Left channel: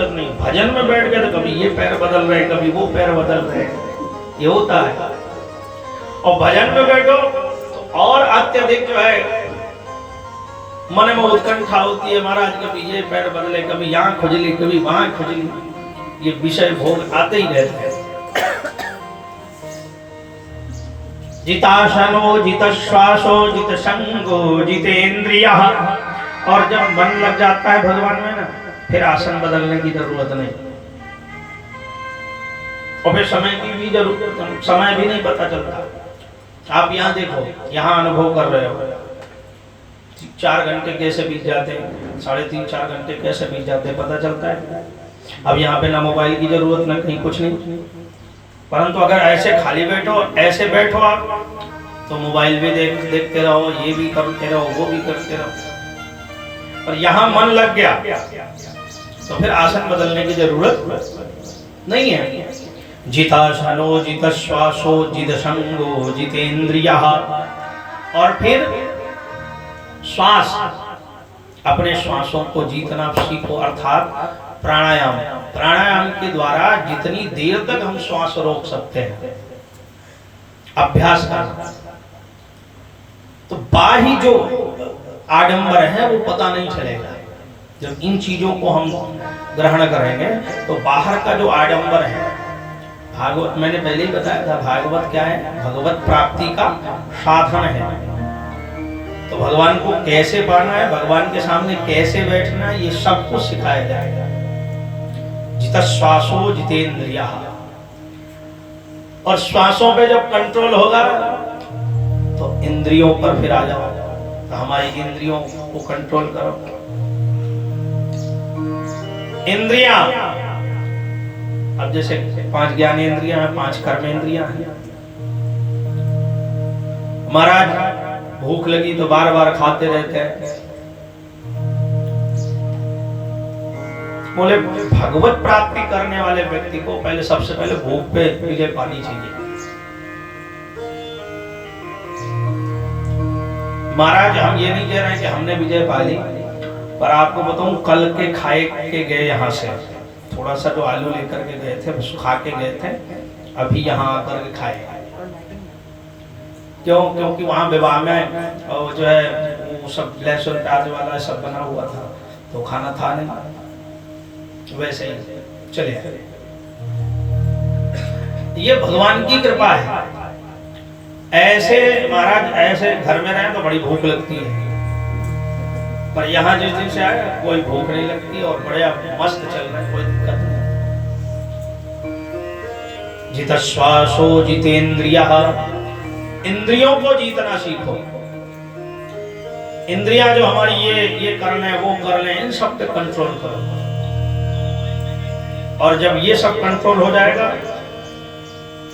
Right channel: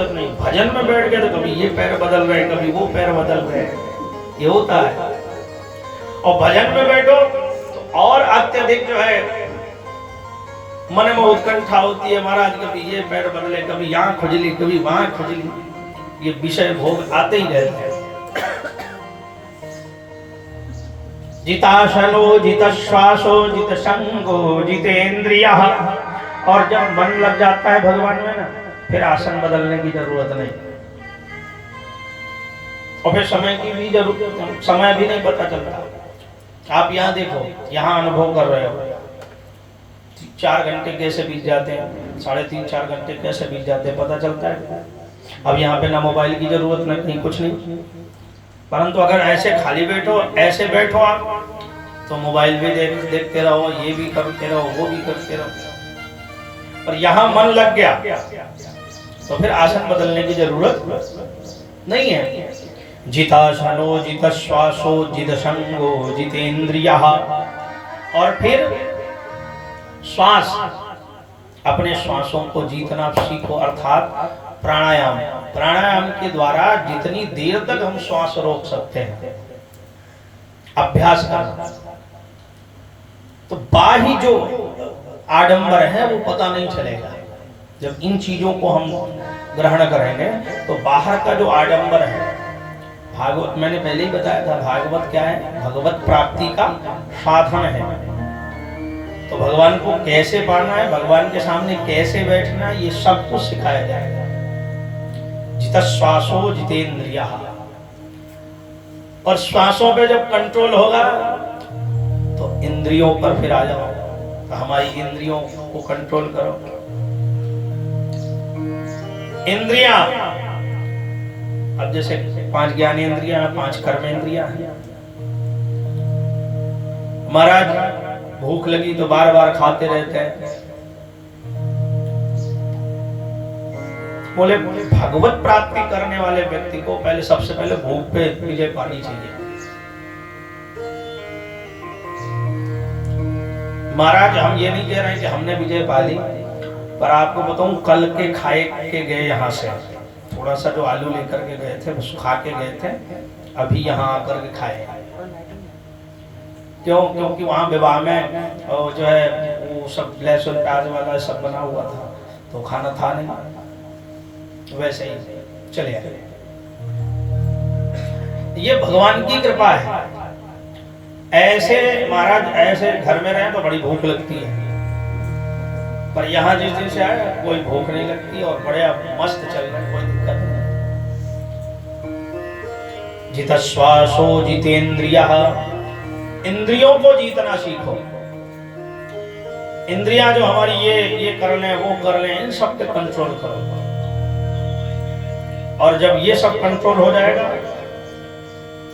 जरूरत नहीं। भजन में बैठ गए तो कभी ये पैर बदल रहे, कभी वो पैर बदल रहे, ये होता है। और भजन में बैठो तो और अत्यधिक जो है मन में उत्कंठा होती है, महाराज कभी ये पैर बदले, कभी यहाँ खुजली, कभी वहां खुजली, ये विषय भोग आते ही रहते हैं। जिताशनो जितश्वासो जितसंगो जितेंद्रियः। और जब मन लग जाता है भगवान में ना, फिर आसन बदलने की जरूरत नहीं, और फिर समय की भी जरूरत, समय भी नहीं पता चलता। आप यहाँ देखो, यहाँ अनुभव कर रहे हो, 4 घंटे कैसे बीत जाते हैं, 3.5-4 घंटे कैसे बीत जाते हैं, पता चलता है। अब यहाँ पे ना मोबाइल की जरूरत, ना कहीं कुछ नहीं। परंतु अगर ऐसे खाली बैठो, ऐसे बैठो आप, तो मोबाइल भी देखते रहो, ये भी करते रहो, वो भी करते रहो। और यहाँ मन लग गया तो फिर आसन बदलने की जरूरत नहीं है। जितासनो जितश्वासो जितसंगो जितेंद्रियः। और फिर श्वास, अपने श्वासों को जीतना सीखो, अर्थात प्राणायाम। प्राणायाम के द्वारा जितनी देर तक हम श्वास रोक सकते हैं, अभ्यास करना, तो बाह्य जो आडंबर है वो पता नहीं चलेगा। जब इन चीजों को हम ग्रहण करेंगे तो बाहर का जो आडंबर है, भागवत मैंने पहले ही बताया था, भागवत क्या है, भगवत प्राप्ति का साधन है। तो भगवान को कैसे पाना है, भगवान के सामने कैसे बैठना है, ये सब कुछ सिखाया जाएगा। जितश्वासो जितेंद्रियः। और श्वासों पे जब कंट्रोल होगा तो इंद्रियों पर फिर आ जाओ, तो हमारी इंद्रियों को कंट्रोल करो। इंद्रियां, अब जैसे 5 ज्ञानेंद्रियां हैं, 5 कर्मेंद्रियां हैं। महाराज भूख लगी तो बार बार खाते रहते हैं। बोले भगवत प्राप्ति करने वाले व्यक्ति को पहले, सबसे पहले भूख पे विजय पानी चाहिए। महाराज हम ये नहीं कह रहे हैं कि हमने विजय पा ली, पर आपको बताऊं, कल के खाए के गए, यहाँ से थोड़ा सा जो आलू लेकर के गए थे, बस खा के गए थे, अभी यहाँ आकर के खाए। क्यों? क्योंकि वहाँ विवाह में जो है वो सब लहसुन प्याज वाला सब बना हुआ था, तो खाना था नहीं, वैसे ही चले आए। ये भगवान की कृपा है। ऐसे महाराज, ऐसे घर में रहे तो बड़ी भूख लगती है, पर यहाँ जिस दिन से आए कोई भूख नहीं लगती और बड़े मस्त चल रहे, कोई दिक्कत नहीं। जितश्वासो जितेंद्रियः। इंद्रियों को जीतना सीखो। इंद्रियां जो हमारी ये करने वो करने, इन सब पे कंट्रोल करो। और जब ये सब कंट्रोल हो जाएगा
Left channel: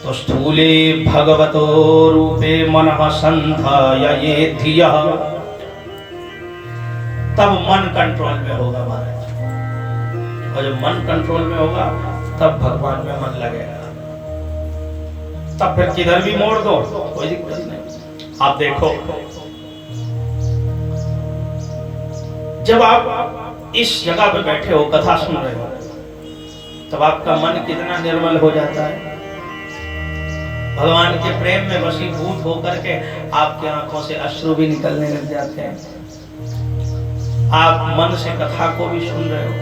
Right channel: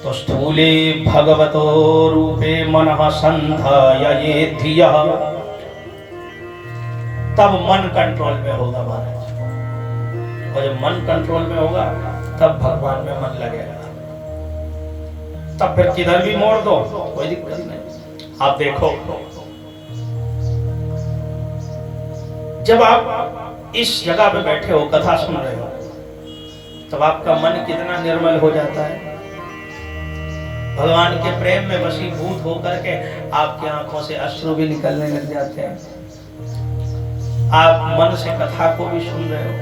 तो स्थूले भगवतो रूपे मनः संधाय धियः। तब मन कंट्रोल में होगा महाराज। और जब मन कंट्रोल में होगा तब भगवान में मन लगेगा। तब फिर किधर भी मोड़ दो, कोई दिक्कत नहीं। आप देखो, जब आप इस जगह पे बैठे हो, कथा सुन रहे हो, तब आपका मन कितना निर्मल हो जाता है। भगवान के प्रेम में वशीभूत होकर के आपकी आंखों से अश्रु भी निकलने लग जाते हैं। आप मन से कथा को भी सुन रहे हो,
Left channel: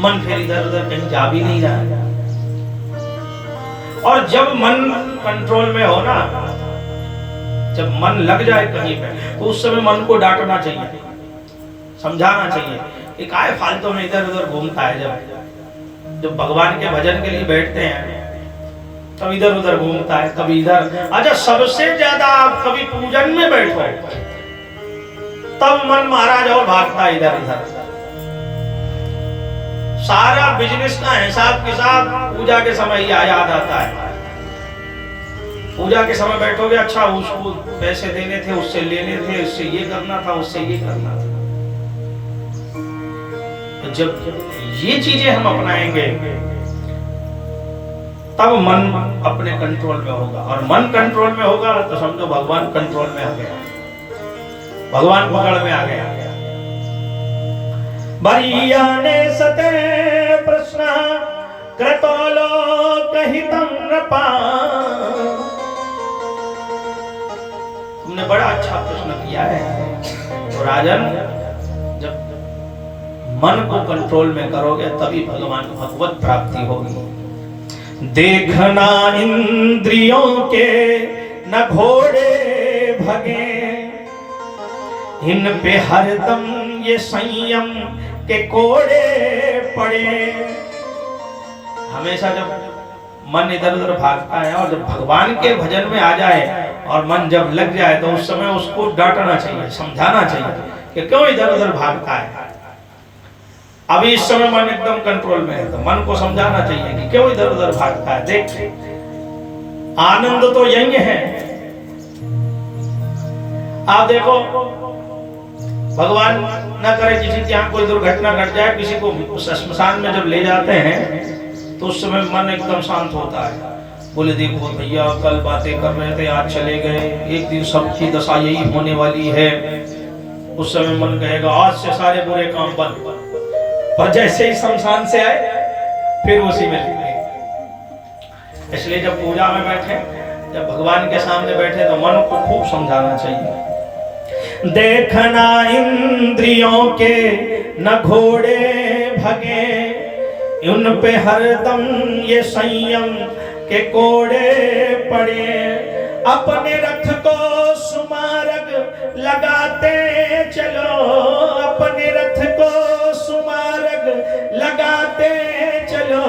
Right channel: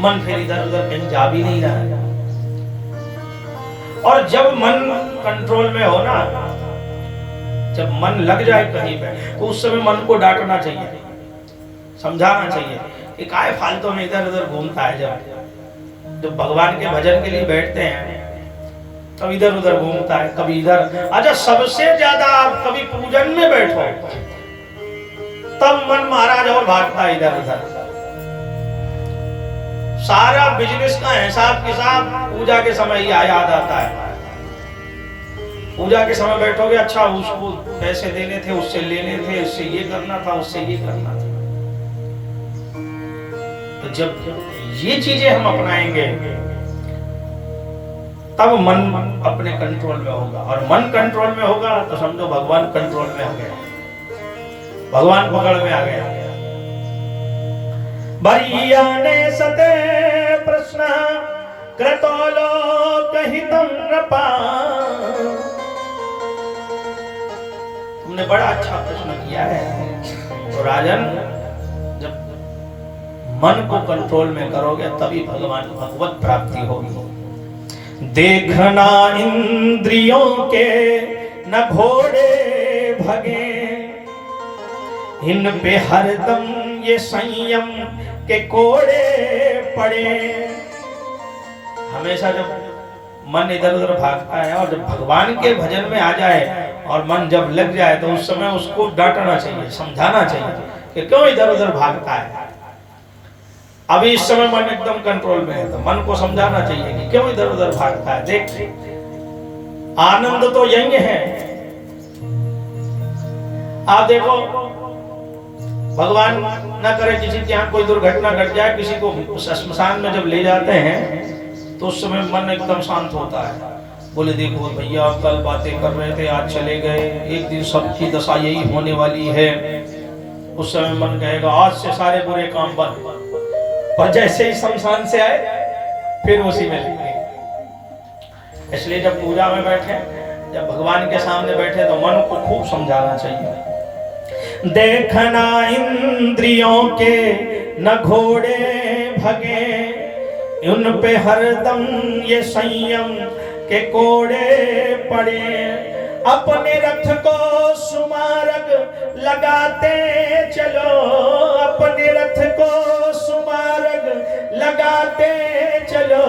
मन फिर इधर उधर कहीं जा भी नहीं रहा है। और जब मन कंट्रोल में हो ना, जब मन लग जाए कहीं पे, तो उस समय मन को डांटना चाहिए, समझाना चाहिए कि काहे फालतू में इधर उधर घूमता है। जब भगवान के भजन के लिए बैठते हैं तब इधर उधर घूमता है, कभी इधर। अच्छा, सबसे ज्यादा आप कभी पूजन में बैठो तब मन महाराज और भागता है इधर उधर। सारा बिजनेस का हिसाब किताब पूजा के समय ही याद आता है। पूजा के समय बैठोगे, अच्छा उसको पैसे देने थे, उससे लेने थे, उससे ये करना था, उससे ये करना था। तो जब ये चीजें हम अपनाएंगे तब मन अपने कंट्रोल में होगा। और मन कंट्रोल में होगा तो समझो भगवान कंट्रोल में आ गया, भगवान पकड़ में आ गया। बरियाने सते प्रश्न क्रतोलोकहितं नृपा। तुमने बड़ा अच्छा प्रश्न किया है। तो राजन, जब मन को कंट्रोल में करोगे तभी भगवान भगवत प्राप्ति होगी। देखना इंद्रियों के न घोड़े भगे, इन पे हरदम ये संयम के कोड़े पड़े। हमेशा जब मन इधर उधर भागता है और जब भगवान के भजन में आ जाए और मन जब लग जाए तो उस समय उसको डांटना चाहिए, समझाना चाहिए कि क्यों इधर उधर भागता है। अभी इस समय मन एकदम कंट्रोल में है तो मन को समझाना चाहिए कि क्यों इधर उधर भागता है। देख, आनंद तो यही है। आप देखो, भगवान न करे किसी के यहाँ कोई दुर्घटना घट जाए, किसी को श्मशान में जब ले जाते हैं तो उस समय मन एकदम शांत होता है। बोले देखो भैया, कल बातें कर रहे थे, आज चले गए, एक दिन सबकी दशा यही होने वाली है। उस समय मन कहेगा आज से सारे बुरे काम बंद, और जैसे ही शमशान से आए फिर उसी में लगे। इसलिए जब पूजा में बैठे, जब भगवान के सामने बैठे तो मन को खूब समझाना चाहिए। देखना इंद्रियों के न घोड़े भगे, उन पे हरदम ये संयम के कोड़े पड़े। अपने रथ को सुमार्ग लगाते चलो, अपने रथ को सुमार्ग लगाते चलो।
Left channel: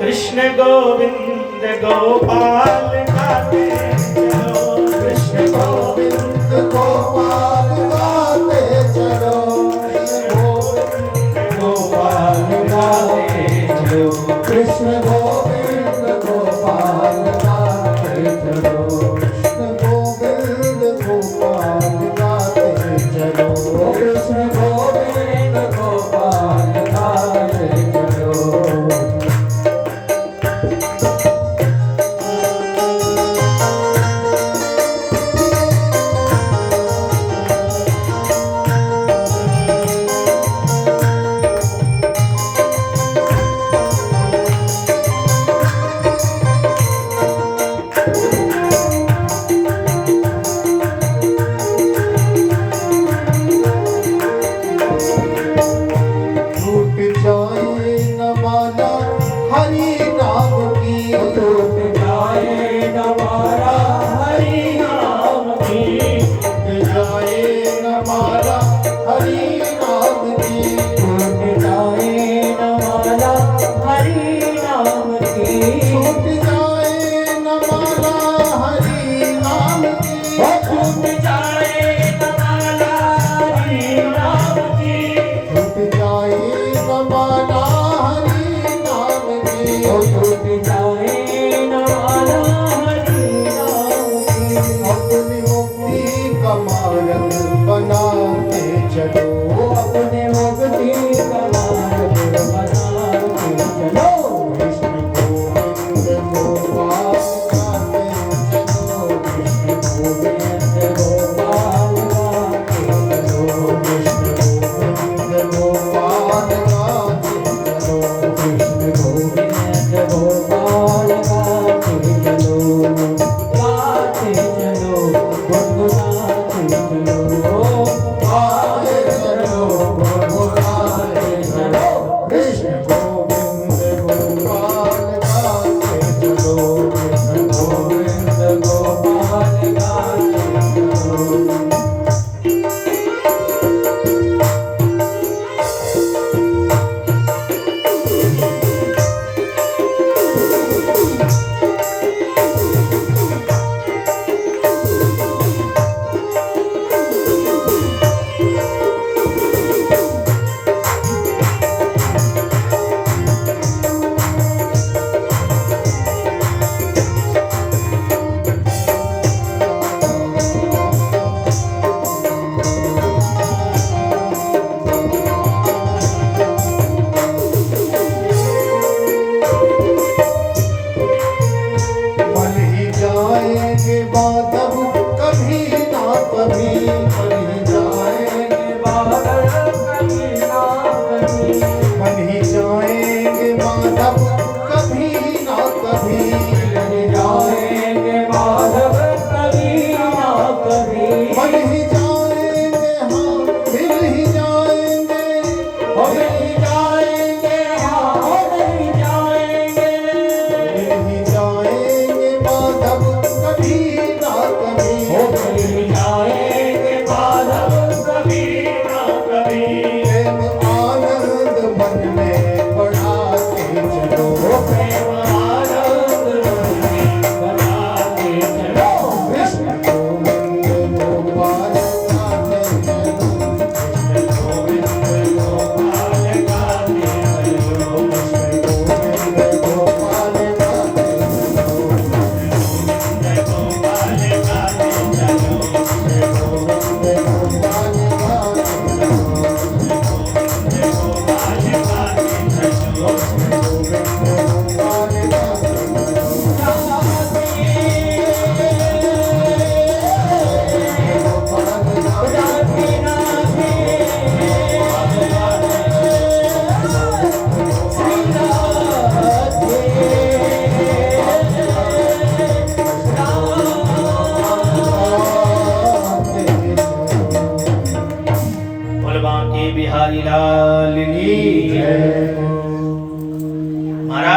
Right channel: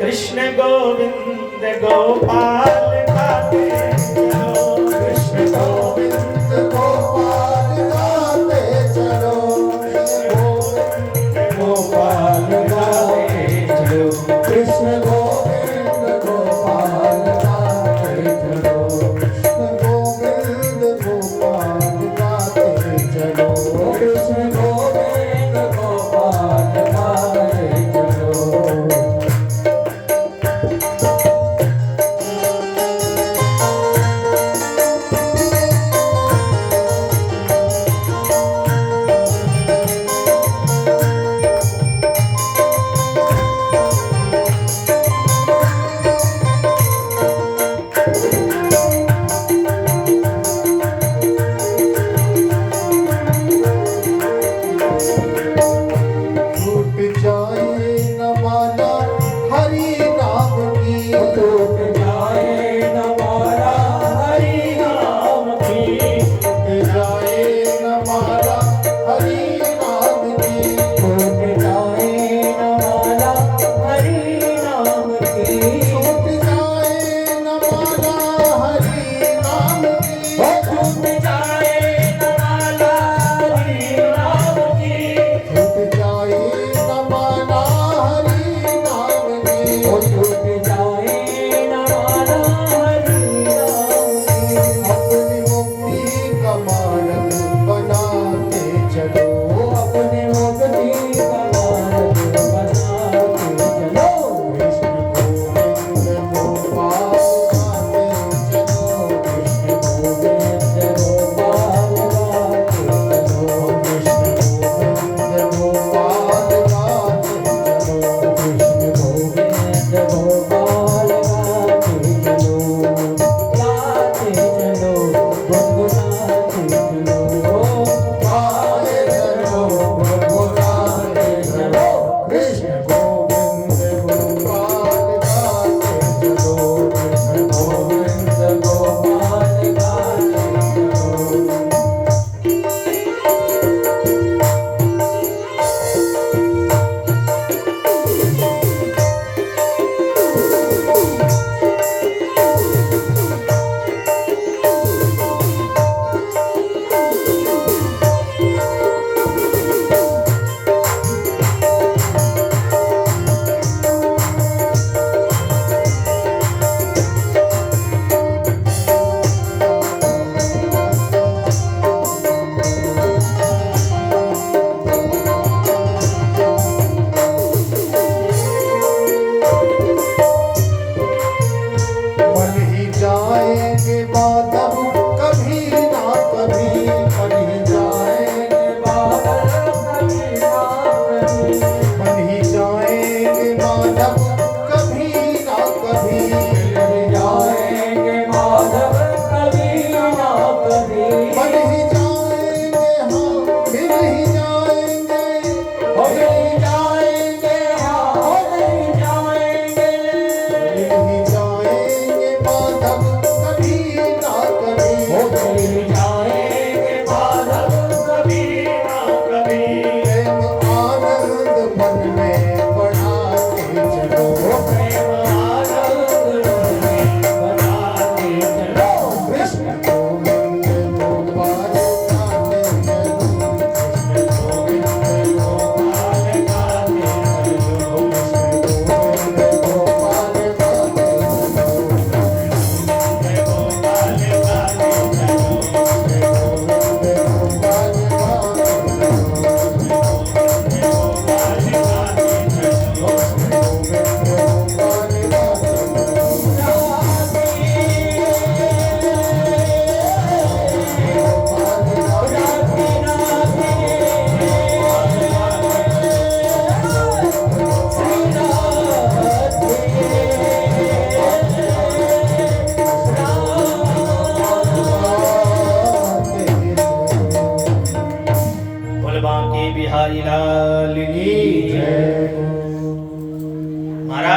कृष्ण गोविंद गोपाल गाते चलो, कृष्ण गोविंद गोपाल गाते चलो, गोविंद गोपाल गाते चलो, कृष्ण गोविंद गोपाल गाते चलो, गोविंद गोपाल गाते चलो, कृष्ण गोविंद गोपाल गाते चलो।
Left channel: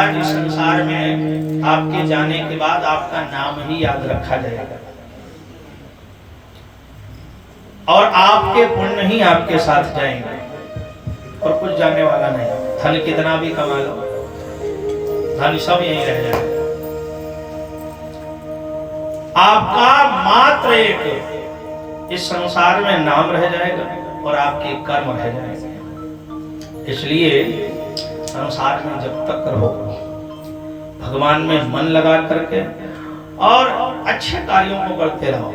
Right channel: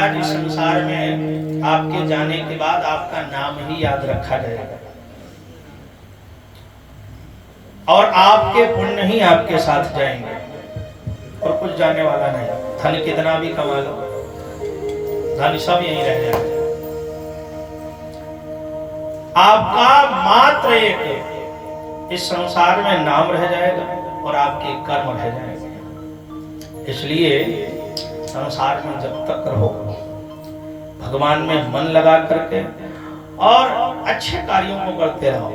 महाराज इस संसार में आपके जाने के बाद आपका नाम ही याद रखा जाएगा और आपके पुण्य ही आपके साथ जाएंगे और कुछ जाने वाला नहीं। धन कितना भी कमा लो, धन सब यहीं रह जाएगा। आपका मात्र एक इस संसार में नाम रह जाएगा और आपके कर्म रह जाएंगे। इसलिए संसार में जब तक रहो भगवान में मन लगा करके और अच्छे कार्यों को करते रहो,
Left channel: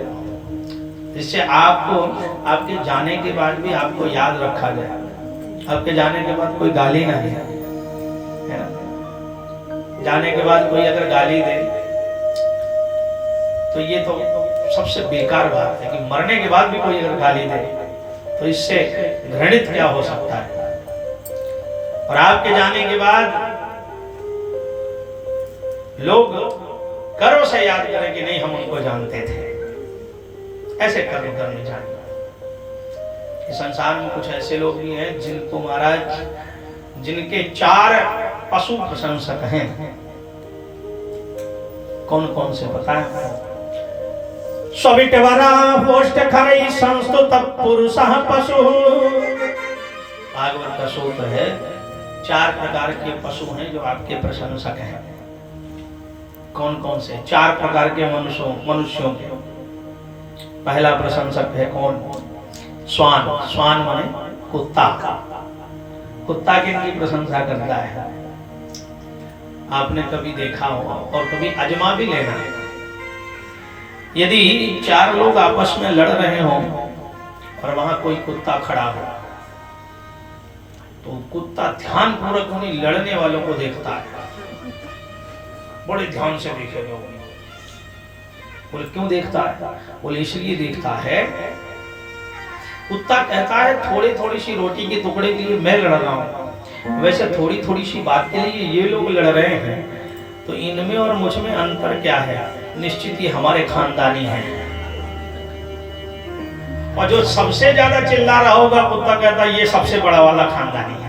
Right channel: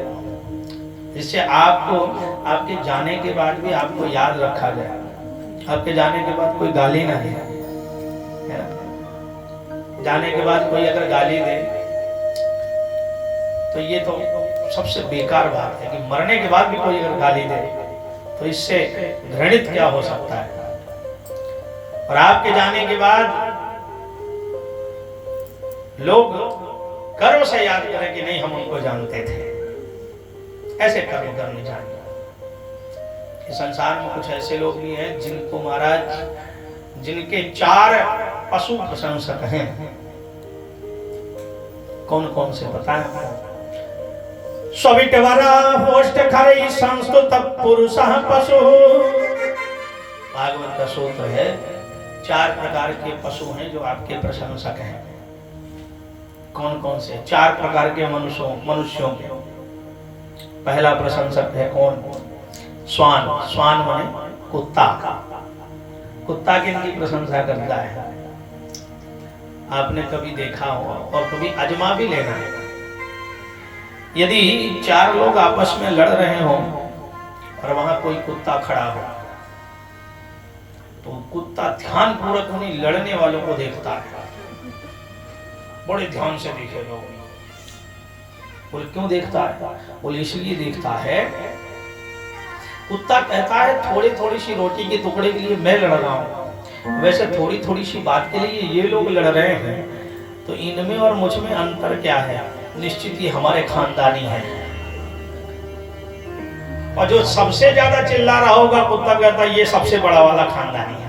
जिससे आपको आपके जाने के बाद भी आपको याद रखा जाए। आपके जाने के बाद कोई गाली ना दे, जाने के बाद कोई अगर गाली दे तो ये तो सबसे बेकार बात है कि मरने के बाद भी कोई अगर गाली दे तो इससे घृणित क्या हो सकता है। और आपके जाने के बाद लोग गर्व से याद करें कि नहीं हम उनको जानते थे, ऐसे कर्म करने चाहिए। इस संसार में कुछ ऐसे लोग भी हैं जिनको महाराज जिनके 4 पशु प्रशंसक हैं। कौन कौन से पता है? सविटवरा होष्ट खरई संस्तुत पुरुषः पशु। भागवत का सूत्र है 4 प्रकार के पशु हैं जो आपके प्रशंसक हैं। कौन कौन से? 4 प्रकार के मनुष्यों के। पहला प्रशंसक है कौन? स्वान। स्वान माने कुत्ता। कुत्ता किनकी प्रशंसा करता है? आपने कभी देखा हो और कभी आजमा भी लेना है। यदि 4 लोग आपस में लड़ रहे हो और वहां कोई कुत्ता खड़ा हो तो कुत्ता ध्यान पूर्वक उन्हीं लड़ने वालों को देखता है, बड़े ध्यान से देखेगा। बोले क्यों देखता है? बोले इसलिए देखता है, कुत्ता कहता है थोड़ी थोड़ी सी रोटी के टुकड़े के लिए मैं लड़ रहा हूं, वैसे थोड़ी थोड़ी सी बात के लिए ये लोग लड़ रहे हैं, तो इनमें और मुझ में अंतर क्या है? निश्चित ही हमारे खानदानी हैं। और जो सबसे ज्यादा चिल्ला रहा होगा कुत्ता कहता है ये सबसे बड़ा वाला खानदानी है।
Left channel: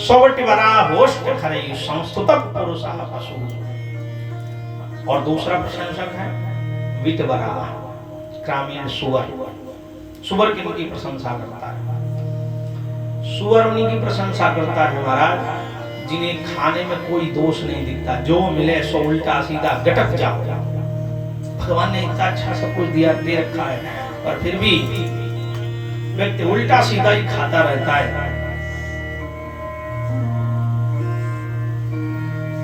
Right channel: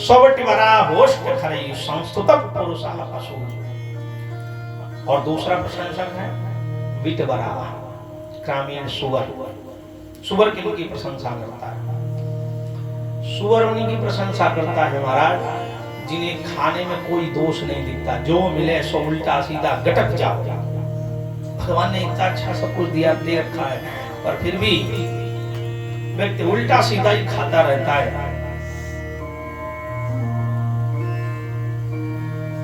सवटिवरा होष्ट खरई संस्तुतः पुरुषः पशु। और दूसरा प्रशंसक है विटवरा, ग्रामीण सुअर। सुअर किनकी प्रशंसा करता है? सुअर उन्हीं की प्रशंसा करता है महाराज जिन्हें खाने में कोई दोष नहीं दिखता, जो मिले सो उल्टा सीधा गटक जाओ। भगवान ने इतना अच्छा सब कुछ दिया दे रखा है और फिर भी व्यक्ति उल्टा सीधा ही खाता रहता है।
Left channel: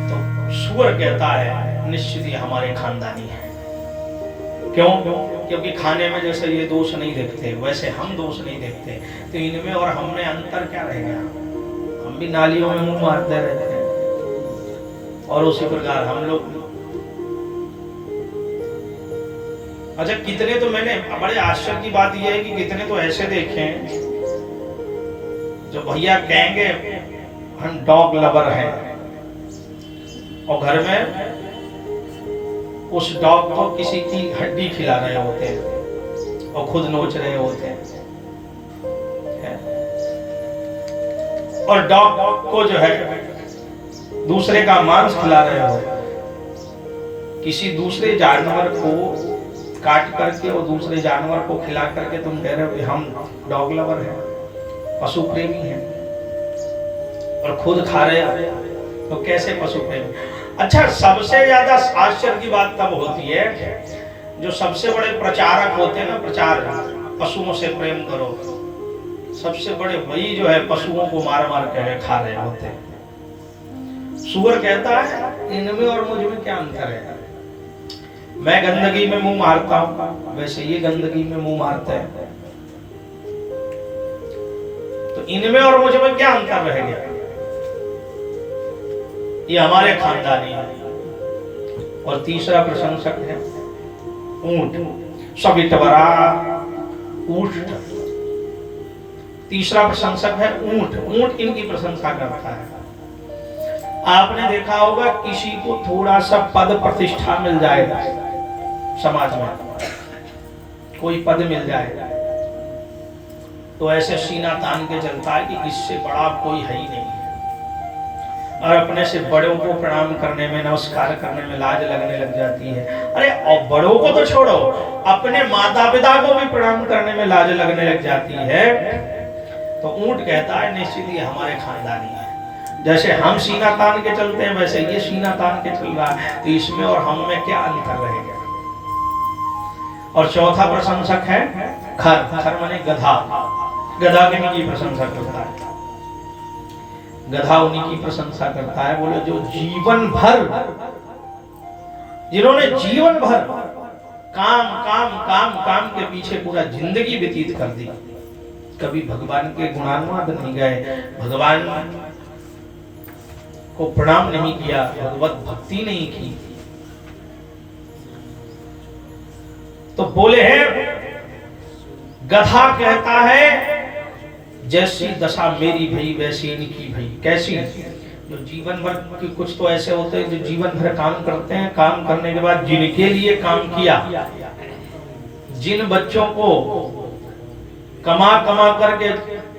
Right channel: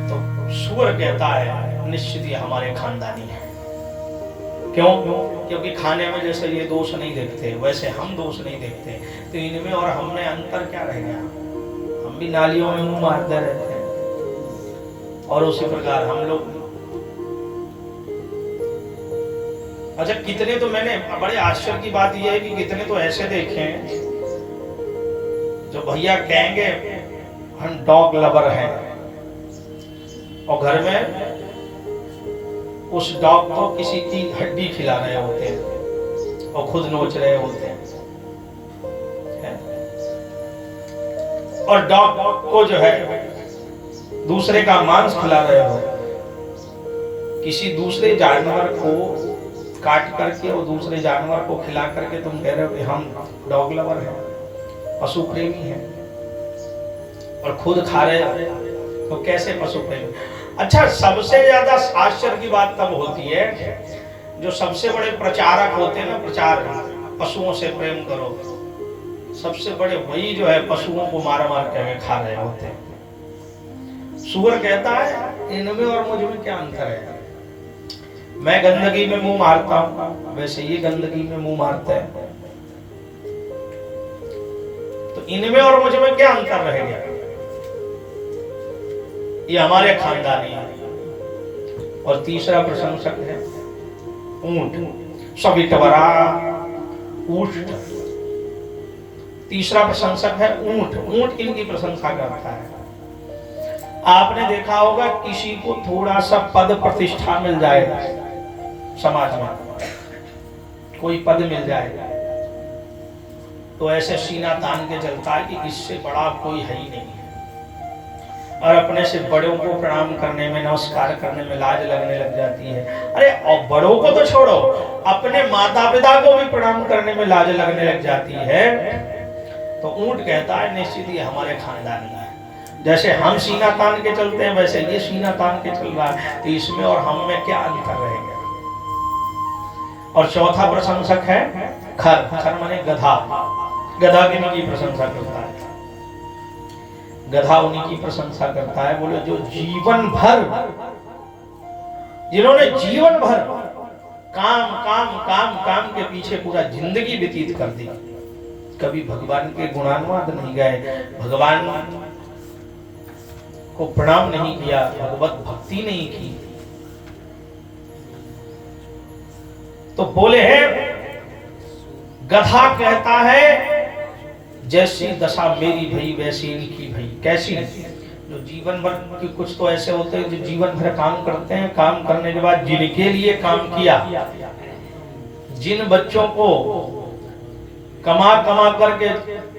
तो सुअर कहता है निश्चित ही हमारे खानदानी है। क्यों? क्योंकि खाने में जैसे ये दोष नहीं देखते वैसे हम दोष नहीं देखते, तो इनमें और हमने अंतर क्या रह गया? हम भी नालियों में मुंह मारते रहते हैं और उसी प्रकार हम लोग। अच्छा, कितने तो मैंने बड़े आश्चर्य की बात यह है कि कितने तो ऐसे देखे हैं जो भैया कहेंगे हम डॉग लवर हैं और घर में उस डॉग को किसी की हड्डी खिला रहे होते हैं और खुद नोच रहे होते हैं। और डॉग को जो है दूसरे का मांस खिला रहे हो, किसी दूसरे जानवर को काट करके और दूसरे जानवर को खिला करके तुम कह रहे हो कि हम डॉग लवर हैं, पशु प्रेमी हैं, और खुद खा रहे हो तो कैसे पशु प्रेमी? अच्छा, सबसे ज्यादा आश्चर्य की बात तब होती है जो सबसे बड़े प्रचारक होते हैं ना, प्रचार पशुओं से प्रेम करो, सबसे बड़े वही जो है पशुओं को मार मार के खा रहे होते हैं। सुअर कहता है इनमें और मुझ में क्या अंतर है? मैं गंदगी में मुंह मारता हूं, वैसे ये गंदगी में मुंह मारते हैं, तो इनमें और मुझ में क्या अंतर रह गया? ये हमारे खानदानी है। और तीसरा प्रशंसक है ऊंट। सविटवरा ऊष्ट। तीसरा प्रशंसक है ऊंट। ऊंट इनकी प्रशंसा करता है। आपने देखा होगा किसी को थोड़ा सा पद प्रतिष्ठा मिल जाए समाज में, कोई पद मिल जाए तो ऐसे सीना तान के चलता है कि इससे बड़ा कोई है ही नहीं, और अपने से बड़ों को प्रणाम करने में, नमस्कार करने में लाज लगने लग जाती है। अरे और बड़ों को तो छोड़ो, अपने माता पिता को भी प्रणाम करने में लाज लगने लग जाती है। तो ऊंट कहता है निश्चित ही हमारे खानदानी है। जैसे हम सीना तान के चलते हैं वैसे ये सीना तान के चल रहा है, तो इसमें और हम में क्या अंतर रहेगा। और चौथा प्रशंसक है खर। खर माने गधा। गधा की प्रशंसा करता है। गधा उन्हीं की प्रशंसा करता है। बोले जो जीवन भर, जिन्होंने जीवन भर काम काम काम काम के पीछे पूरा जिंदगी व्यतीत कर दी, कभी भगवान के गुणानुवाद नहीं गए, भगवान को प्रणाम नहीं किया, भगवत भक्ति नहीं की, तो बोले हैं गधा कहता है जैसी दशा मेरी भई वैसी इनकी भई। कैसी? जो जीवन भर की, कुछ तो ऐसे होते हैं जो जीवन भर काम करते हैं, काम करने के बाद जिनके लिए काम किया, जिन बच्चों को कमा कमा करके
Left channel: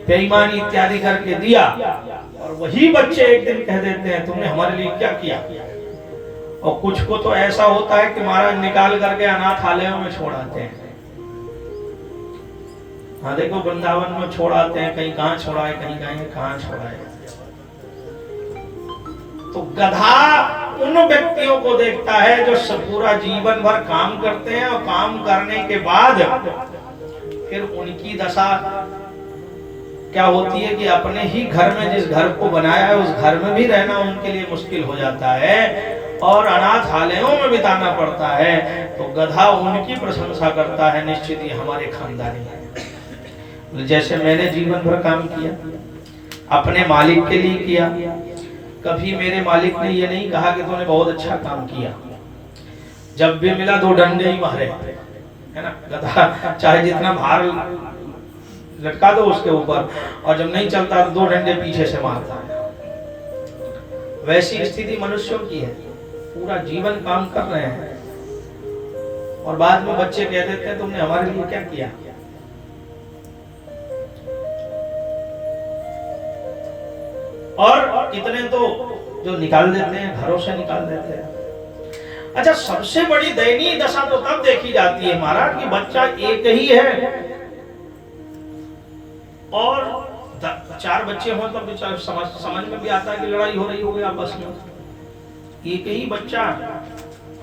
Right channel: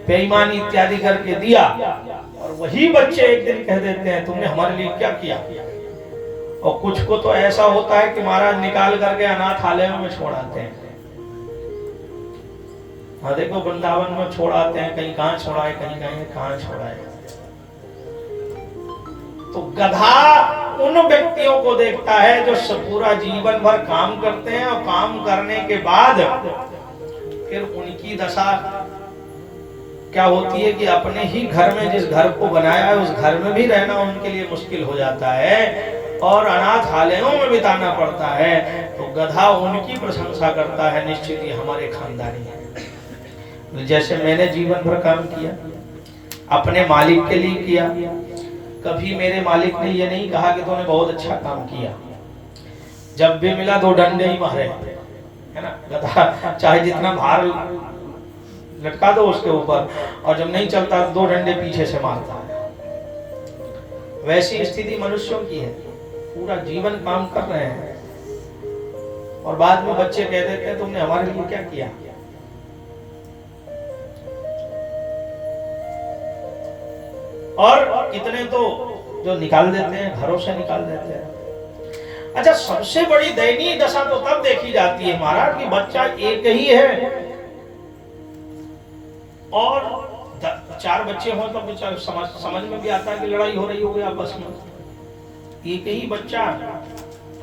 बेईमानी इत्यादि करके दिया, और वही बच्चे एक दिन कह देते हैं तुमने हमारे लिए क्या किया। और कुछ को तो ऐसा होता है कि महाराज निकाल करके अनाथालयों में छोड़ आते हैं। हाँ देखो वृंदावन में छोड़ आते हैं, कहीं कहां छोड़ा है, कहीं कहां छोड़ा है। तो गधा उन व्यक्तियों को देखता है जो पूरा जीवन भर काम करते हैं, और काम करने के बाद फिर उनकी दशा क्या होती है कि अपने ही घर में, जिस घर को बनाया है उस घर में भी रहना उनके लिए मुश्किल हो जाता है, और अनाथालयों में बिताना पड़ता है। तो गधा उनकी प्रशंसा करता है निश्चित ही हमारे खानदानी है। जैसे मैंने जीवन भर काम किया, अपने मालिक के लिए किया, कभी मेरे मालिक ने ये नहीं कहा कि तूने बहुत अच्छा काम किया। जब भी मिला 2 डंडे ही मारे, है ना। गधा चाहे जितना भार लटका दो उसके ऊपर, और जब नहीं चलता तो 2 डंडे पीछे से मारता है। वैसी स्थिति मनुष्यों की है। पूरा जीवन काम कर रहे हैं और बाद में बच्चे कह देते हैं तुमने हमारे लिए क्या किया। और कितने तो जो निकाल देते हैं, घरों से निकाल देते हैं। अच्छा, सबसे बड़ी दयनीय दशा तो तब देखी जाती है महाराज कि बच्चा एक ही है और 4 बच्चे हो तब समझ में भी आता है कि लड़ाई हो रही होगी आपस में। एक ही बच्चा,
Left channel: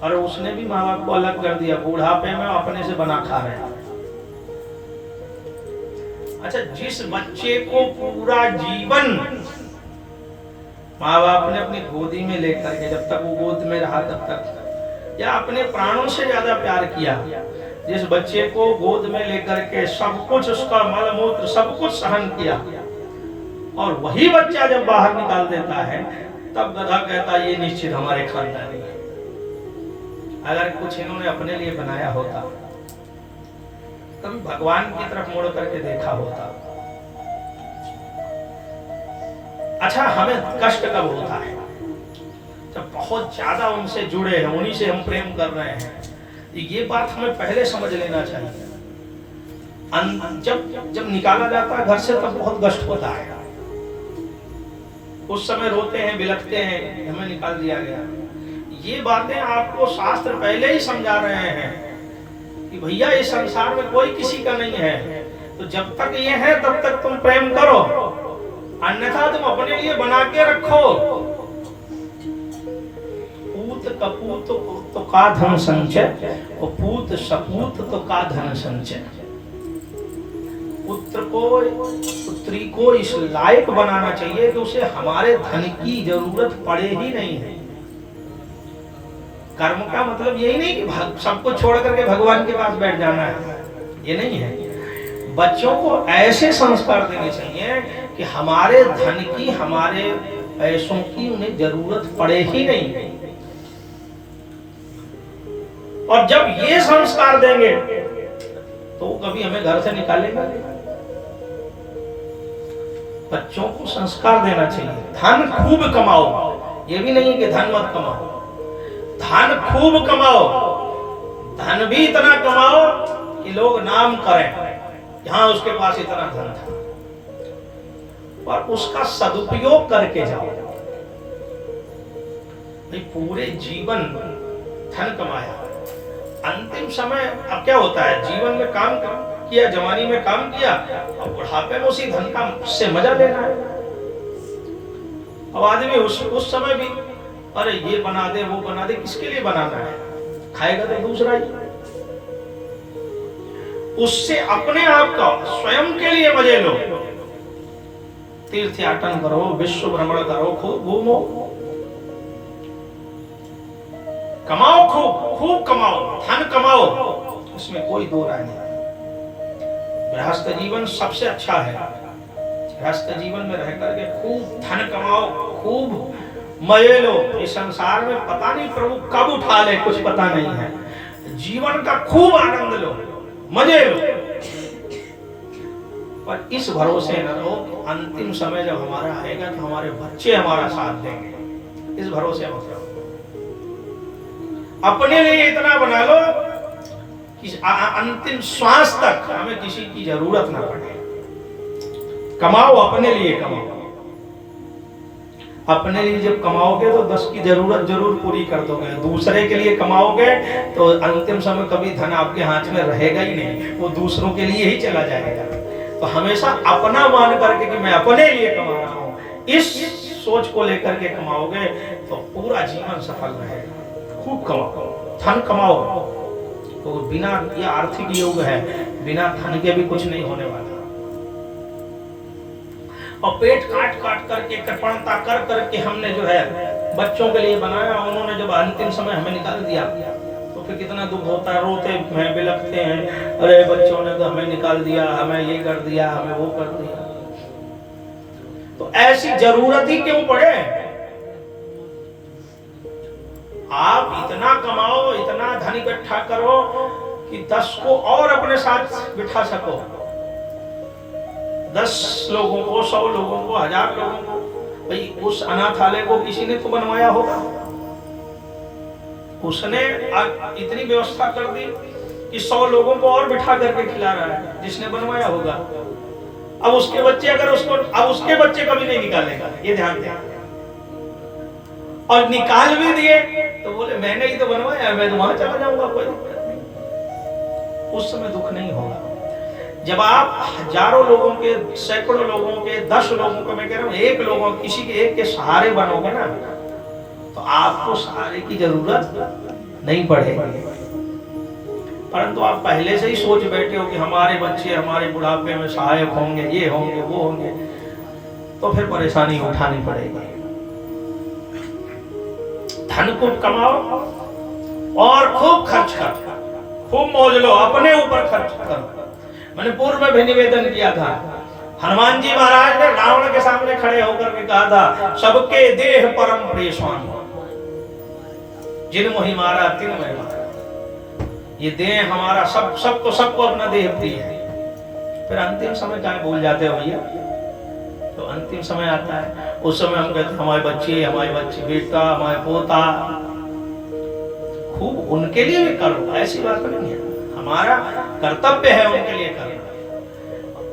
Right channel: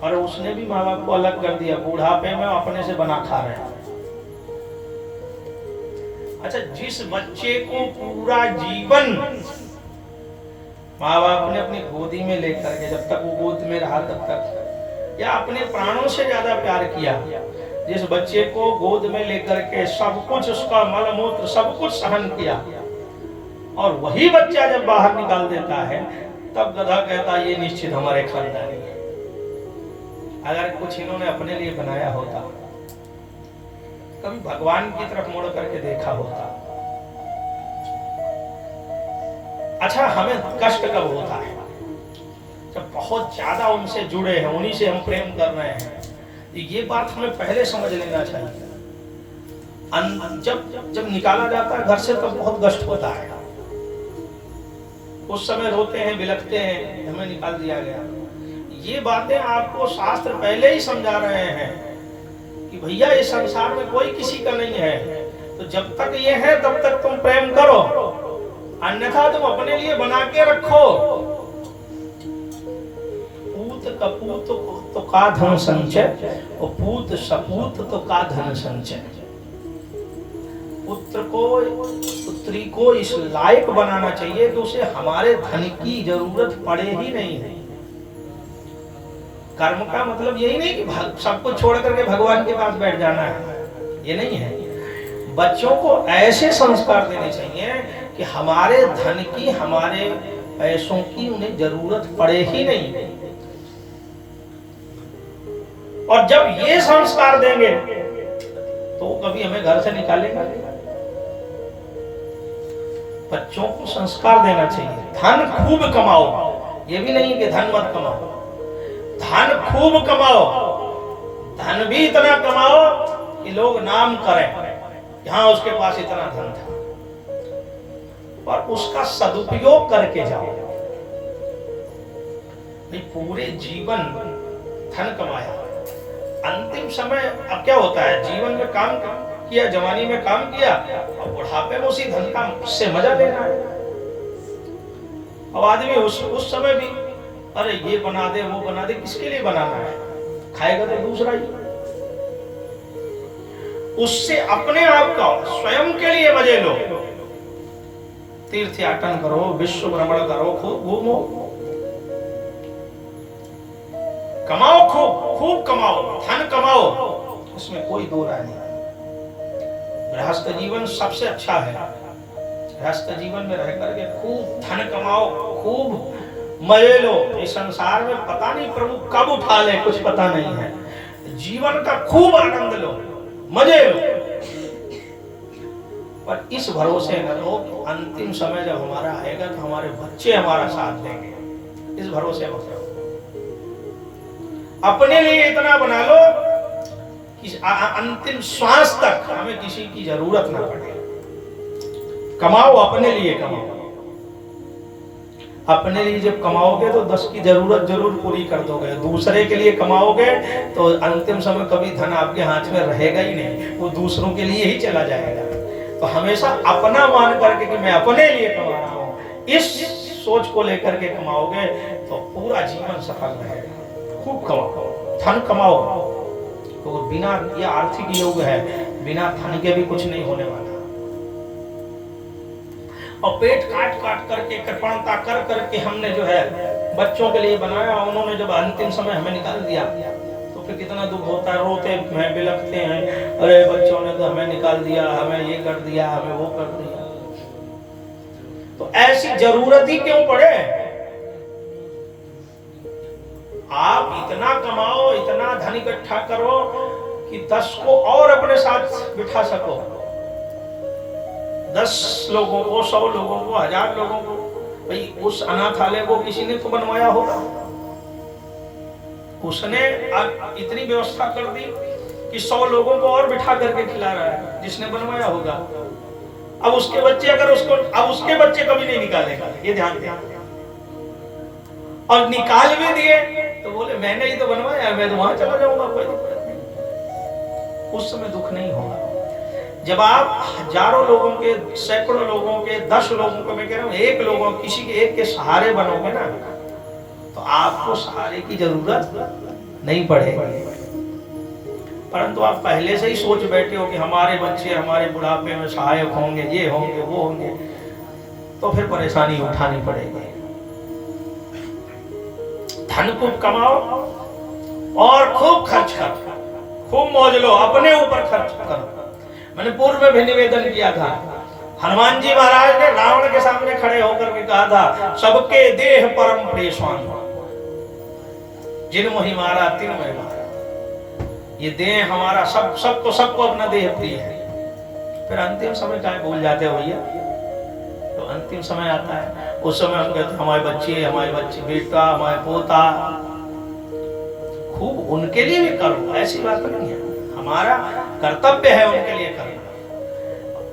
और उसने भी माँ बाप को अलग कर दिया, बुढ़ापे में अपने से बना खा रहे हैं। अच्छा, जिस बच्चे को पूरा जीवन माँ बाप ने अपनी गोदी में लेकर के, जब तक वो गोद में रहा तब तक, या अपने प्राणों से ज्यादा प्यार किया, जिस बच्चे को गोद में लेकर के सब कुछ, उसका मल मूत्र सब कुछ सहन किया, और वही बच्चा जब बाहर निकाल देता है तब गधा कहता है ये निश्चित हमारे खानदानी है। अगर कुछ इन्होंने अपने लिए बनाया होता, कभी भगवान की तरफ मुड़ करके देखा होता। अच्छा, हमें कष्ट कब होता है? जब बहुत ज्यादा उनसे जुड़े हैं, उन्हीं से हम प्रेम कर रहे हैं। ये बात हमें पहले समझ लेना चाहिए। जब निकाला जाता है घर से तब बहुत कष्ट होता है। उस समय रोते हैं, बिलखते हैं, हमें निकाल दिया गया। ये बातें आपको शास्त्र पहले ही समझा रहे हैं कि भैया इस संसार में कोई किसी का नहीं है, तो जब तक ये है तब तक तुम प्रेम करो, अन्यथा तुम अपने लिए बना के रखो। पूत कपूत तो का धन संचय, और पूत सपूत तो का धन संचय। पुत्र को, पुत्री को इस लायक बनाना चाहिए कि उसे हमारे धन की जरूरत पड़े ही नहीं है। कर्म का मतलब यही नहीं कि सब कुछ छोड़ करके भगवान के पास बैठ जाना है, ये नहीं है। बच्चों को ऐसे संस्कार देने चाहिए कि हमारे धन की, हमारे पैसों की उन्हें जरूरत पड़े ही नहीं। और जब ये संस्कार देंगे तो कभी हमें घर से निकालेगा नहीं। बच्चों को संस्कार देना चाहिए। धन खूब कमाओ, ये भी नहीं कि धन मत कमाओ, धन खूब कमाओ, धन भी इतना कमाओ कि लोग नाम करें हाँ उसके पास इतना धन था, और उसका सदुपयोग करके जाओ। भाई पूरे जीवन धन कमाया, अंतिम समय अब क्या होता है, जीवन में काम किया, जवानी में काम किया, अब बुढ़ापे में उसी धन का से मजा लेना है। अब आदमी उस समय भी अरे ये बना दे वो बना दे, किसके लिए बनाना है, खाएगा तो दूसरा ही। उससे अपने आप का स्वयं के लिए मजे लो, तीर्थ याटन करो, विश्व भ्रमण करो, खूब घूमो, कमाओ, खूब कमाओ, धन कमाओ, इसमें कोई दो राय नहीं। गृहस्थ जीवन सबसे अच्छा है। गृहस्थ जीवन में रह करके खूब धन कमाओ, खूब मजे लो। इस संसार में पता नहीं प्रभु कब उठा ले, कुछ पता नहीं है। जीवन का खूब आनंद लो, मजे लो, पर इस भरोसे न रहो अंतिम समय जब हमारा आएगा तो हमारे बच्चे हमारा साथ देंगे, इस भरोसे मत रहो। अपने लिए इतना बना लो कि अंतिम श्वास तक हमें किसी की जरूरत ना पड़े। कमाओ, अपने लिए कमाओ। अपने लिए जब कमाओगे तो 10 की जरूरत जरूर पूरी कर दोगे, दूसरे के लिए कमाओगे तो अंतिम समय कभी धन आपके हाथ में रहेगा ही नहीं, वो दूसरों के लिए ही चला जाएगा। तो हमेशा अपना मान करके कि मैं अपने लिए कमा रहा हूं, इस सोच को लेकर के कमाओगे तो पूरा जीवन सफल रहेगा। खूब कमाओ, धन कमाओ, तो बिना, ये आर्थिक युग है, बिना धन के भी कुछ नहीं होने वाला। और पेट काट काट करके, कृपणता कर करके हमने जो है बच्चों के लिए बनाया, उन्होंने जब अंतिम समय हमें निकाल दिया तो फिर कितना दुख होता है, रोते हैं, बिलखते हैं, अरे बच्चों ने तो हमें निकाल दिया, हमें ये कर दिया, हमें वो कर दिया। तो ऐसी जरूरत ही क्यों पड़े? आप इतना कमाओ, इतना धन इकट्ठा करो कि 10 को और अपने साथ बिठा सको, 10 लोगों को, 100 लोगों को, 1000 लोगों को। भाई उस अनाथालय को किसी ने तो बनवाया होगा, उसने इतनी व्यवस्था कर दी कि 100 लोगों को और बिठा करके खिला रहा है, जिसने बनवाया होगा। अब उसके बच्चे अगर उसको, अब उसके बच्चे कभी नहीं निकालेगा, ये ध्यान दें। और निकाल भी दिए तो बोले मैंने ही तो बनवाया, मैं तो वहां चला जाऊंगा, कोई दिक्कत नहीं। उस समय दुख नहीं होगा। जब आप हजारों लोगों के, सैकड़ों लोगों के, 10 लोगों को, मैं कह रहा हूं एक लोगों, किसी के एक के सहारे बनोगे ना, तो आपको सहारे की जरूरत नहीं पड़ेगी। परंतु आप पहले से ही सोच बैठे हो कि हमारे बच्चे हमारे बुढ़ापे में सहायक होंगे, ये होंगे, वो होंगे, तो फिर परेशानी उठानी पड़ेगी। धन को कमाओ और खूब खर्च करो, खूब मौज लो, अपने ऊपर खर्च करो। मैंने पूर्व में भी निवेदन किया था, हनुमान जी महाराज ने रावण के सामने खड़े होकर के कहा था, सबके देह परम प्रिय स्वामी, जिन मोहि मारा तिन मैं मारा। ये देह हमारा, सबको अपना देह प्रिय है। फिर अंतिम समय क्या भूल जाते हो भैया? तो अंतिम समय आता है, उस समय हम कहते हमारे बच्चे, बेटा, हमारे पोता, खूब उनके लिए भी करो, ऐसी बात नहीं है। हमारा कर्तव्य है उनके लिए करना,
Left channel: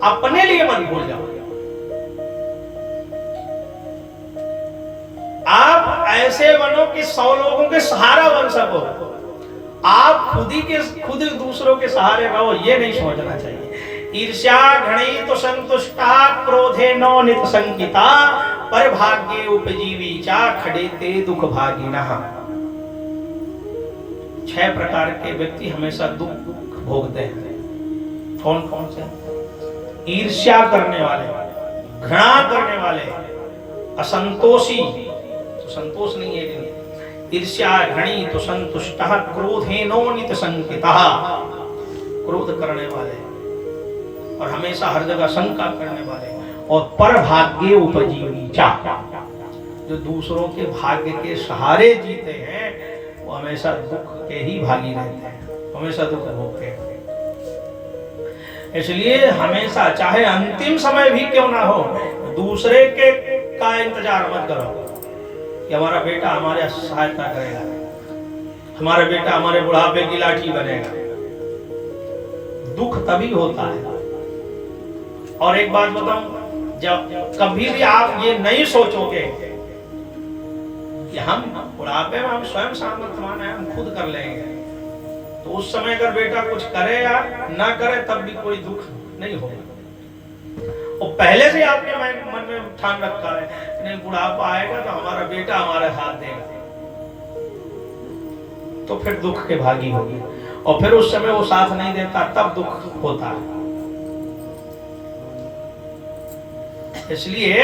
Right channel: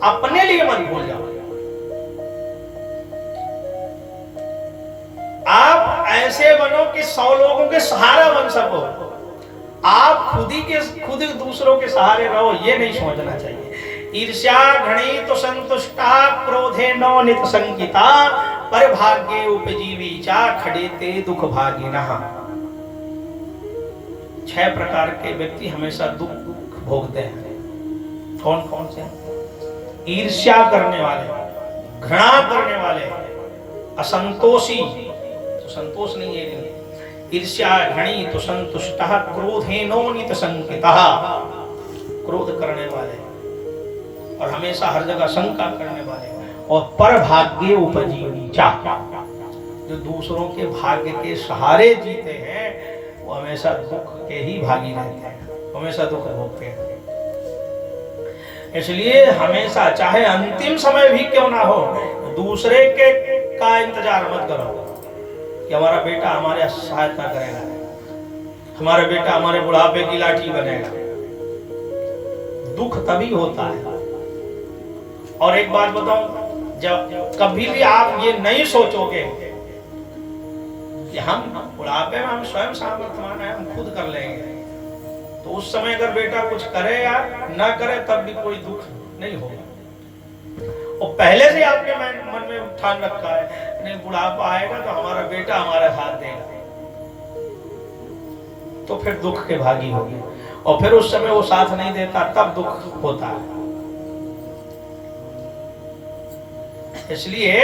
अपने लिए मत भूल जाओ। आप ऐसे बनो कि 100 लोगों के सहारा बन सको। आप खुद दूसरों के सहारे रहो, ये नहीं सोचना चाहिए। ईर्ष्या घृणी तो संतुष्टा, क्रोधे नो नित संकिता, पर भाग्ये उपजीवी चा, खड़ेते दुख भागिनः। 6 प्रकार के व्यक्ति हमेशा दुख भोगते हैं। कौन कौन से? ईर्ष्या करने वाले, घृणा करने वाले, असंतोषी, तो संतोष नहीं है, ईर्ष्या घृणी तो संतुष्टः, क्रोधेनोनित संकितः, क्रोध करने वाले और हमेशा हर जगह शंका करने वाले, और पर भाग्ये उपजीवी चा, जो दूसरों के भाग्य के सहारे जीते हैं वो हमेशा दुख के ही भागी रहते हैं, हमेशा दुख भोगते हैं। इसलिए हमेशा, चाहे अंतिम समय भी क्यों ना हो, दूसरे के का इंतजार मत करो कि हमारा बेटा हमारे सहायता करेगा, हमारा बेटा हमारे बुढ़ापे की लाठी बनेगा। दुख तभी होता है। और एक बात बताऊं, जब कभी भी आप ये नहीं सोचोगे कि हम बुढ़ापे में हम स्वयं सामर्थ्यवान हैं, हम खुद कर लेंगे। तो उस समय अगर बेटा कुछ करे या ना करे तब भी कोई दुख नहीं होगा। और पहले से आपके मन में ठान रखा है नहीं बुढ़ापा आएगा तो हमारा बेटा हमारा साथ देगा, तो फिर दुख के भागी होगी। और फिर उस समय वो साथ नहीं देता तब दुख होता है। इसलिए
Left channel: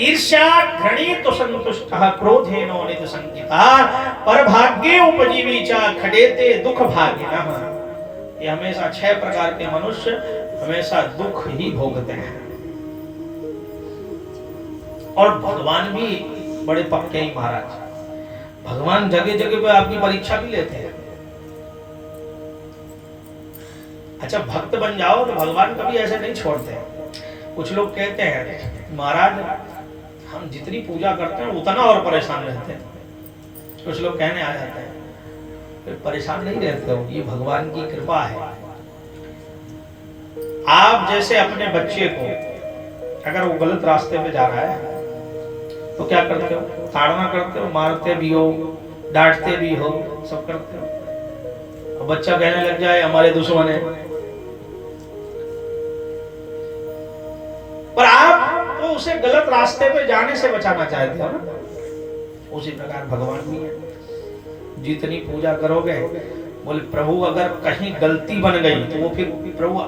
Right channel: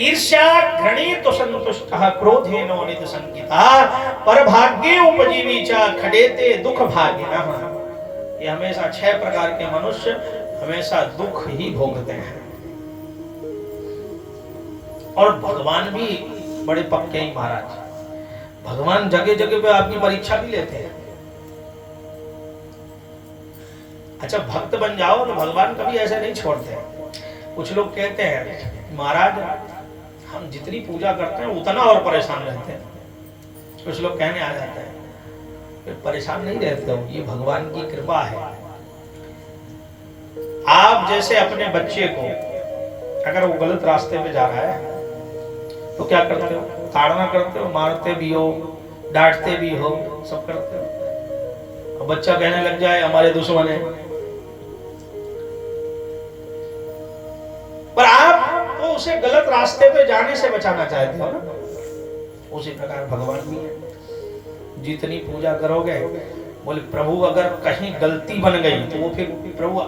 ईर्ष्या घृणित संतुष्ट क्रोधेनो निध संकिता पर भाग्ये उपजीवी च खडेते दुख भागिनः। ये हमेशा 6 प्रकार के मनुष्य हमेशा दुख ही भोगते हैं। और भगवान भी बड़े पक्के ही महाराज, भगवान जगह जगह पे आपकी परीक्षा भी लेते हैं। अच्छा भक्त बन जाओ तो भगवान कभी ऐसे नहीं छोड़ते। कुछ लोग कहते हैं महाराज हम जितनी पूजा करते हैं उतना और परेशान रहते हैं। कुछ लोग कहने आ जाते हैं परेशान नहीं रहते हो, ये भगवान की कृपा है। आप जैसे अपने बच्चे को अगर वो गलत रास्ते पे जा रहा है तो क्या करते हो? ताड़ना करते हो, मारते भी हो, डांटते भी हो, सब करते हो। अब बच्चा कहने लग जाए हमारे दुश्मन है, पर आप तो उसे गलत रास्ते पे जाने से बचाना चाहते हो ना। उसी प्रकार भगवान भी है। जितनी पूजा करोगे, बोले प्रभु अगर कहीं गलती बन गई तो वो फिर प्रभु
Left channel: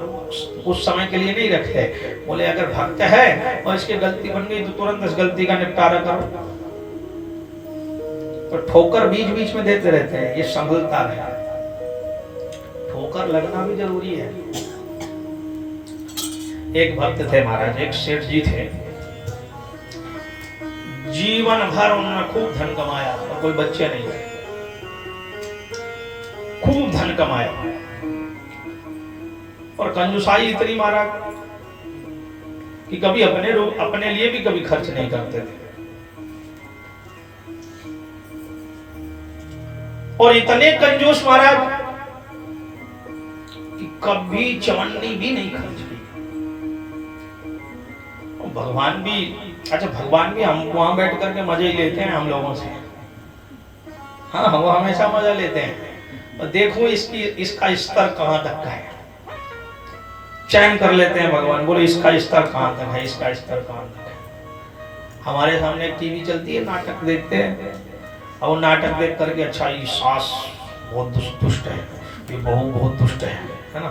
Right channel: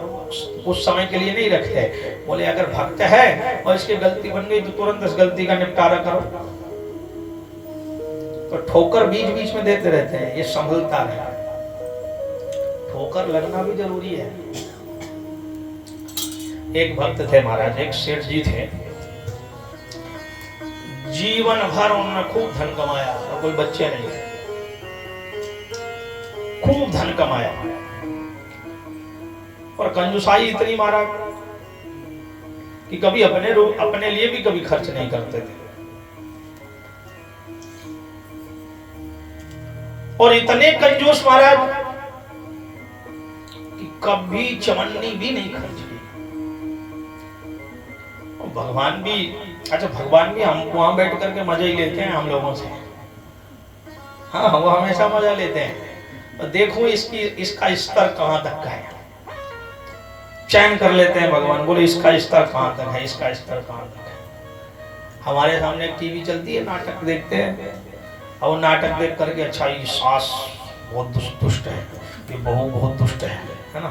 उस समय के लिए नहीं रखते। बोले अगर भक्त है और इसकी गलती बन गई तो तुरंत इस गलती का निपटारा करो। तो ठोकर बीच बीच में देते रहते हैं, ये संभलता है। ठोकर लगना भी जरूरी है। एक भक्त थे महाराज, एक सेठ जी थे, जीवन भर उन्होंने खूब धन कमाया और कोई बच्चे नहीं थे, खूब धन कमाया और कंजूसाई इतनी मारा कि कभी अपने लिए भी कभी खर्च नहीं करते थे। और इतने कंजूस महाराज कि कभी चवन्नी भी नहीं खर्च की। भगवान भी अच्छा भगवान भी हम वहां बैठ करके मजे ही लेते हैं हम लोगों से। हाँ वो हमेशा मजा लेते हैं। और देखो इसका स्तर कहां तक का है, चयन कर लेते हैं भगवान। बोले इसका स्तर कहां तक है, इसका स्तर कहां तक है। हमारे सामने टीवी चलती है, नाटक देखते हैं, और वो नाटक देख करके अच्छा ये सास बहुत दुष्ट है, ये बहू बहुत दुष्ट है ना,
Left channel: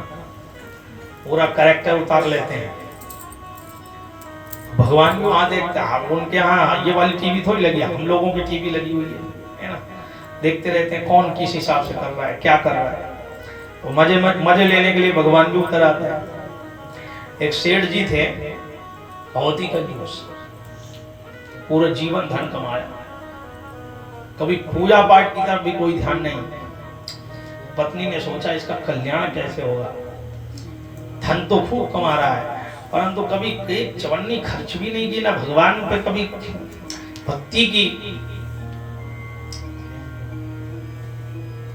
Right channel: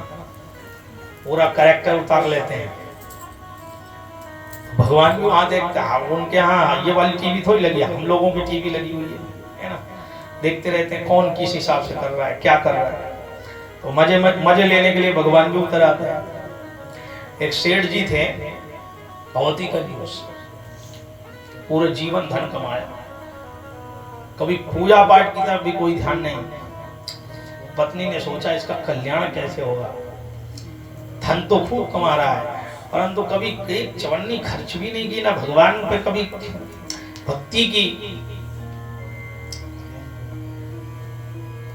पूरा कैरेक्टर उतार लेते हैं। भगवान भी वहां देखते हैं। उनके यहाँ ये वाली टीवी थोड़ी लगी है, हम लोगों की टीवी लगी हुई है ना। देखते रहते हैं कौन किस हिसाब से कर रहा है, क्या कर रहा है। तो मजे लेने के लिए भगवान भी उतर आते हैं। एक सेठ जी थे, बहुत ही कंजूस, पूरे जीवन धन कमाया, कभी पूजा पाठ की तरफ भी कोई ध्यान नहीं। पत्नी ने सोचा इसका कल्याण कैसे होगा, धन तो खूब कमा रहा है परंतु कभी एक चवन्नी खर्च भी नहीं की, ना भगवान पे कभी भक्ति की।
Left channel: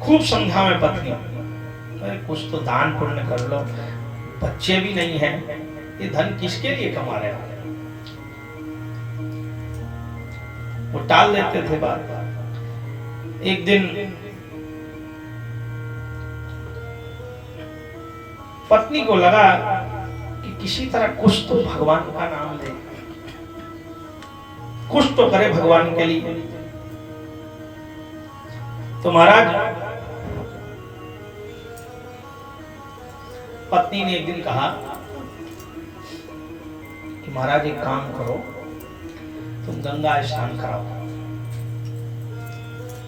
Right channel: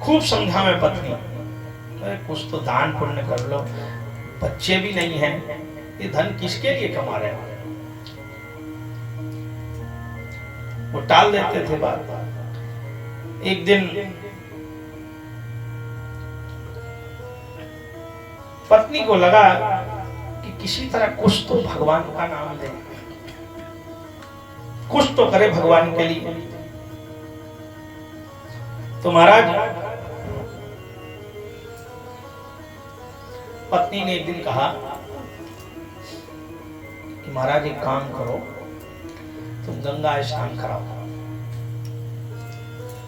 खूब समझा में पत्नी, अरे कुछ तो दान पुण्य कर लो, बच्चे भी नहीं हैं, ये धन किसके लिए कमा रहे हो। वो टाल देते थे बात। एक दिन पत्नी को लगा कि किसी तरह कुछ तो भगवान का नाम ले, कुछ तो करे भगवान के लिए। तो महाराज पत्नी ने एक दिन कहा कि महाराज एक काम करो, तुम गंगा स्नान कराओ।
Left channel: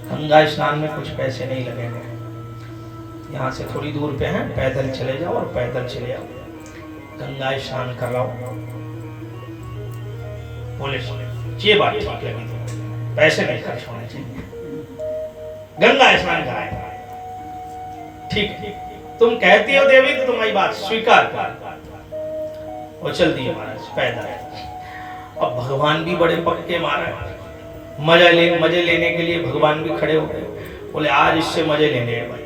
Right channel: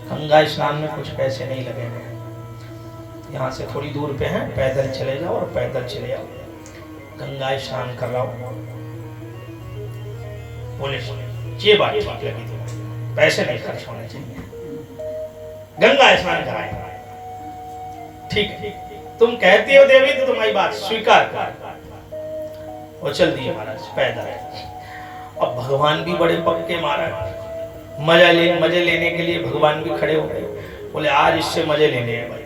गंगा स्नान में कुछ पैसे नहीं लगेंगे, यहाँ से थोड़ी दूर पे है, पैदल चले जाओ और पैदल चले आओ, गंगा स्नान कराओ। बोले ये बात ठीक लगी, तो पैसे नहीं खर्च होने चाहिए, गंगा स्नान कराएंगे। ठीक है, तुम कहती हो देवी तो तुम्हारी बात स्वीकार कर। और चल दिए महाराज पैदल। अब भगवान भी बड़े पक्के महाराज, मजे लेने के लिए भगवान भी खड़े हो गए। बोले आज इससे मजे लेने हैं भाई।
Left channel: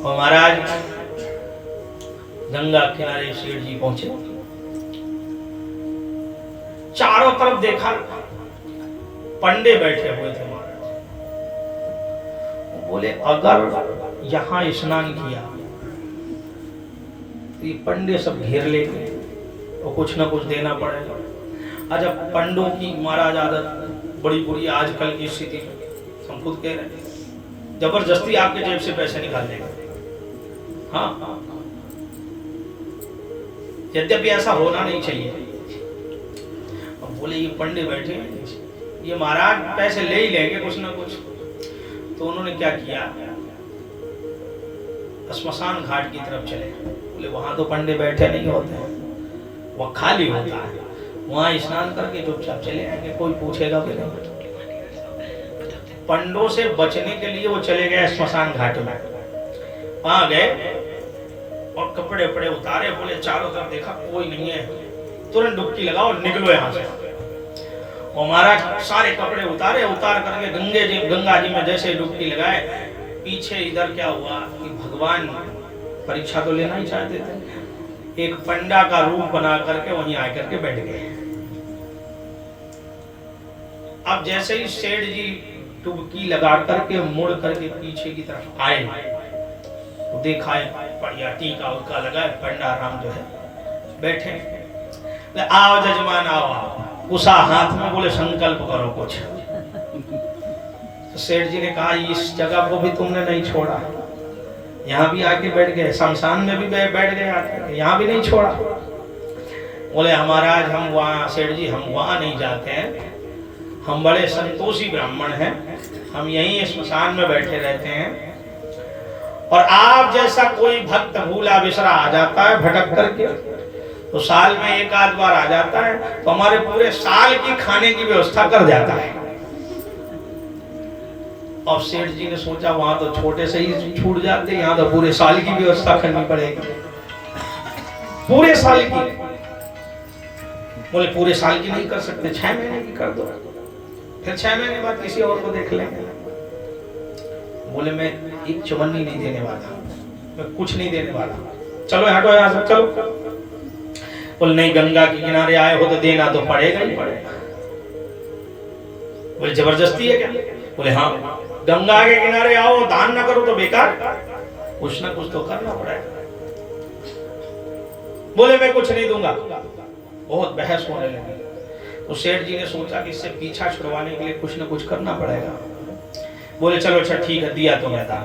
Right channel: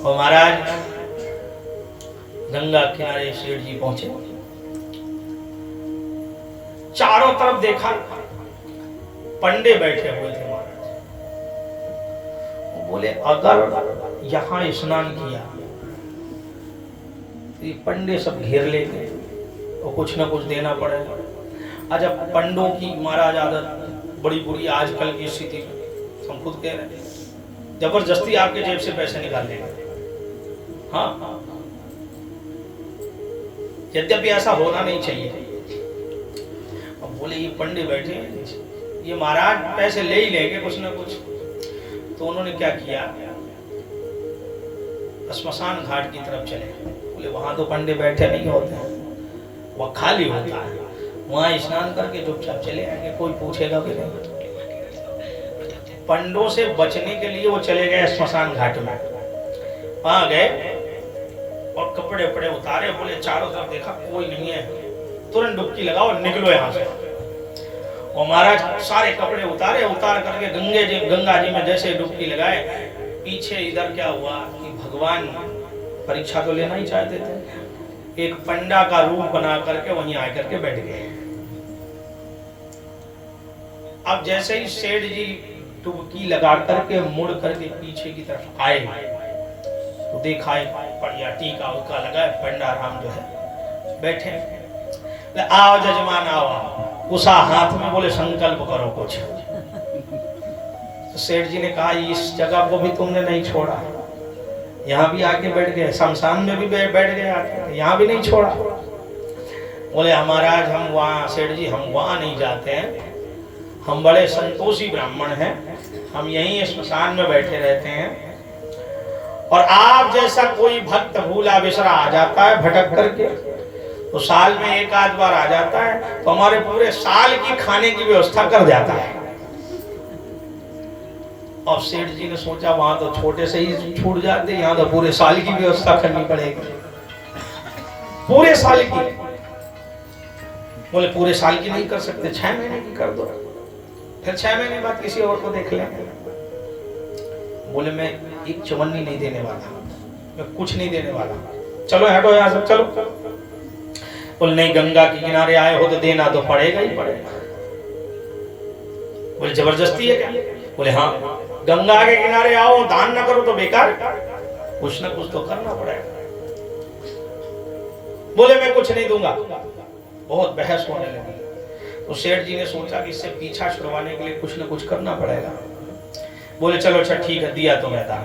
और महाराज गंगा किनारे सेठ जी पहुंचे, चारों तरफ देखा पंडे बैठे हुए थे महाराज। वो बोले अगर यहाँ स्नान किया तो ये पंडे सब घेर लेंगे और कुछ ना कुछ देना पड़ेगा। अच्छा, पंडों की महाराज आदत बड़ी बुरी आजकल की स्थिति में, हम खुद कह रहे हैं, जबरदस्ती आपके जेब से पैसे निकाल लेंगे। हाँ, यद्यपि ऐसा होना नहीं चाहिए। अब बोले ये पंडे बैठे, ये महाराज पैसे ले ही लेंगे कुछ ना कुछ। तो उन्होंने क्या किया, श्मशान घाट की तरफ चले। बोले वहां तो पंडे बैठे नहीं होते, वह खाली होता है, वहां स्नान करके चुपचाप चले आएंगे, कोई पूछेगा भी नहीं। पंडों से बचने के लिए वो चले गए श्मशान घाट में। वहां गए और कपड़े वपड़े उतारे, बोले चारों तरफ देखा कोई नहीं है, तुरंत डुबकी लगाओ और निकलो यहाँ से। और महाराज सारे कपड़े उतार करके गंगा जी में जैसे डुबकी लगाए, पीछे इधर क्या हुआ कि भगवान परीक्षा तो लेना ही चाहते थे, एक पंडा का रूप बना करके वहीं आकर के बैठ गए। अब जैसे ही सेठ जी डुबकी लगा करके मुड़ करके पीछे की तरफ आए तो देखा बढ़िया टीका उका लगाए, पंडा राम जो है बैठे। आओ जजमान आओ, उषा हाथ में, बोले संकल्प करो कुछ। तो सेठ जी ने कहा इस जगह को भी तुमने नहीं छोड़ा, यहाँ भी आके बैठ गए, शमशान में भी बैठ गए आके, यहाँ भी नहीं छोड़ा। बोले महाराज हम वहाँ, सेठ जी हम वहाँ नहीं जाते हैं, हम बड़े संतोषी ब्राह्मण हैं, हम यहीं श्मशान में बैठे रहते हैं। और आप जैसा कोई भक्त भूला बिसरा आ जाता है भटक करके, तो साल में एक आध बार आ जाता है, तो हमारे पूरे साल की खाने की व्यवस्था कर जाता है। और सेठ जी ने सोचा वहां तो छोटे से ही छूट जाते, यहाँ तो पूरे साल की व्यवस्था करनी पड़ेगी, पूरे साल की। बोले पूरे साल की नहीं कर सकते, 6 महीने की कर दो, फिर 6 महीने बाद किसी और को देख लेंगे। बोले मैं एक चवन्नी नहीं देने वाला, मैं कुछ नहीं देने वाला, चलो हटो यहाँ से चलो। बोले नहीं, गंगा के किनारे आए हो तो देना तो पड़ेगा ही पड़ेगा। बोले जबरदस्ती है क्या? बोले हाँ, गंगा के किनारे आओ दान ना करो तो बेकार, कुछ ना कुछ तो करना पड़ेगा। बोले मैं कुछ नहीं दूंगा। बहुत बहस होने लगी। तो सेठ जी ने सोचा कि इससे पीछा छुड़वाने के लिए कुछ ना कुछ करना पड़ेगा। बोले चलो अच्छा ठीक है, दिया तो मैं दान।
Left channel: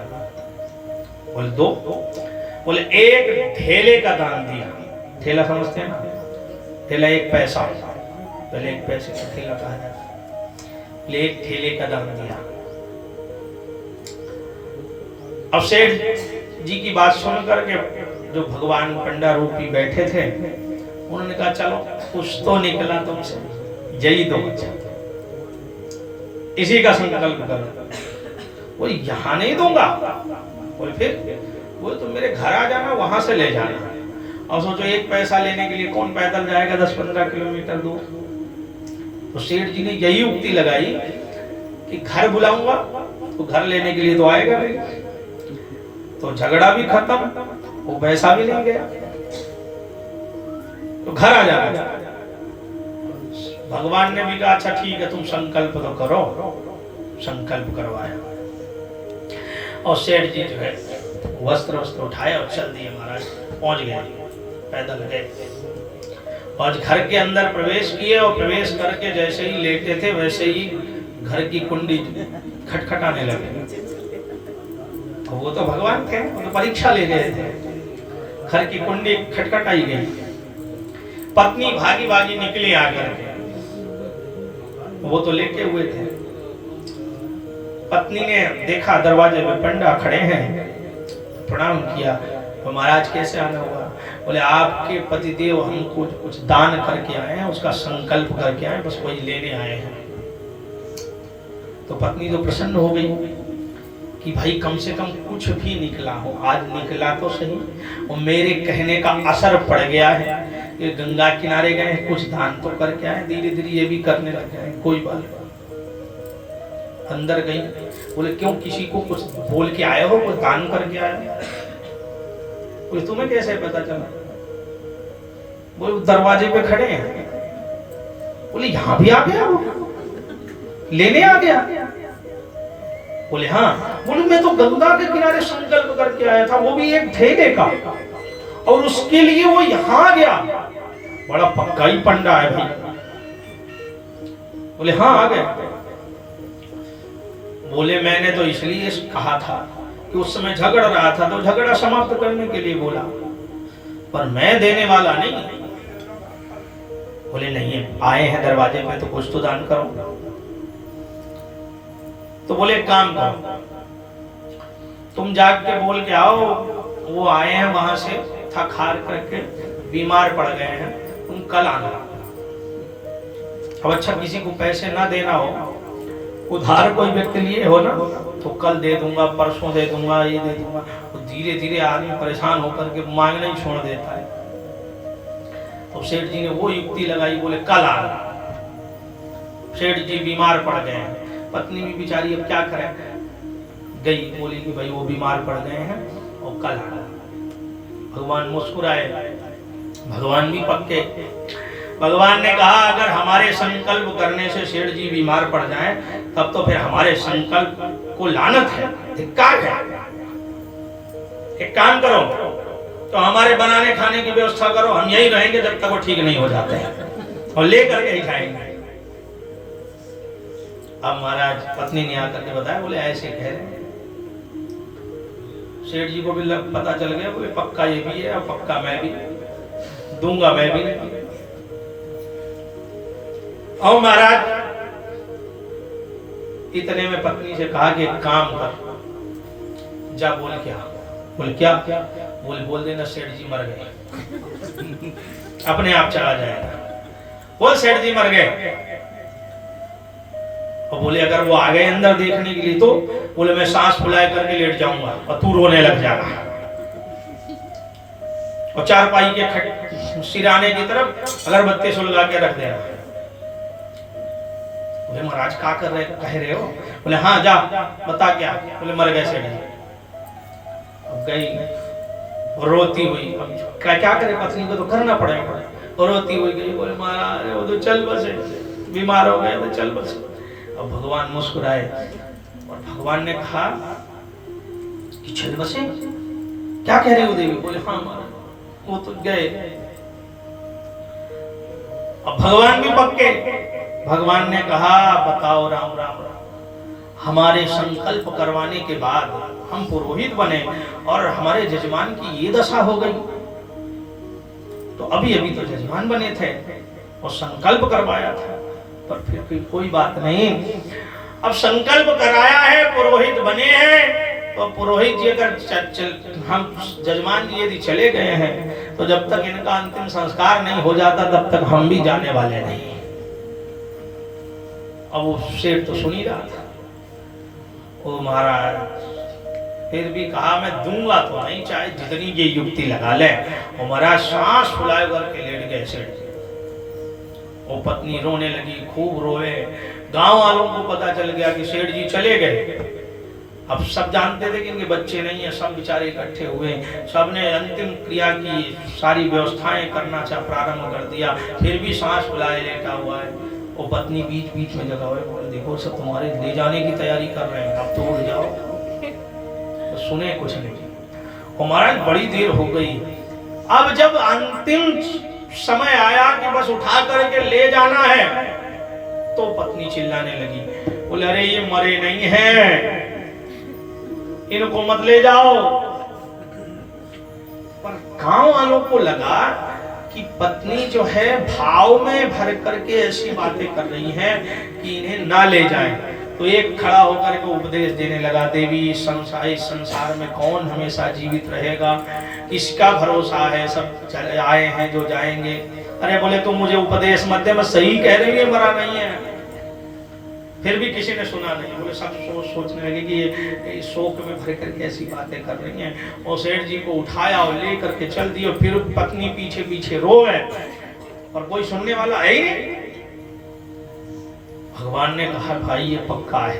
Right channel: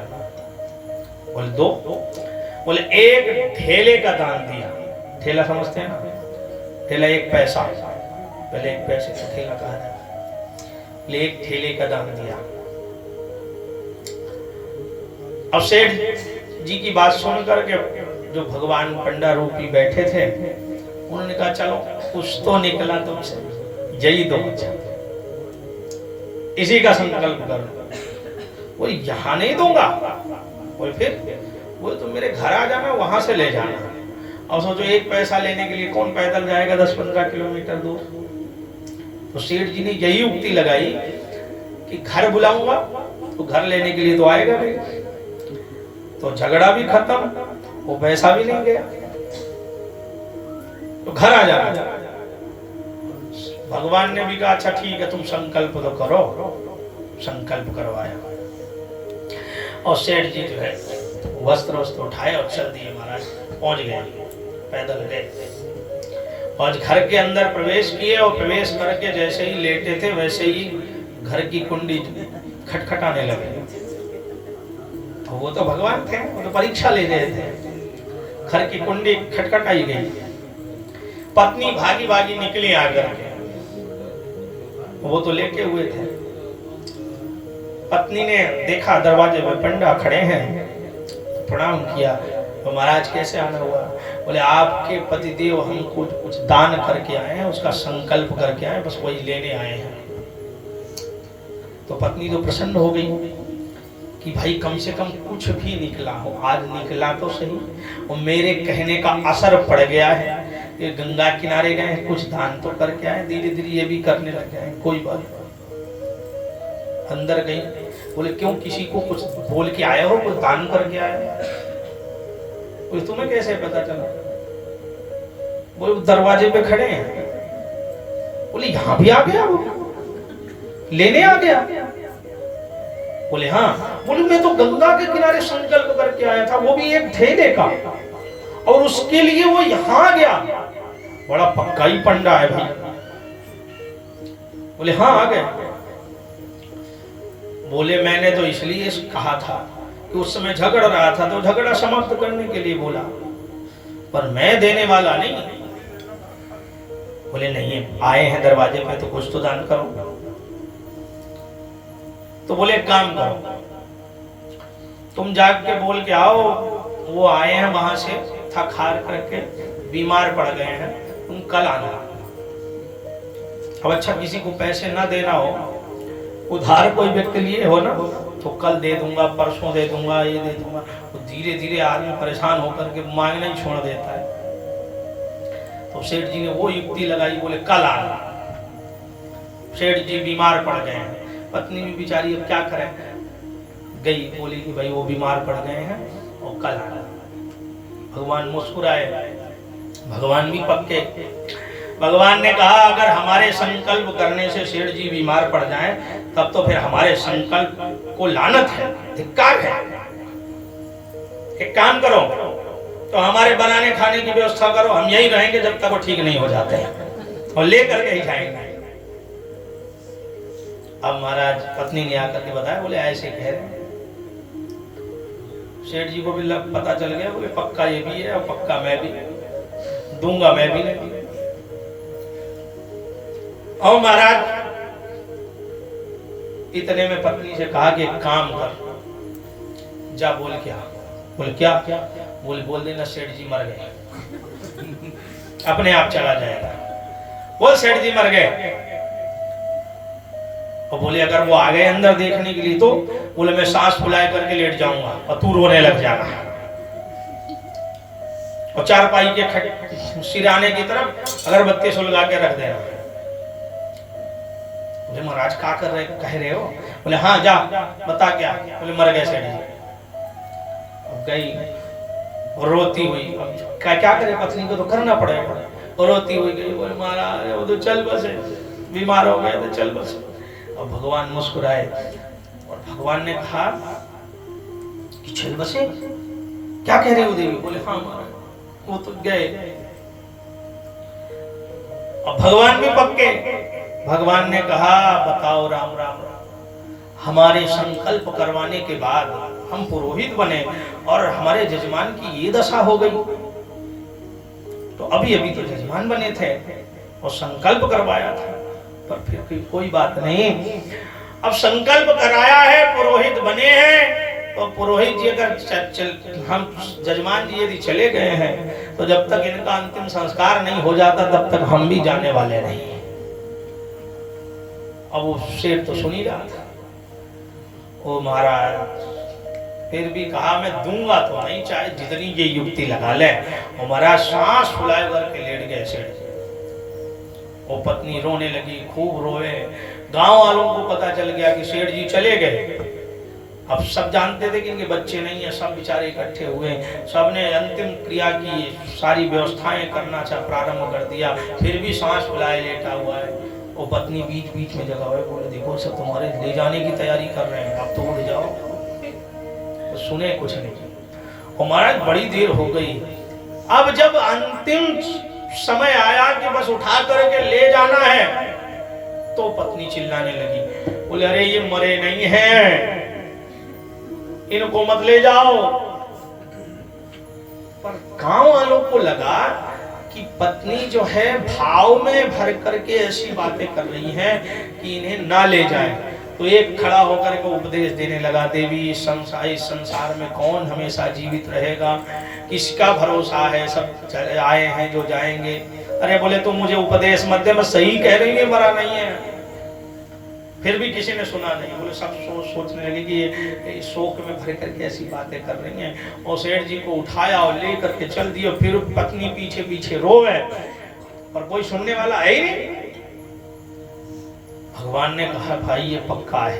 बोले दो। बोले एक ठेले का दान दिया। ठेला समझते हैं ना, ठेला 1 पैसा, पहले 1 पैसे का ठेला कहा था, एक ठेले का दान दिया। अब सेठ जी की बात सुन करके जो भगवान पंडा रूपी बैठे थे, उन्होंने कहा चलो कुछ तो निकला तुमसे, जय दो, इसी का संकल्प करो। वो यहाँ नहीं दूंगा, बोले फिर? बोले तो मेरे घर आ जाना, वहां से ले जाना। अब सोचो 1 पैसा लेने के लिए कौन पैदल जाएगा 10-15 किलोमीटर दूर। तो सेठ जी ने यही उक्ति लगाई कि घर बुलाऊंगा तो घर लेने के लिए तो आएगा नहीं, तो झगड़ा भी खत्म, वो पैसा भी नहीं गया, तो घर आ जाना। भगवान ने भी कहा अच्छा ठीक है तुम संकल्प तो करो। संकल्प करवाया और सेठ जी जो है वस्त्र उठाए और चल दिए महाराज, पहुंच गए, पैदल गए और घर के अंदर प्रवेश किए। और प्रवेश करके जैसे ही लेटे थे वैसे ही घर की कुंडी खटखटाने लगे। तो वो तो भगवान थे, वो तो परीक्षा ले रहे थे। घर की कुंडी खटखटाई गई, पत्नी भागी भागी निकली आकर के, वो तो लेटे हुए थे। पत्नी ने देखा दरवाजे में पंडा खड़े हैं, प्रणाम किया। तो महाराज कैसे आना हुआ? बोले आपके पतिदेव हमको कुछ दान करके आए हैं, उसका संकल्प करके आए, बस वही लेने आए हैं। तो पत्नी तो प्रसन्न हो गई कि भाई कम से कम कुछ भी निकला हो, आज निकला तो सही, और मेरे कहने का असर पड़ गया है। ये गंगा किनारे गए, कुछ दान तो करके आए, धीरे धीरे ये भी करने लग गए, कोई बात नहीं। अंदर गई, बोले क्यों किसी को कुछ बोल के आए हो, कुछ दान करके आए हो? बोले तुम्हें कैसे पता चला? बोले दरवाजे पे खड़े हैं। बोले यहाँ भी आ गया वो? लेने आ गया? बोले हाँ। बोले मैं तो गंगा के किनारे संकल्प करके आया था, वो भी एक ठेले का, और उसके लिए वो यहाँ गया। बड़ा पक्का ही पंडा है भाई। बोले हाँ आ गए। बोले मैंने तो इसलिए कहा था कि उस समय झगड़ रहा था तो झगड़ा समाप्त करने के लिए बोला, पर मैं देने वाला नहीं। बोले नहीं, आए हैं दरवाजे पे तो कुछ तो दान करो। तो बोले काम करो, तुम जाग के बोल के आओ वो आए हैं वहां से थक हार करके बीमार पड़ गए हैं, तुम कल आना। अब अच्छा किसी को पैसे ना देना हो, उधार कोई व्यक्ति लिए हो ना, तो कल दे दूंगा, परसों दे दूंगा, ये दे दूंगा, तो धीरे धीरे आदमी परेशान होकर के मांगना ही छोड़ देता है। तो सेठ जी ने वो युक्ति लगाई, बोले कल आना। सेठ जी बीमार पड़ गए हैं, पत्नी भी बेचारी अब क्या करें, गई, बोली कि भाई वो बीमार पड़ गए हैं और कल आना। भगवान मुस्कुराए, भगवान भी पक्के। भगवान ने कहा अगर हमारे संकल्प करने से सेठ जी बीमार पड़ जाएं, तब तो फिर हमारे संकल्प को लानत है, धिक्कार है। एक काम करो, तो हमारे बनाने खाने की व्यवस्था करो, हम यही रहेंगे जब तक वो ठीक नहीं हो जाते हैं, और लेकर के ही जाएंगे। अब महाराज पत्नी ने आकर के बताया, बोले ऐसे कह रहे हैं। सेठ जी को भी पता चल गया, बोले पक्का ये भी है और पक्का मैं भी दूंगा, मैं भी नहीं। और महाराज इतने में पत्नी से कहा कि एक काम कर, जा बोल क्या? बोले क्या? बोले बोल देना सेठ जी मर गए, अपने आप चला जाएगा। बोल सेठ जी मर गए। और बोले अगर वो आ गए अंदर देखने के लिए, तो बोले मैं सांस फुलाए करके लेट जाऊंगा और तू रोने लग जाना, और चारपाई के सिराने की तरफ अगरबत्ती सुलगा के रख देना। बोले महाराज क्या कर रहे कह रहे हो? बोले हाँ जा बता क्या? बोले मर गए सेठ जी। अब गई रोती हुई, अब क्या करे, पत्नी को तो करना पड़ेगा, और रोती हुई गई। बोले महाराज वो तो चल बसे, बीमार हो गए तो चल बसे। अब भगवान मुस्कुराए और भगवान ने कहा कि चल बसे, क्या कह रहे हो देवी? बोले हाँ महाराज वो तो गए। अब भगवान भी पक्के। भगवान ने कहा बताओ राम राम, हमारे संकल्प करवाने के बाद हम पुरोहित बने और हमारे जजमान की ये दशा हो गई, तो अभी अभी तो जजमान बने थे और संकल्प करवाया था, पर फिर भी कोई बात नहीं। अब संकल्प कराया है, पुरोहित बने हैं, तो पुरोहित जी अगर हम जजमान जी यदि चले गए हैं, तो जब तक इनका अंतिम संस्कार नहीं हो जाता तब तक हम भी जाने वाले नहीं। अब वो शेर तो सुन ही रहा था। ओ महाराज फिर भी कहा मैं दूंगा तो नहीं, चाहे जितनी ये युक्ति लगा ले। और महाराज सांस फुलाए करके लेट गए सेठ जी। वो पत्नी रोने लगी, खूब रोए। गांव वालों को पता चल गया कि सेठ जी चले गए। अब सब जानते थे कि इनके बच्चे नहीं है, सब बेचारे इकट्ठे हुए, सबने अंतिम क्रिया की सारी व्यवस्थाएं करना प्रारंभ कर दिया, फिर भी सांस फुलाए लेटा हुआ है। वो पत्नी बीच बीच में जगा हुए, बोले देखो सब तुम्हारे ले जाने की तैयारी कर रहे हैं, अब तो उठ जाओ। तो सुने कुछ नहीं। और महाराज बड़ी देर हो गई। अब जब अंतिम समय आया कि बस उठा करके ले जाना है, तो पत्नी चिल्लाने लगी, बोले अरे ये मरे नहीं हैं, इनको मत ले जाओ। पर गांव वालों को लगा कि पत्नी जो है भाव में भर करके ऐसी बातें कर रही हैं कि इन्हें ना ले जाएं। तो एक खड़ा होकर के उपदेश देने लगा, देवी इस संसार में कौन हमेशा जीवित रहेगा, किसका भरोसा है, सब आए हैं जो जाएंगे। अरे बोले तुम मुझे उपदेश मत दे, मैं सही कह रही है, मरा नहीं है। फिर भी किसी ने सुना नहीं। बोले सब सोचने लगे कि ये शोक में भर करके ऐसी बातें कर रही हैं। और सेठ जी को उठाया और ले करके चल दिया। फिर पत्नी पीछे पीछे रोए, और कोई सुनने वाला है ही नहीं। भगवान ने कहा भाई ये पक्का है,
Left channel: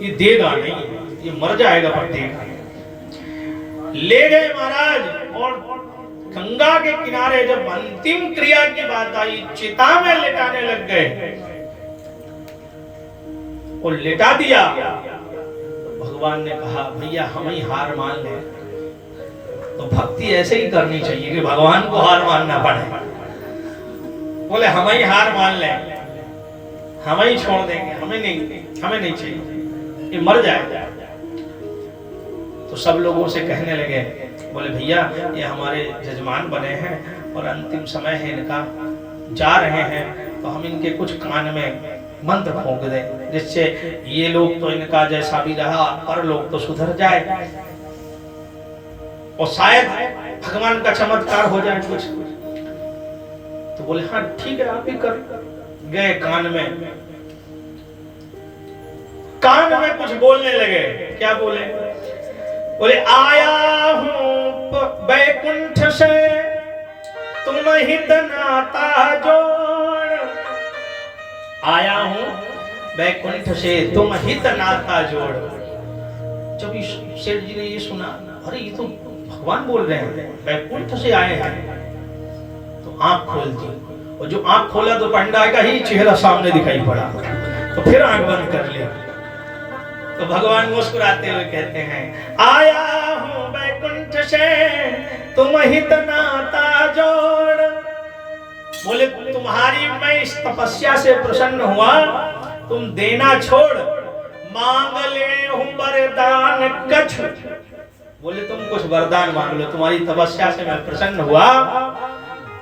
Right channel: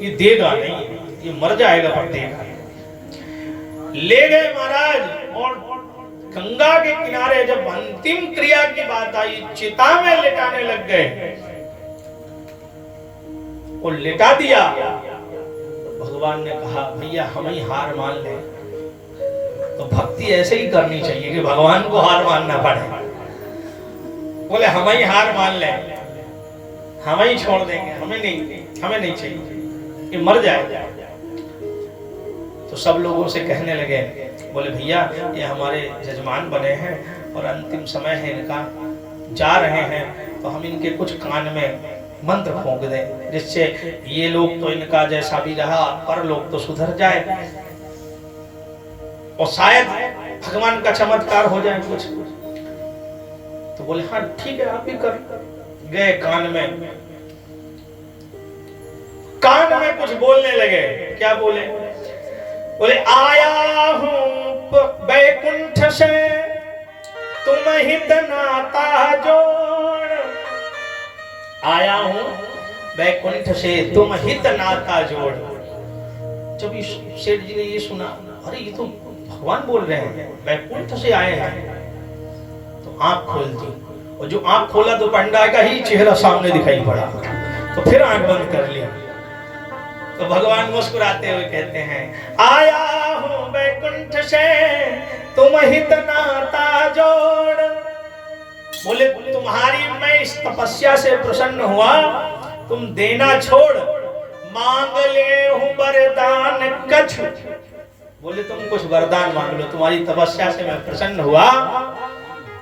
ये देगा नहीं, ये मर जाएगा पर देगा। ले गए महाराज, और गंगा के किनारे जब अंतिम क्रिया की बात आई, चिता में लेटाने लग गए। को लेटा दिया। तो भगवान ने कहा भैया हम ही हार मान लें। तो भक्ति ऐसे ही करनी चाहिए कि भगवान को हार मानना पड़े। बोले हम ही हार मान लें, हम ही छोड़ देंगे, हमें नहीं चाहिए, ये मर जाए। तो सब लोगों से कहने लगे, बोले भैया ये हमारे जजमान बने हैं और अंतिम समय है इनका, जा रहे हैं, तो हम इनके कुछ कान में मंत्र फूंक दें जिससे ये लोग तो इनका जैसा भी रहा पर लोग तो सुधर जाए और शायद भगवान का चमत्कार हो जाए कुछ। तो बोले हाँ ठीक है आप ही कर। गए कान में कुछ बोलने लगे। क्या बोले? बोले आया हूं बैकुंठ से तुम हित नाता जोड़, आया हूं बैकुंठ से तुम हित नाता जोड़। जब सेठ जी ने ये सुना, अरे ये तो भगवान बोल रहे हैं, बैकुंठ से आए हैं, तो आंख खोल दी। और जो आंख खोला तो पंडा का ही चेहरा सामने दिखाई पड़ा। तो फिर आंख बंद कर ली। तो भगवान मुस्कुराते हुए कहते हैं आया हूं बैकुंठ से तुम हित नाता जोड़। बोले तुम्हारी मैं इस तपस्या से प्रसन्न हुआ, तुम देना छोड़, मांग ले हूं वरदान कछु। बोले तुम कुछ वरदान मांग लो, तुम्हारी तपस्या से मैं प्रसन्न हुआ।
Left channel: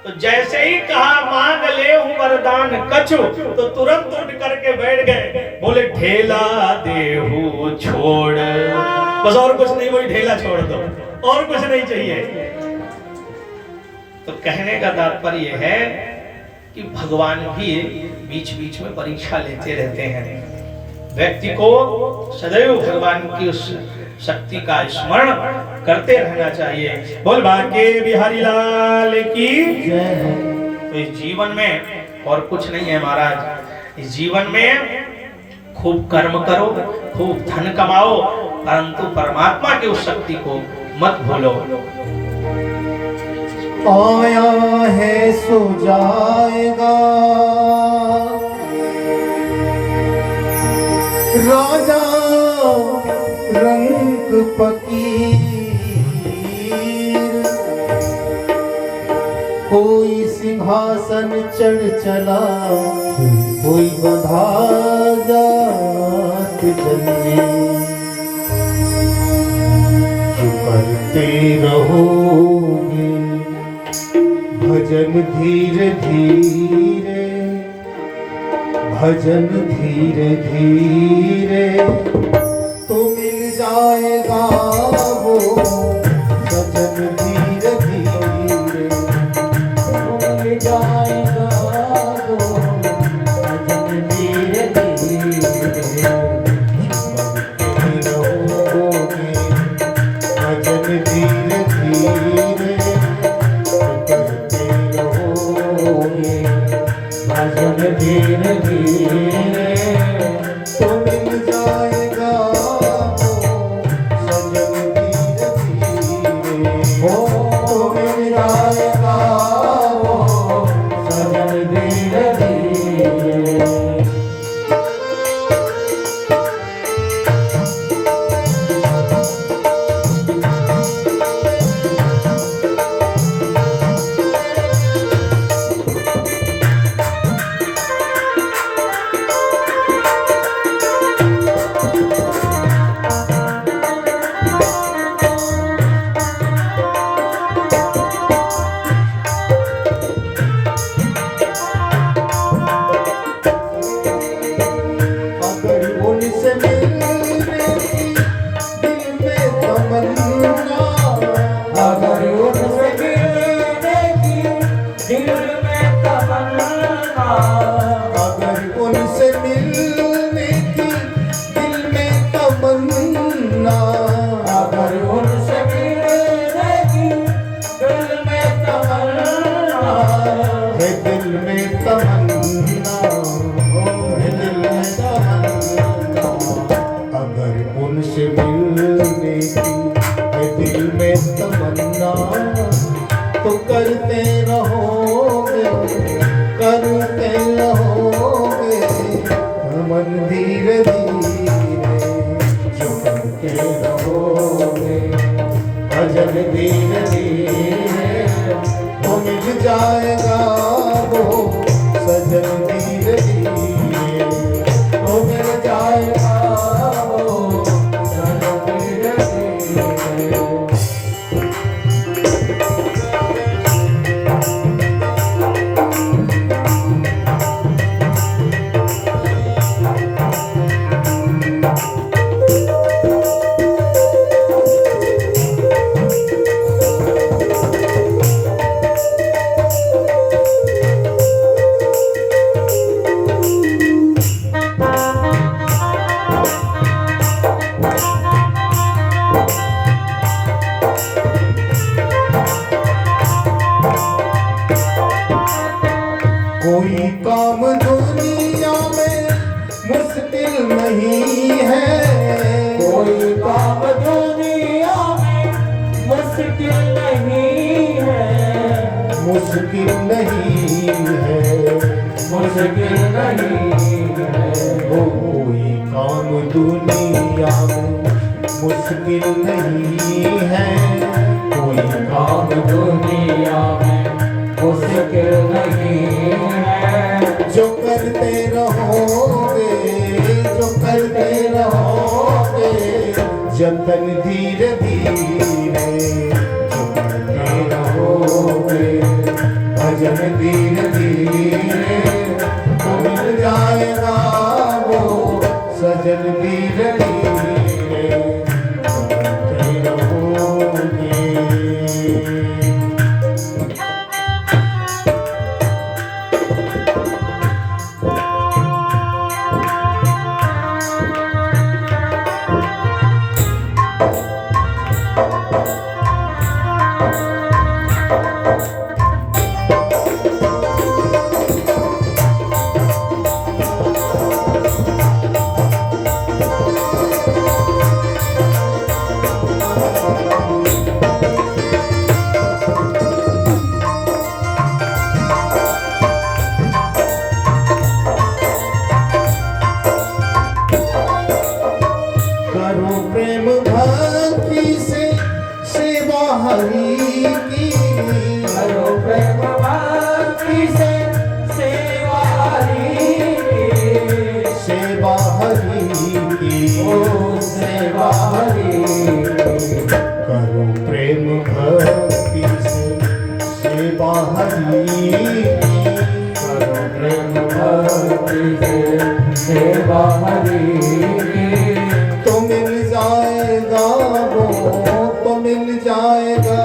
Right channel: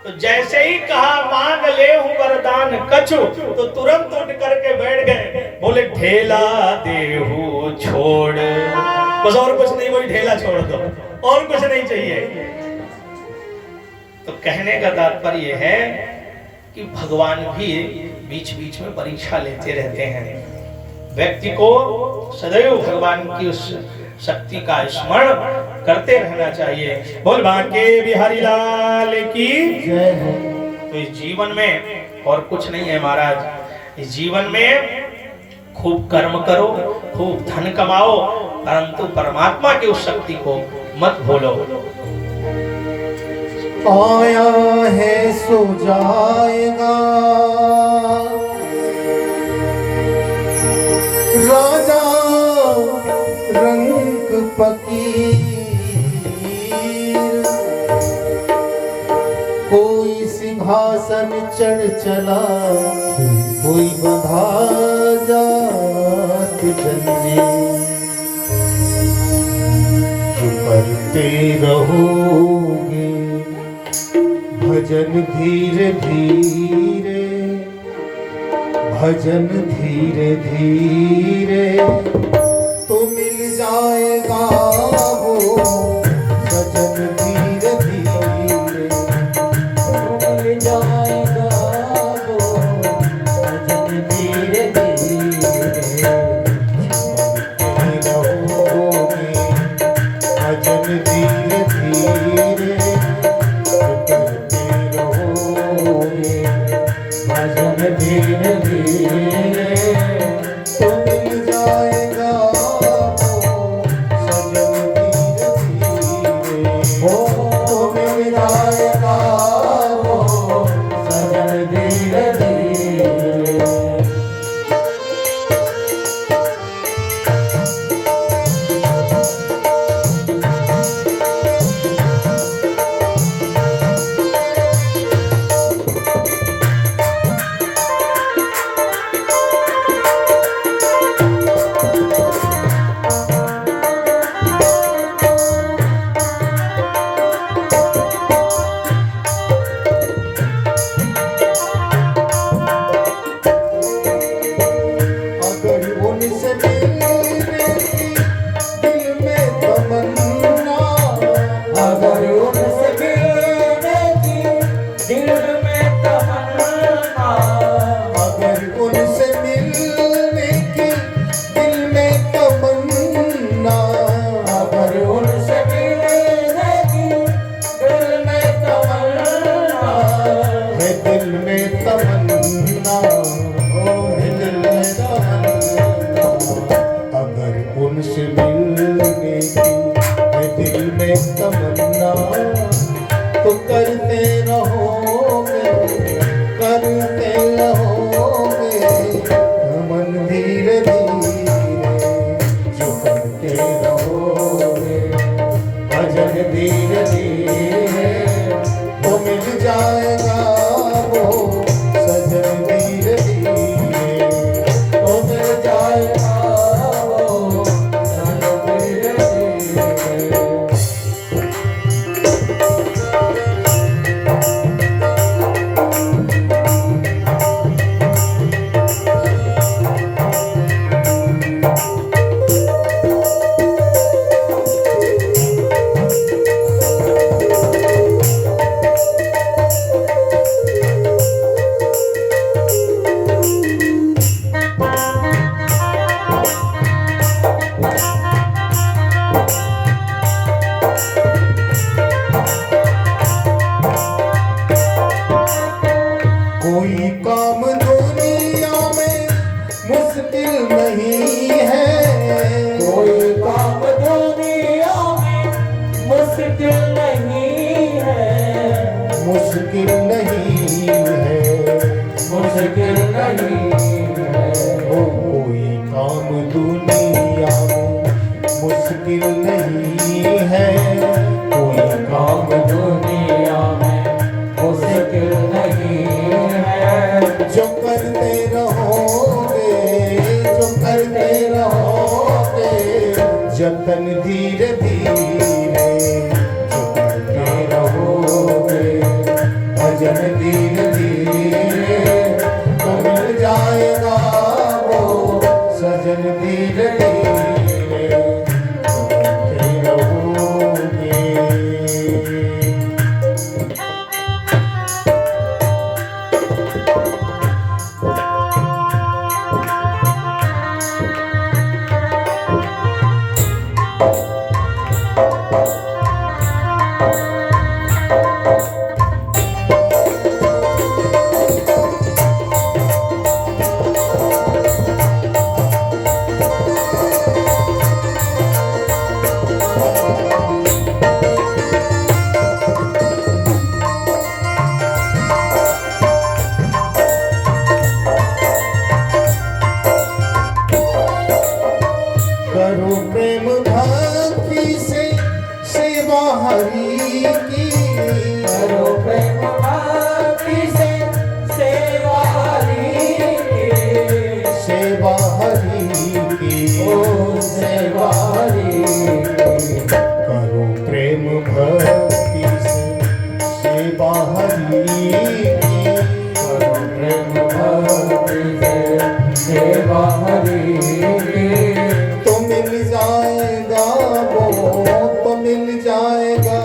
तो जैसे ही कहा मांग ले हूं वरदान कछु, तो तुरंत उठ करके बैठ गए। बोले ढेला देहू छोड़, बस और कुछ नहीं, वही ढेला छोड़ दो, और कुछ नहीं चाहिए। तो कहने का तात्पर्य है कि भगवान भी बीच बीच में परीक्षा लेते रहते हैं। व्यक्ति को सदैव भगवान की उस शक्ति का स्मरण करते रहना चाहिए। बोल बाके बिहारी लाल की जय। तो इस जीवन में और कुछ नहीं है महाराज, इस जीवन में खूब कर्म करो, खूब धन कमाओ, परंतु परमात्मा की उस शक्ति को मत भूलो। आया है सो जाएगा, राजा रंग फकीर, कोई सिंहासन चढ़ चला, कोई बंधा जात जंजीर। जो करते रहोगे भजन धीरे धीरे, भजन धीरे धीरे, तो मिल जाएगा वो सजन धीरे धीरे, तो मिल जाएगा वो सजन धीरे धीरे। रहोगे भजन धीरे धीरे, भजन धीरे धीरे, तो मिल जाएगा सजन धीरे धीरे, तो मिल जाएगा सजन धीरे धीरे। उनसे मिलने की दिल में तमन्ना, तो करते रहोगे, करते रहोगे, मन नहीं है, कोई काम दुनिया में मुश्किल नहीं है, मुश्किल नहीं है, मुश्किल नहीं है। वो कोई काम दुनिया में मुश्किल नहीं है, कोई काम दुनिया में मुश्किल नहीं है। जो करते रहोगे, जो करते रहोगे, जतन धीरे धीरे, जो करते रहोगे भजन धीरे धीरे, तो मिल जाएगा वो सजन धीरे धीरे, जो करते रहोगे। करो प्रेम भक्ति से सेवा हरि की, करो प्रेम भक्ति से सेवा हरि की, सेवा हरि की, ओ सेवा हरि की। करो प्रेम भक्ति से सेवा हरि की, करो प्रेम भक्ति से सेवा हरि की। तो मिल जाएगा वो, तो मिल जाएगा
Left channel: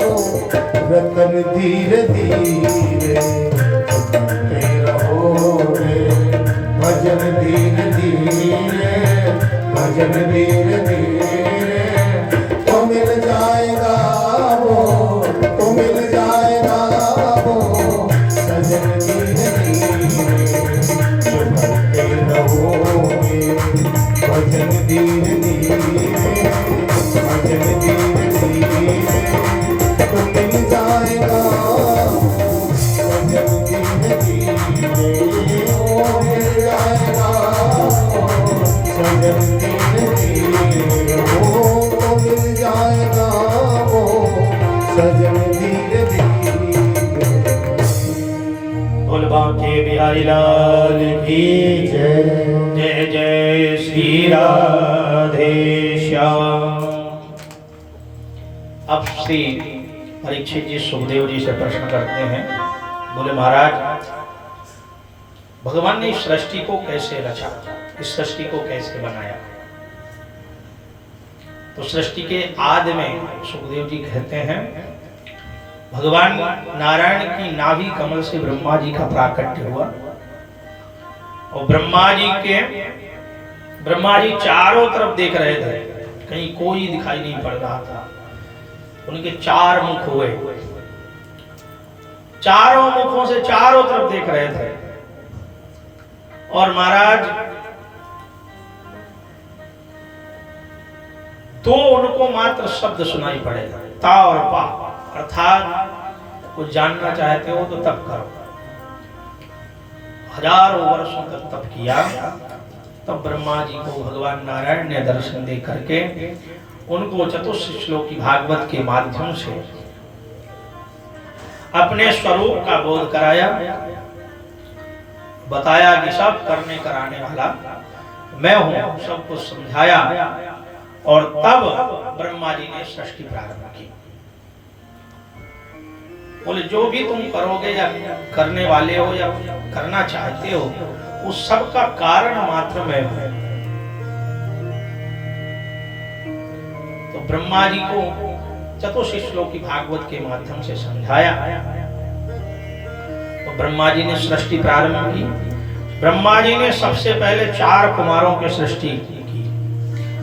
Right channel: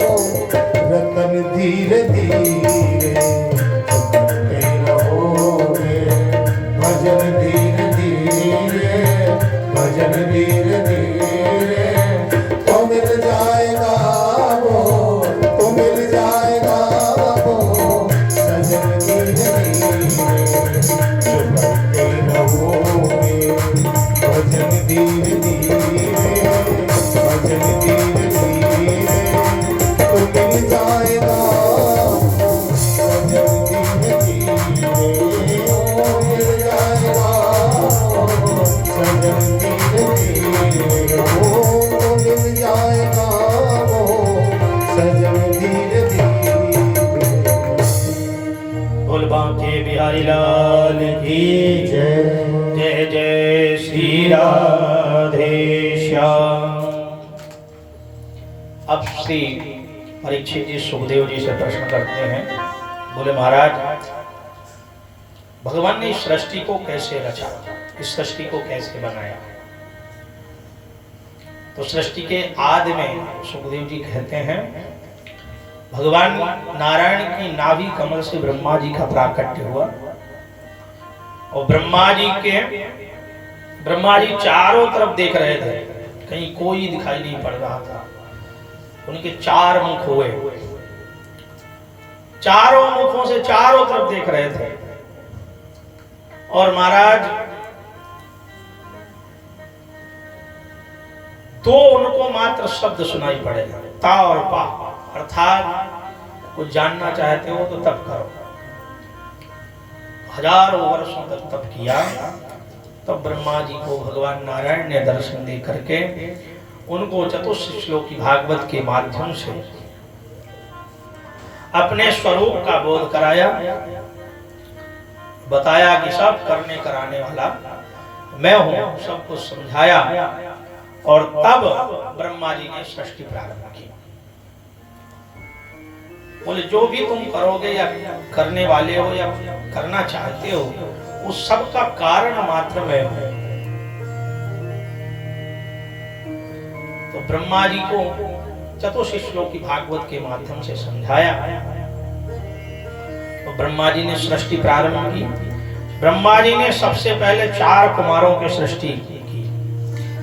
वो रतन धीरे धीरे, करते रहोगे भजन धीरे धीरे, भजन धीरे धीरे, तो मिल जाएगा वो, तो मिल जाएगा वो सजन धीरे धीरे, जो करते रहोगे भजन धीरे धीरे, भजन धीरे धीरे, तो मिल जाएगा भजन धीरे धीरे, ओ मिल जाएगा सजन धीरे धीरे, ओ मिल जाएगा वो सजन धीरे धीरे। बोल बांके बिहारी लाल की जय। जय जय श्री राधे श्याम। अब श्री परीक्षित जी सुखदेव जी से प्रश्न करते हैं। बोले महाराज, भगवान ने इस सृष्टि को कैसे रचा, इस सृष्टि को कैसे बनाया? तो सृष्टि के आदि में सुखदेव जी कहते हैं भगवान नारायण की नाभि कमल से ब्रह्मा जी का प्राकट्य हुआ और ब्रह्मा जी चारों तरफ देख रहे थे, कहीं कोई दिखाई नहीं पड़ रहा था। उनके चार मुख हुए, चारों मुखों से चारों तरफ देख रहे थे। और महाराज तो उनको मात्र शब्द सुनाई पड़े, ता और पा, अर्थात कुछ जानना चाहते हो तो तप करो। हजारों वर्षों तक तप किया, तब ब्रह्मा जी को भगवान नारायण ने दर्शन दे करके उनको चतुर्थ श्लोकी भागवत के माध्यम से अपने स्वरूप का बोध कराया, बताया कि सब करने कराने वाला मैं हूं, सब कुछ समझाया। और तब ब्रह्मा जी ने सृष्टि प्रारंभ की। बोले जो भी तुम करोगे या करने वाले हो या करना चाहते हो, उस सब का कारण मात्र मैं हूं। तो ब्रह्मा जी को चतुर्थ श्लोकी भागवत के माध्यम से समझाया। तो ब्रह्मा जी ने सृष्टि प्रारंभ की। ब्रह्मा जी ने सबसे पहले 4 कुमारों की सृष्टि की,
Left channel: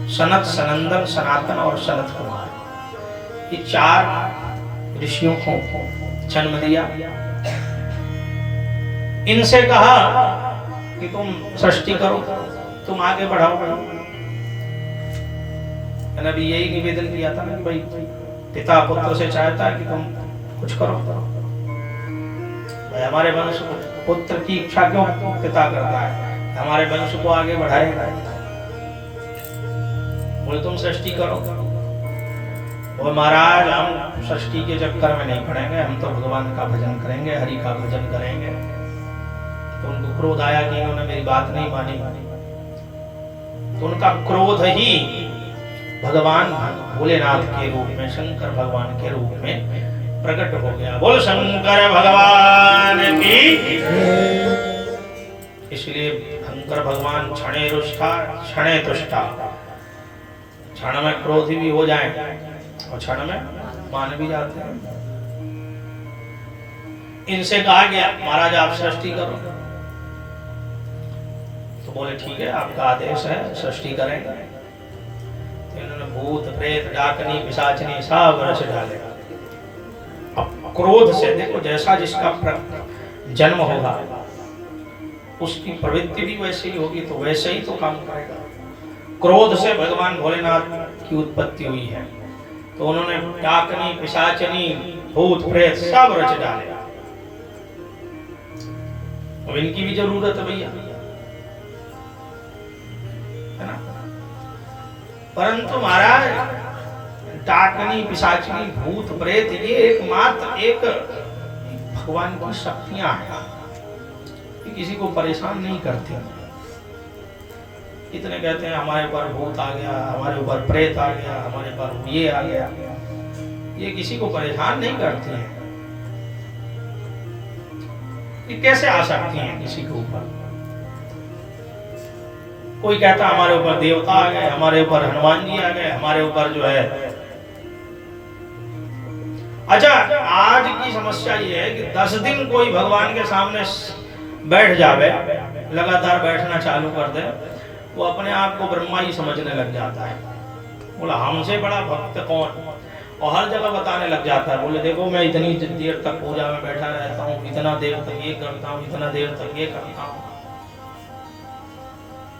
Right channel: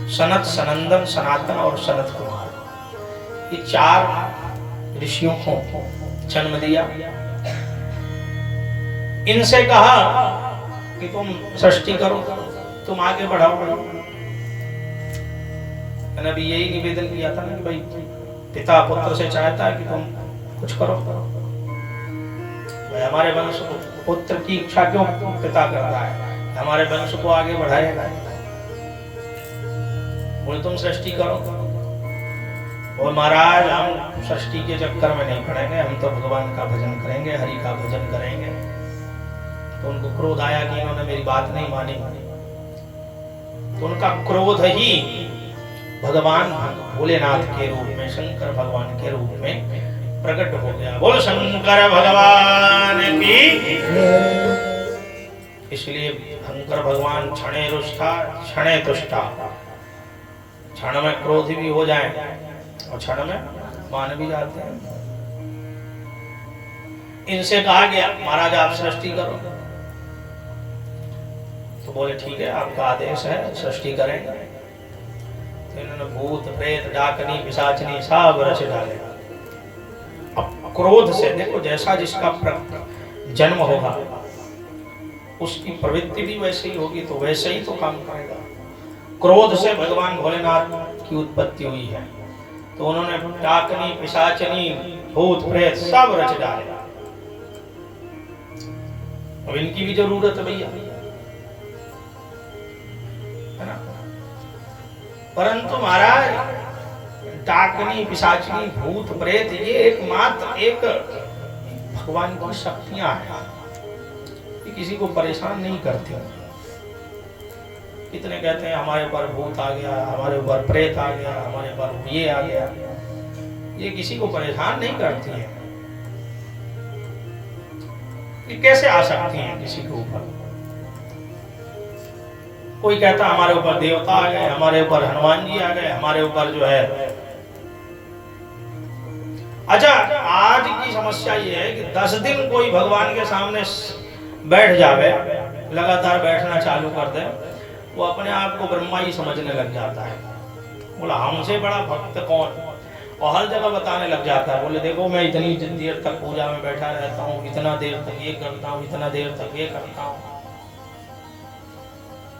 सनत, सनंदन, सनातन और सनत कुमार। ये 4 ऋषियों को जन्म दिया। इनसे कहा कि तुम सृष्टि करो, तुम आगे बढ़ाओ। मैंने अभी यही निवेदन किया था ना कि भाई पिता पुत्र से चाहता है कि तुम कुछ करो। भाई हमारे वंश को पुत्र की इच्छा क्यों पिता करता है, हमारे वंश को आगे बढ़ाएगा। बोले तुम सृष्टि करो। और महाराज हम सृष्टि के चक्कर में नहीं पड़ेंगे, हम तो भगवान का भजन करेंगे, हरि का भजन करेंगे। तो उनको क्रोध आया कि इन्होंने मेरी बात नहीं मानी। तो उनका क्रोध ही भगवान भोलेनाथ के रूप में, शंकर भगवान के रूप में प्रकट हो गया। बोल शंकर भगवान की। इसलिए शंकर भगवान क्षणे रुष्टा क्षणे तुष्टा, क्षण में क्रोधी भी हो जाए और क्षण में मान भी जाते हैं। इनसे कहा गया महाराज आप सृष्टि करो। तो बोले ठीक है आपका आदेश है, सृष्टि करेंगे। तो इन्होंने भूत प्रेत डाकनी पिशाचनी सब रच डाले। अब क्रोध से देखो, जैसा जिसका जन्म होगा उसकी प्रवृत्ति भी वैसे ही होगी, तो वैसे ही तो काम करेगा। क्रोध से भगवान भोलेनाथ की उत्पत्ति हुई है। तो उन्होंने डाकनी पिशाचनी भूत प्रेत सब रच डाले। अब इनकी भी जरूरत है भैया, है ना। परंतु महाराज डाकनी पिशाचनी भूत प्रेत ये एकमात्र एक भगवान की शक्तियां हैं, ये किसी को परेशान नहीं करती। इतने कहते हैं हमारे ऊपर भूत आ गया, हमारे ऊपर प्रेत आ गया, हमारे ऊपर ये आ गया, ये किसी को परेशान नहीं करती है। ये कैसे आ सकती हैं किसी के ऊपर? कोई कहता हमारे ऊपर देवता आ गए, हमारे ऊपर हनुमान जी आ गए, हमारे ऊपर जो है। अच्छा आज की समस्या ये है कि 10 दिन कोई भगवान के सामने बैठ जावे, लगातार बैठना चालू कर दे, वो अपने आप को ब्रह्मा ही समझने लग जाता है। बोला हमसे बड़ा भक्त कौन, और हर जगह बताने लग जाता है। बोले देखो मैं इतनी देर तक पूजा में बैठा रहता हूँ, इतना देर तक ये करता हूँ, इतना देर तक ये करता हूँ।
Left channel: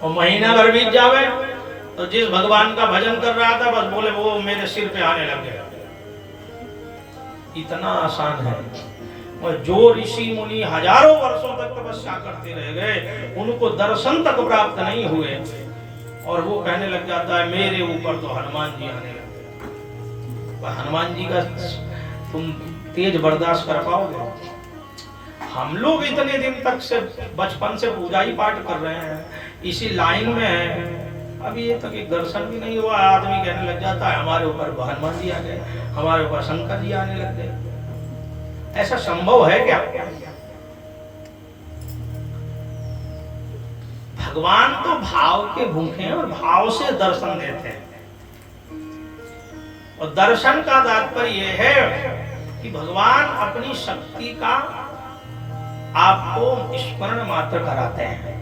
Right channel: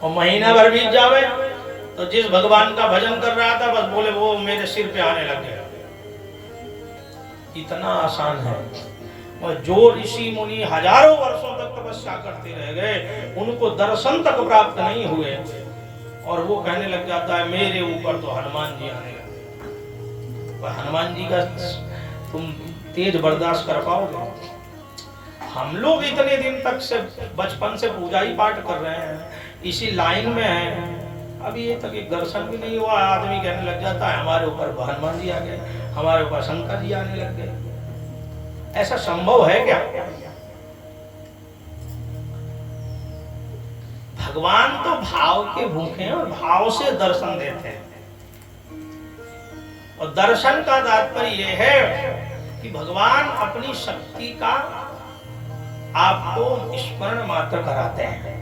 और महीना भर बीत जावे तो जिस भगवान का भजन कर रहा था बस बोले वो मेरे सिर पे आने लग गए। इतना आसान है। और जो ऋषि मुनि हजारों वर्षों तक तपस्या करते रह गए, उनको दर्शन तक प्राप्त नहीं हुए, और वो कहने लग जाता है मेरे ऊपर तो हनुमान जी आने लगे। हनुमान जी का तुम तेज बर्दाश्त कर पाओगे? हम लोग इतने दिन तक से बचपन से पूजा ही पाठ कर रहे हैं, इसी लाइन में हैं, अभी ये तक एक दर्शन भी नहीं हुआ। आदमी कहने लग जाता है हमारे ऊपर हनुमान जी आ गए, हमारे ऊपर शंकर जी आने लग गए। ऐसा संभव है क्या? भगवान तो भाव के भूखे हैं और भाव से दर्शन देते हैं। और दर्शन का तात्पर्य यह है कि भगवान अपनी शक्ति का आपको स्मरण मात्र कराते हैं।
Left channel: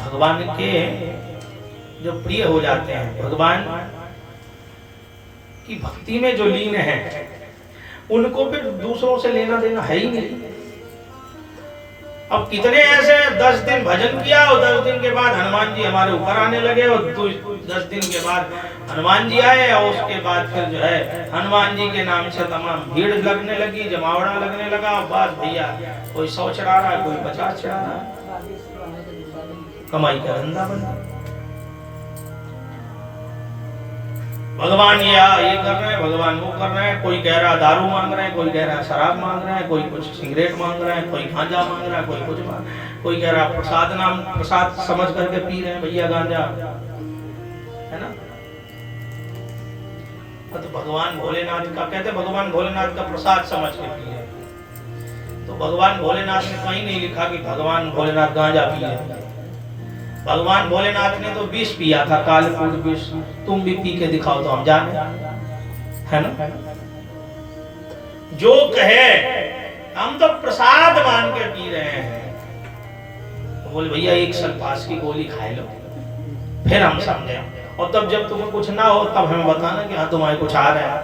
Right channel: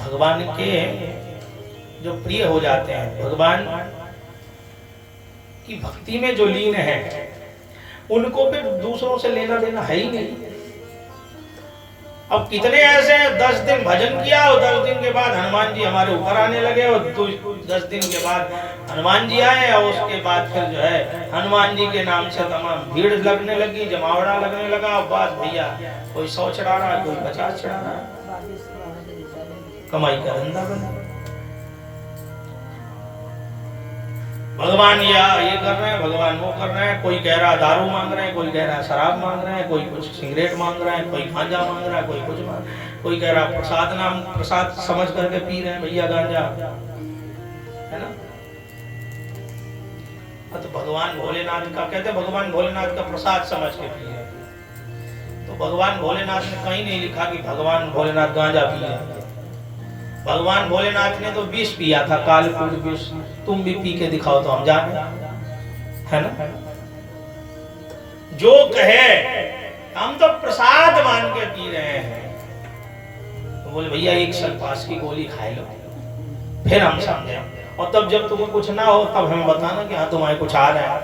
भगवान के जो प्रिय हो जाते हैं, भगवान की भक्ति में जो लीन है, उनको फिर दूसरों से लेना देना है ही नहीं। अब कितने ऐसे 10 दिन भजन किया और 10 दिन के बाद हनुमान जी हमारे ऊपर आने लगे, और 10 दिन के बाद हनुमान जी आए, और उसके बाद फिर जो है हनुमान जी के नाम से तमाम भीड़ लगने लगी, जमावड़ा लगने लगा। और बात भैया कोई 100 चढ़ा रहा है, कोई 50 चढ़ा रहा है, कमाई का धंधा बना। भगवान ये कर रहे हैं, भगवान वो कर रहे हैं। कोई कह रहा दारू मांग रहे हैं, कोई कह रहा शराब मांग रहे हैं, कोई कुछ सिगरेट मांग रहा है, कोई गांजा मांग रहा है, कोई कुछ कोई कह रहा प्रसाद समझ करके पी रहे हैं भैया गांजा, है ना। तो भगवान भोलेनाथ का कहते, भगवान भोलेनाथ का प्रसाद समझ के पी रहे। तो भगवान भोलेनाथ ने कहीं नहीं लिखा कि भगवान भोलेनाथ गांजा पी रहे। भगवान भोलेनाथ ने तो विष पिया था, कालकूट विष। तुम भी पी के दिखाओ तो हम जाने, है ना। जो कहे हम तो प्रसाद मान के पी रहे हैं, तो बोले भैया एक सल्फास की गोली खाए लो, फिर हम समझे। और तब जब तुम्हें कुछ ना हो तब हमें बताना कि हाँ तुम्हारे कुछ आ रहा है,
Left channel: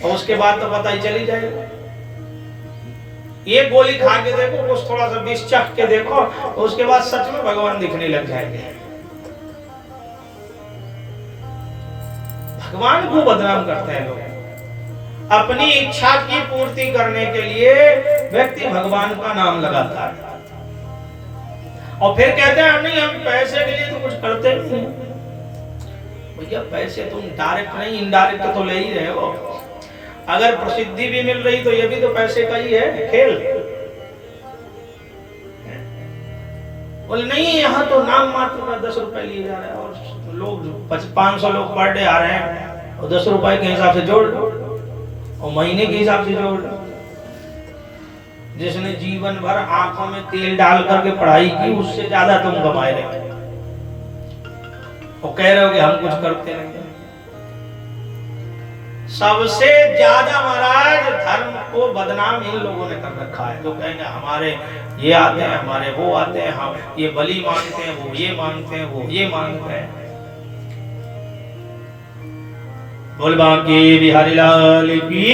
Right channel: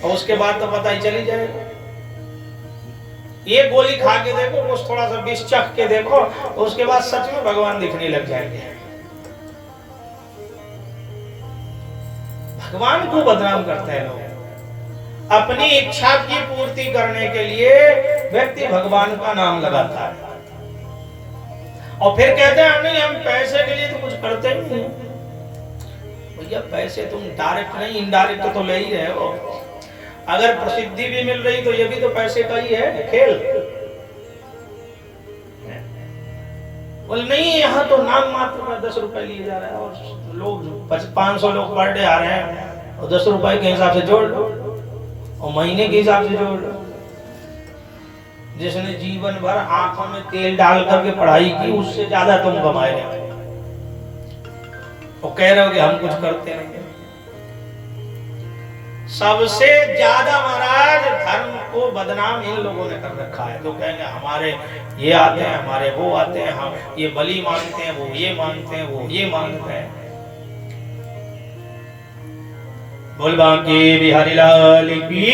और उसके बाद तो पता ही चली जाएगा। एक गोली खा के देखो, कुछ थोड़ा सा विष चख के देखो, उसके बाद सच में भगवान दिखने लग जाएंगे। भगवान को बदनाम करते हैं लोग। अपनी इच्छा की पूर्ति करने के लिए व्यक्ति भगवान का नाम लगाता है और फिर कहते हैं नहीं हम पैसे के लिए तो कुछ करते नहीं। भैया पैसे तुम डायरेक्ट नहीं इनडायरेक्ट तो ले ही रहे हो। अगर प्रसिद्धि भी मिल रही तो ये भी तो पैसे का ही है खेल। बोले नहीं यहाँ तो नाम मात्र में 10 रुपए लिए जा रहे हैं और लोग 500 लोग पर डे आ रहे हैं और 10 रुपए के हिसाब से जोड़ लो और महीने के हिसाब से जोड़ लो। जिसने जीवन भर आंखों में तेल डाल करके पढ़ाई की उससे ज्यादा तुम कमाए लेंगे और कह रहे हो कि हम कुछ करते नहीं। सबसे ज्यादा महाराज धर्म को बदनाम इन लोगों ने कर रखा है। तो कहेंगे हमारे ये आते हैं, हमारे वो आते हैं, हम ये बलि मानते हैं, वो ये मानते हैं, वो ये मानते हैं। बोल बांके बिहारी लाल की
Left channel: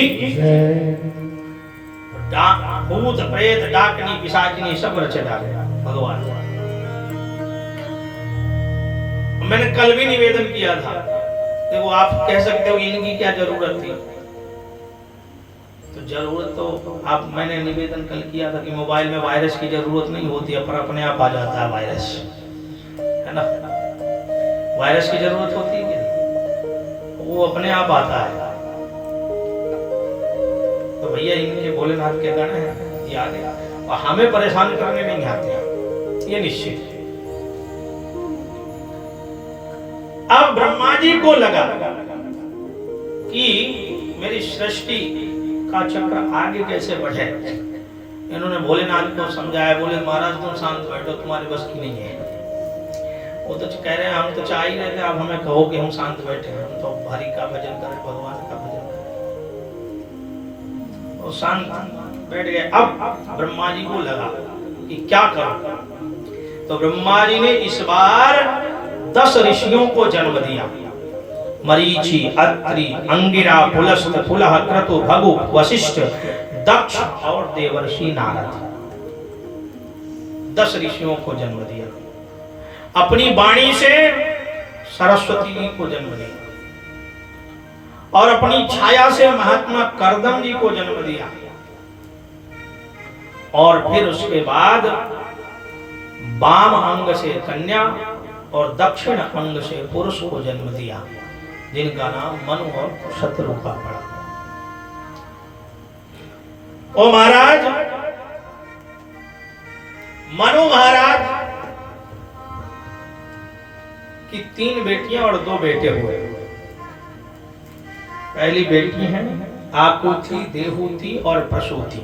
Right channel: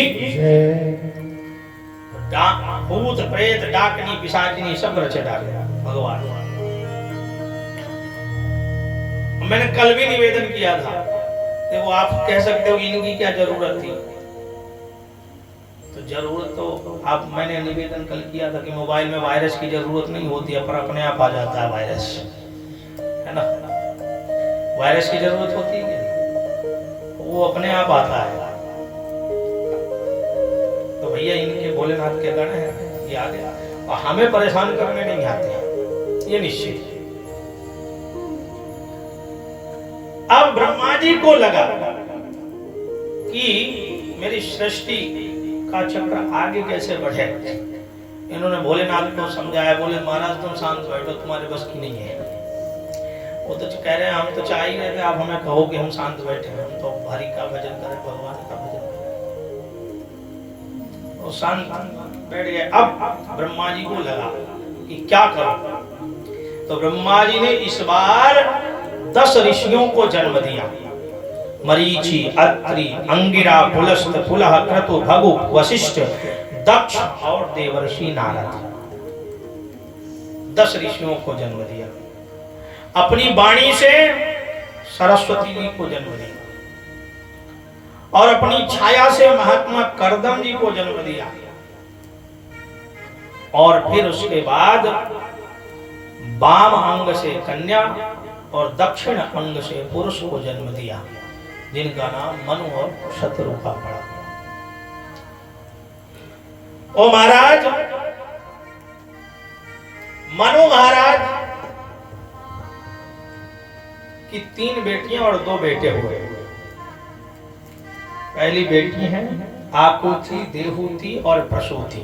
भूत प्रेत डाकनी पिशाचिनी सब रचे डाले भगवान। मैंने कल भी निवेदन किया था, देखो आप कह सकते हो इनकी क्या जरूरत थी। तो जरूरत तो आप मैंने निवेदन कल किया था कि मोबाइल में वायरस की जरूरत नहीं होती है, पर अपने आप आ जाता है वायरस, है ना। वायरस की जरूरत होती है, वो अपने आप आता है। तो भैया इनके भोलेनाथ के गण हैं, ये आ गया और हमें परेशान करने नहीं आते, ये निश्चित है। अब ब्रह्मा जी को लगा कि मेरी सृष्टि का चक्र आगे कैसे बढ़े। इन्होंने भोलेनाथ को समझाया, बोले महाराज तुम शांत बैठो, तुम्हारे बस की नहीं है। वो तो कह रहे हैं हम तो चाह ही रहे थे, आप हमें कहो कि हम शांत बैठे, हम तो हरि का भजन करें, भगवान का भजन करें। वो शांत बैठ गए। अब ब्रह्मा जी को लगा कि क्या करूं। तो ब्रह्मा जी ने इस बार 10 ऋषियों को जन्म दिया। मरीचि, अत्रि, अंगिरा, पुलस्त, पुलह, क्रतु, भगु, वशिष्ठ, दक्ष और देवर्षि नारद। 10 ऋषियों को जन्म दिया। अपनी वाणी से सरस्वती जी को जन्म दिया और अपनी छाया से महात्मा करदम जी को जन्म दिया। और फिर उसके बाद वाम अंग से कन्या और दक्षिण अंग से पुरुष को जन्म दिया, जिनका नाम मनु और शत्रुपा पड़ा। ओ महाराज, मनु महाराज की 3 बेटियां और 2 बेटे हुए। पहली बेटी है आकुति, देहूति और प्रसूति।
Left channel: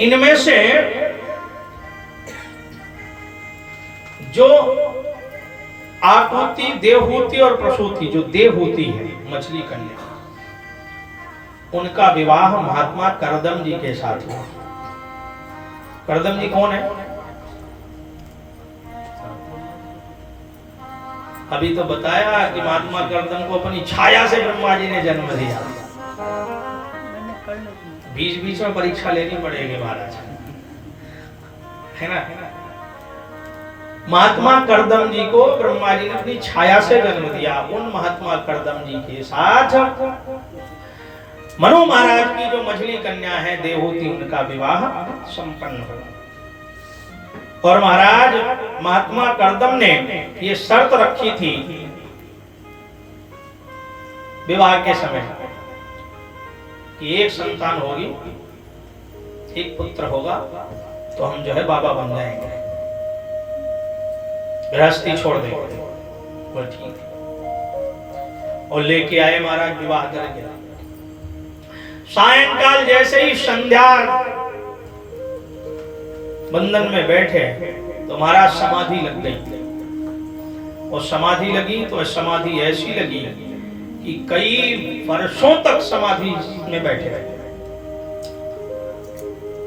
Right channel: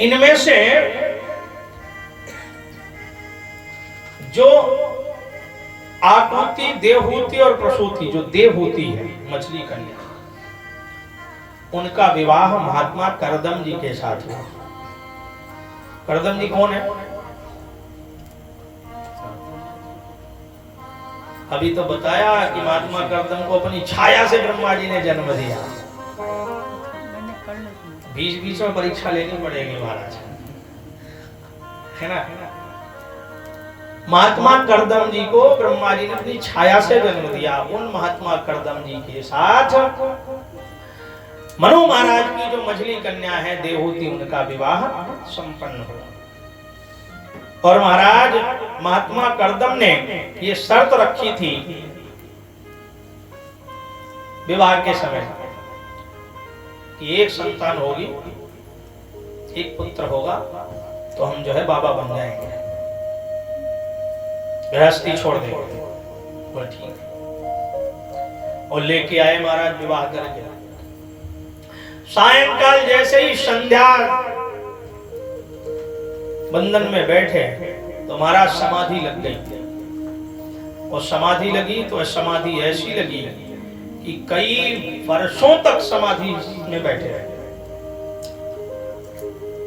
इनमें से जो आकुति, देहूति और प्रसूति, जो देवहूति है मछली कन्या, उनका विवाह महात्मा करदम जी के साथ हुआ। करदम जी कौन है? अभी तो बताया कि महात्मा करदम को अपनी छाया से ब्रह्मा जी ने जन्म दिया। बीच बीच में परीक्षा लेनी पड़ेगी महाराज, है ना। महात्मा करदम जी को ब्रह्मा जी ने अपनी छाया से जन्म दिया। उन महात्मा करदम जी के साथ मनु महाराज की जो मछली कन्या है देवहूति, उनका विवाह संपन्न हुआ। और महाराज महात्मा करदम ने ये शर्त रखी थी विवाह के समय कि एक संतान होगी, एक पुत्र होगा तो हम जो है बाबा बन जाएंगे, गृहस्थी छोड़ देंगे। बोल ठीक है। और लेके आए महाराज विवाह करके। सायंकाल जैसे ही संध्या बंधन में बैठे तो महाराज समाधि लग गई। और समाधि लगी तो समाधि ऐसी लगी कि कई वर्षों तक समाधि में बैठे रहे।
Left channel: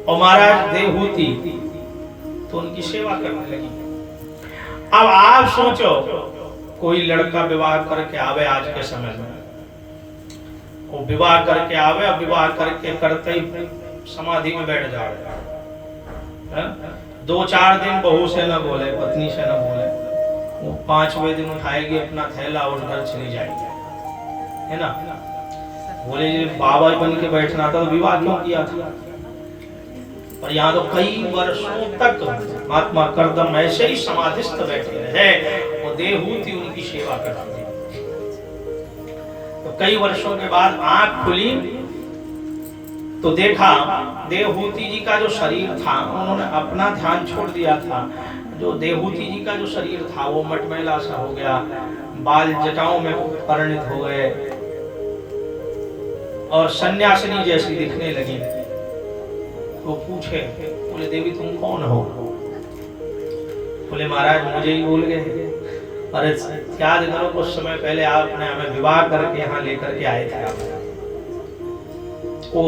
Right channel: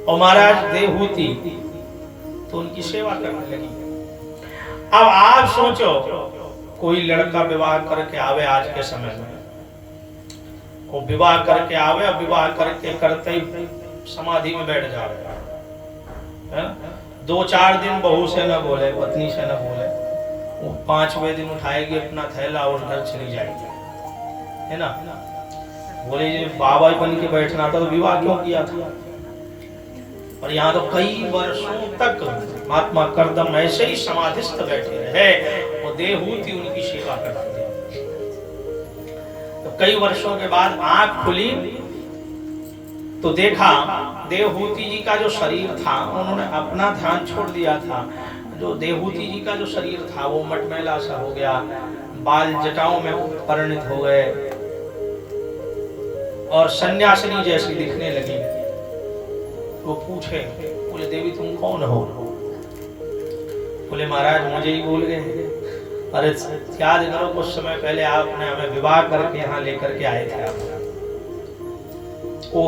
और महाराज देवहूति तो उनकी सेवा करने लगी। अब आप सोचो, कोई लड़का विवाह करके आवे आज के समय में वो विवाह करके आवे, अब विवाह करके करते ही समाधि में बैठ जा रहे हैं। 2-4 दिन बहू से न बोले, पत्नी से न बोले, वो 5वें दिन उठाएगी अपना थैला और घर चली जाएगी, है ना। बोले ये बाबा बन के बैठना था तो विवाह क्यों किया था। और यहाँ तो कई वर्षों तक महात्मा करदम ऐसे ही समाधिस्थ बैठे रहे, वो देवहूति उनकी सेवा करती थी। तो कई वर्षों के बाद आंख खुली तो देखा देवहूति जी का जो शरीर था, उन्होंने अपना ध्यान छोड़ दिया था। जो देवहूति जी का जो शरीर था वो मटमैला सा हो गया, बाल जटाओं में परिणत हो गए और सन्यासिनी जैसी दिखने लगी। वो पूछे, बोले देवी तुम कौन हो। बोले महाराज मुझे ही भूल गए। अरे याद करो कुछ समय पहले आपने हमें विवाह करके यहाँ लेकर के आए थे आप। ओ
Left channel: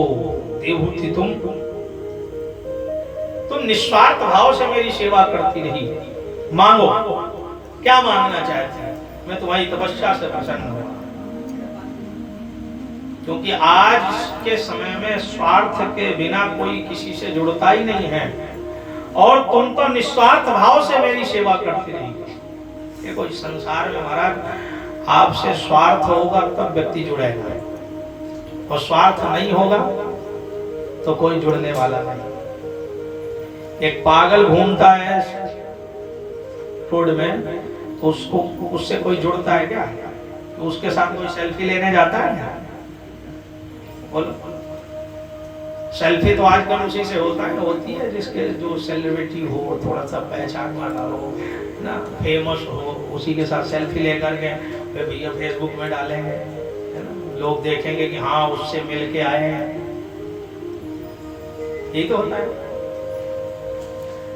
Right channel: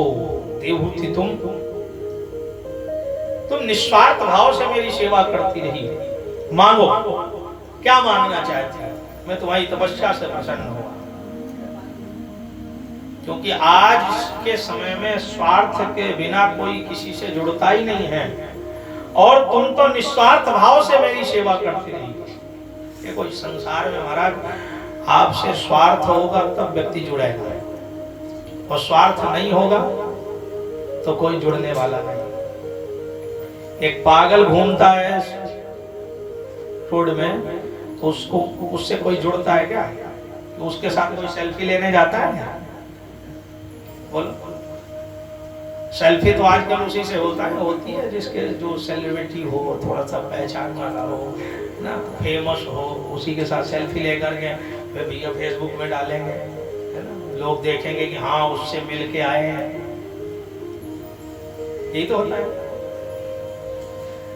देवहूति तुम निस्वार्थ भाव से मेरी सेवा करती रही, मांगो क्या मांगना चाहती है, मैं तुम्हारी तपस्या से प्रसन्न हूं। क्योंकि आज के समय में स्वार्थ के बिना कोई किसी से जुड़ता ही नहीं है, और तुम तो निस्वार्थ भाव से मेरी सेवा करती रही। देखो इस संसार में महाराज आपसे स्वार्थ होगा तब व्यक्ति जुड़ेगा, और स्वार्थ नहीं होगा तो कोई जुड़ने वाला नहीं। एक पागल घूमता है रोड में तो उसको उससे कोई जुड़ता है क्या, तो उसके साथ कोई सेल्फी लेने जाता है क्या। बोलो सेल्फी तो आजकल उसी से होती है जिसके जो सेलिब्रिटी हो, थोड़ा सा पहचान वाला हो ना, फेमस हो, उसी के साथ सेल्फी लेकर के वे भैया फेसबुक में डालेंगे, है ना, लोग देखेंगे कि हाँ उससे मिल के आए हैं। यही तो होता है।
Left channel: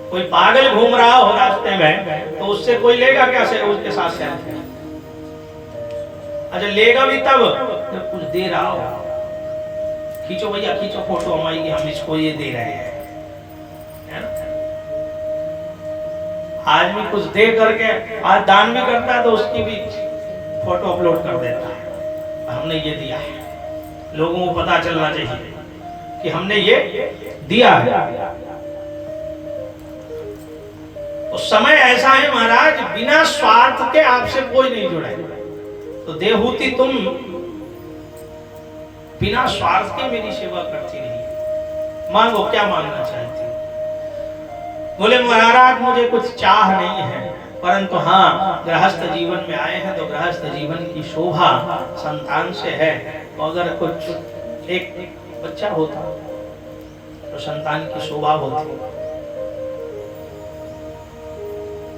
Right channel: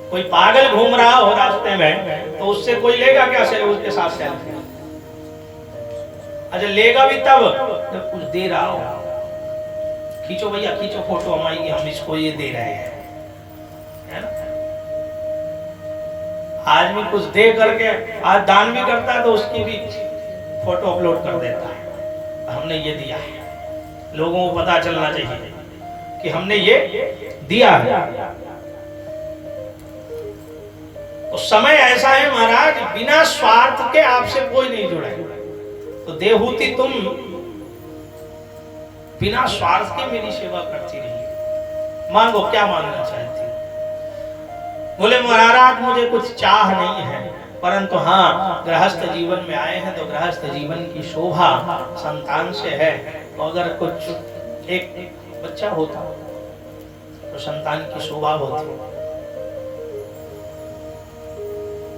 कोई पागल घूम रहा हो रास्ते में तो उससे कोई लेगा क्या से उसके साथ सेल्फी। अच्छा लेगा भी तब जब कुछ दे रहा हो, खींचो भैया खींचो फोटो हमारी, हम इसको ये दे रहे हैं, है ना। आदमी कुछ दे करके आज दान भी करता है तो उसकी भी फोटो अपलोड कर देता है, हमने ये दिया है। लोगों को पता चलना चाहिए कि हमने ये दिया है। तो समय ऐसा है महाराज, बिना स्वार्थ के आपसे कोई नहीं जुड़ा है। तो देवहूति तुम बिना स्वार्थ के मेरी सेवा करती रही, मांगो क्या मांगना चाहती। बोले महाराज मुझे कुछ चाह नहीं है, परंतु हाँ गृहस्थ जीवन में आए हैं तो गृहस्थ जीवन की शोभा संतान से है। तो अगर कुछ एक बच्चा होता तो संतान की शोभा होती।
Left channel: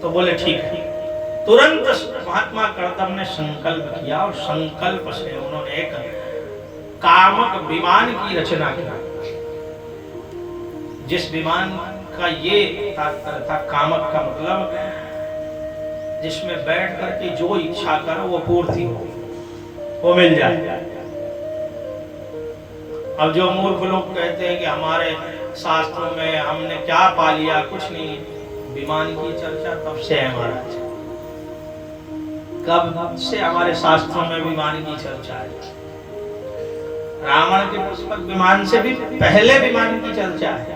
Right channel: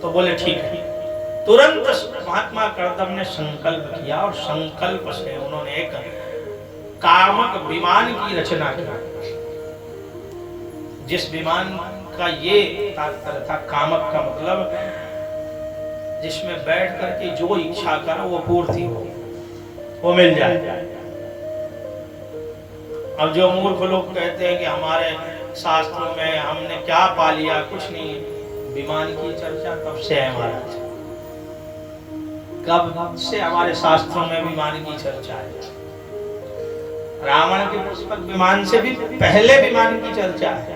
तो बोले ठीक है। तुरंत महात्मा करदम ने संकल्प किया और संकल्प से उन्होंने एक कामक विमान की रचना की। जिस विमान का ये तात्पर्य था, कामक का मतलब जिसमें बैठ करके जो इच्छा करो वो पूर्ति हो, वो मिल जाए। अब जो मूर्ख लोग कहते हैं कि हमारे शास्त्रों में हमने क्या पा लिया, कुछ नहीं। विमान की चर्चा कब से है महाराज, कब से हमारे शास्त्रों में विमान की चर्चा है। रावण के पुष्पक विमान से भी पहले विमान की चर्चा है।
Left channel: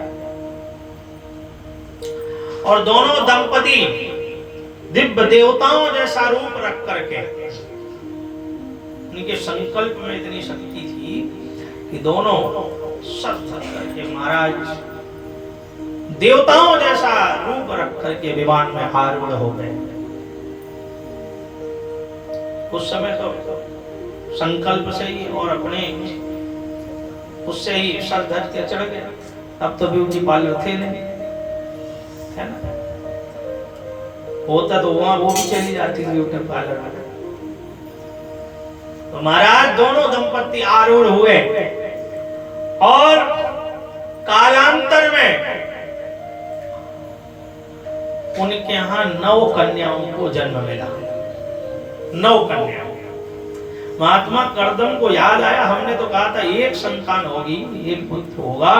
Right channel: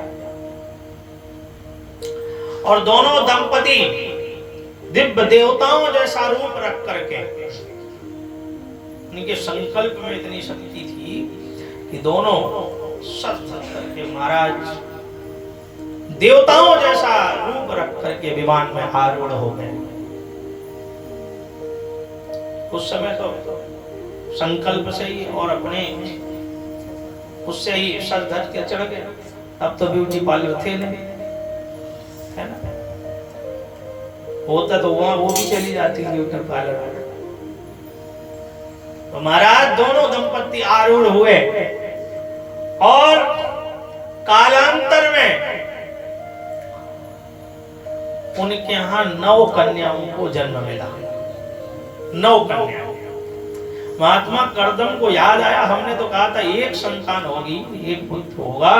और दोनों दंपति दिव्य देवताओं जैसा रूप रख करके, उनके संकल्प में इतनी शक्ति थी कि दोनों सर करके महाराज देवताओं जैसा रूप रख करके विमान में आरूढ़ हो गए। उस समय तो संकल्प से ही और अपने उससे ही सर धज के चढ़ गए। अब तो ब्यूटी पार्लर थे नहीं, है ना। होता तो वहां वो भी चली जाती ब्यूटी पार्लर में। तो महाराज दोनों दंपति आरूढ़ हुए और कालांतर में उनके यहाँ 9 कन्याओं को जन्म मिला। 9 कन्या। महात्मा करदम को याद आया, हमने तो कहा था एक संतान होगी, एक पुत्र होगा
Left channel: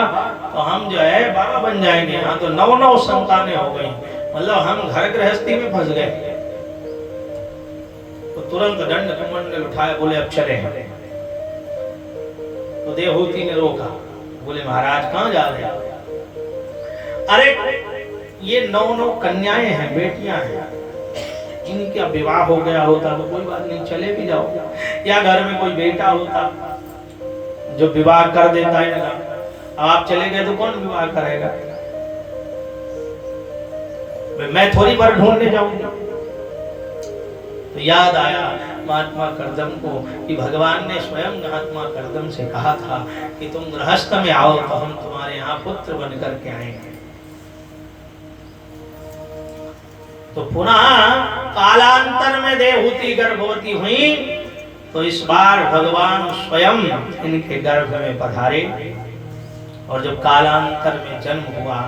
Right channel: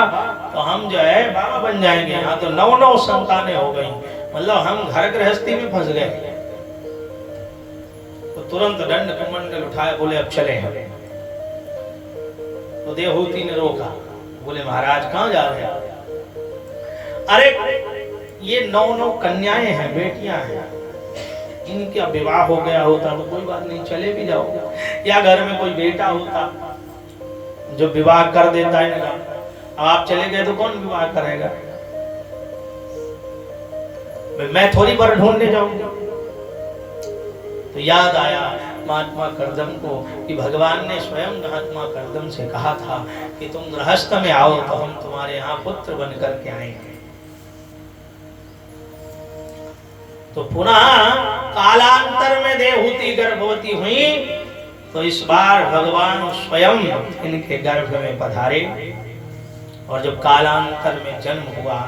तो हम जो है बाबा बन जाएंगे। यहाँ तो 9 संतानें हो गई, मतलब हम घर गृहस्थी में फंस गए। तो तुरंत दंड कमंडल उठाए, बोले अब चले हैं। तो देवहूति ने रोका, बोले महाराज कहाँ जा रहे हैं? अरे ये 9 कन्याएं हैं, बेटियां हैं, इनका विवाह हो गया होता तो कोई बात नहीं, चले भी जाओ, या घर में कोई बेटा होता जो विवाह कर देता है ना, अब आप चले गए तो कौन विवाह करेगा? मैं थोड़ी बार ढूंढने जाऊंगा। तो याद आया महात्मा करदम को कि भगवान ने स्वयं महात्मा करदम से कहा था कि तुम गृहस्थ में आओ तो हम तुम्हारे यहाँ पुत्र बन करके आएंगे। तो पुनः कालांतर में देवहूति गर्भवती हुई, तो इस बार भगवान स्वयं इनके गर्भ में पधारे, और जब कालांतर में जन्म हुआ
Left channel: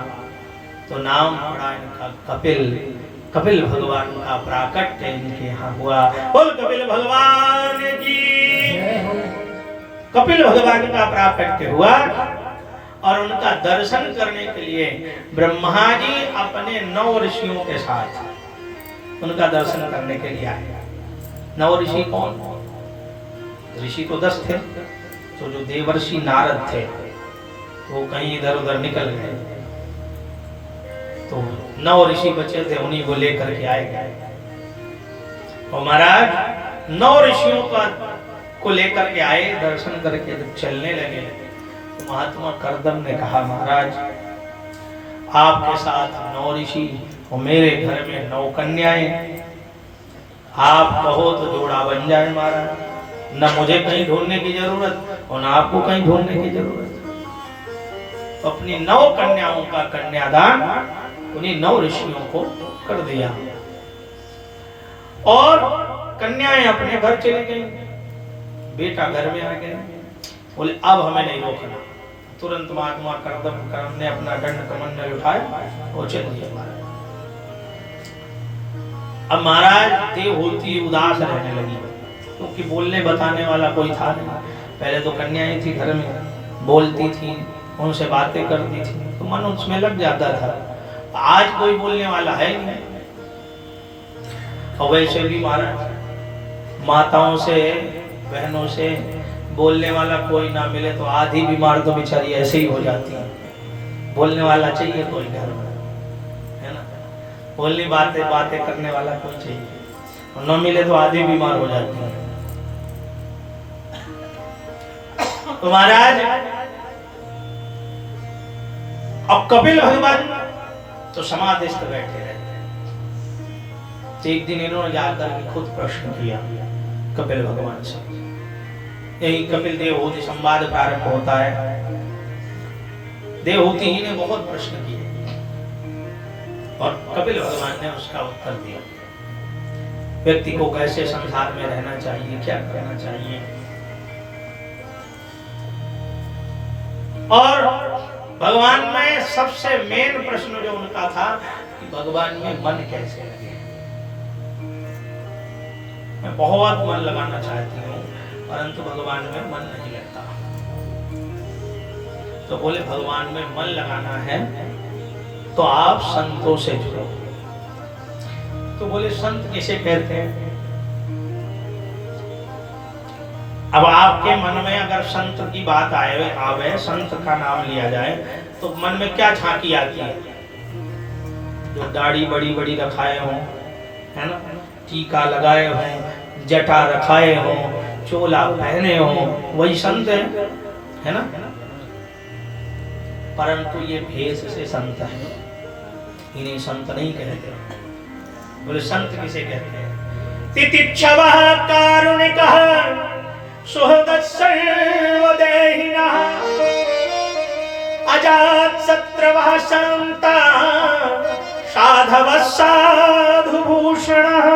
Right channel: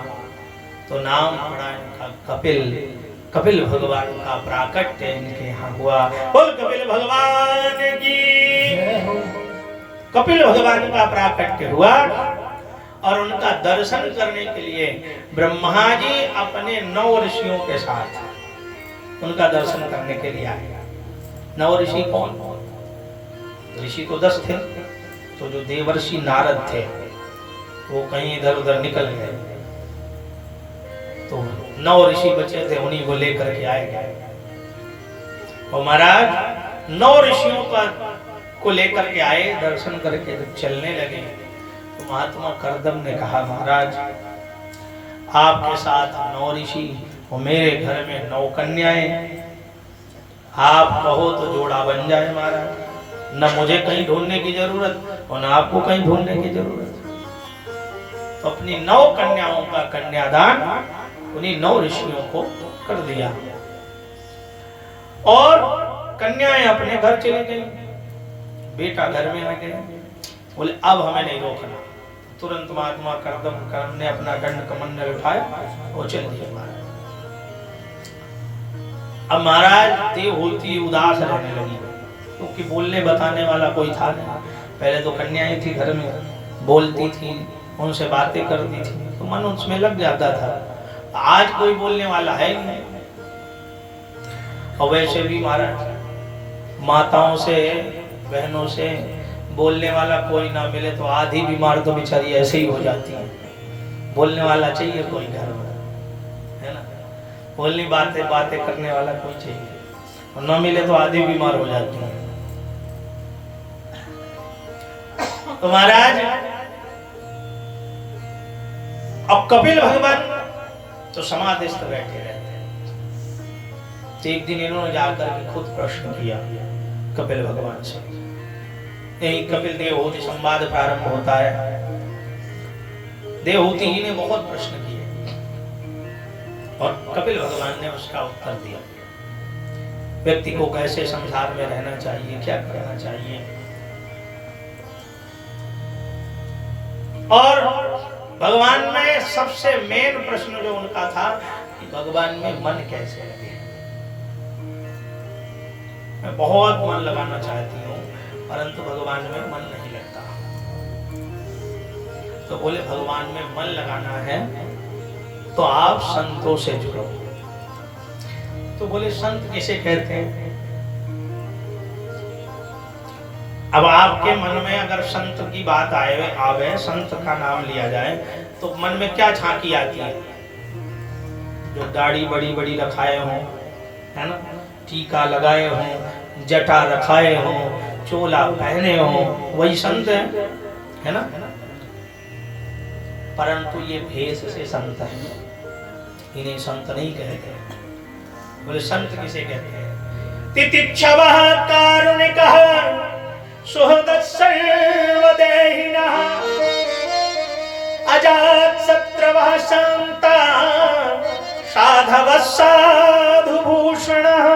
तो नाम पड़ा इनका कपिल। कपिल भगवान का प्राकट्य इनके यहाँ हुआ। बोल कपिल भगवान की। कपिल भगवान का प्राकट्य हुआ और उनका दर्शन करने के लिए ब्रह्मा जी अपने 9 ऋषियों के साथ उनका दर्शन करने के लिए आए। 9 ऋषि कौन? ऋषि तो 10 थे, तो जो देवर्षि नारद थे वो कहीं इधर उधर निकल गए, तो 9 ऋषि बचे थे, उन्हीं को लेकर के आए गए। और महाराज 9 ऋषियों को लेकर के आए, दर्शन करके चलने लगे। तो महात्मा करदम ने कहा महाराज आपके साथ 9 ऋषि और मेरे घर में 9 कन्याएं, आप कहो तो जोड़ा बन जाए महाराज, न मुझे कहीं ढूंढने की जरूरत और न आपको कहीं ढूंढने की जरूरत। तो अपनी 9 कन्याओं का कन्यादान उन्हीं 9 ऋषियों को कर दिया और कन्याएं अपने घर चली गई, बेटा घर में आ गए। बोले अब हमें नहीं रोकना। तुरंत महात्मा करदम ने अपना दंड कमंडल उठाया और चल दिया महाराज। अब महाराज देवहूति उदास रहने लगी, क्योंकि बोलने बताने वाला कोई था नहीं। पहले तो कन्याएं थी घर में, बोलती थी, उनसे बातें करती थी, तो मन उसमें लग जाता था। आज कोई बोलने वाला है नहीं। और वैसे भी महाराज माताओं से, बहनों से बोलने वाला कोई ना मिले तो आधी बीमार तो बेचारी ऐसे ही हो जाती है। बोलने वाला चाहिए कोई घर में, है ना? बोलनी बातें करने वाला कोई चाहिए, और न मिले तो आधी बीमार हो जाती है। तो महाराज अब कपिल भगवान तो समाधिस्थ बैठे रहते हैं। तो एक दिन इन्होंने जाकर के खुद प्रश्न किया कपिल भगवान से। यही कपिल देवहूति संवाद प्रारंभ होता है। देवहूति ही ने बहुत प्रश्न किए और कपिल भगवान ने उसका उत्तर दिया। व्यक्ति को कैसे संसार में रहना चाहिए, क्या करना चाहिए, और भगवान में सबसे मेन प्रश्न जो उनका था कि भगवान में मन कैसे लगे। मैं बहुत मन लगाना चाहती हूँ परंतु भगवान में मन नहीं लगता। तो बोले भगवान में मन लगाना है तो आप संतों से जुड़ो। तो बोले संत किसे कहते हैं? अब आपके मन में अगर संत की बात आवे, संत का नाम लिया जाए तो मन में क्या झांकी आती है? जो दाढ़ी बड़ी बड़ी रखाए हों, है ना, टीका लगाए हों, जटा रखाए हों, चोला पहने हों, वही संत है ना? परंतु ये भेष से संत है, इन्हें संत नहीं कहते। बोले संत किसे कहते हैं? तितिक्षवः कारुणिकः सुहृदः सर्वदेहिनः अजातशत्रवः शान्ताः साधवः साधुभूषणः।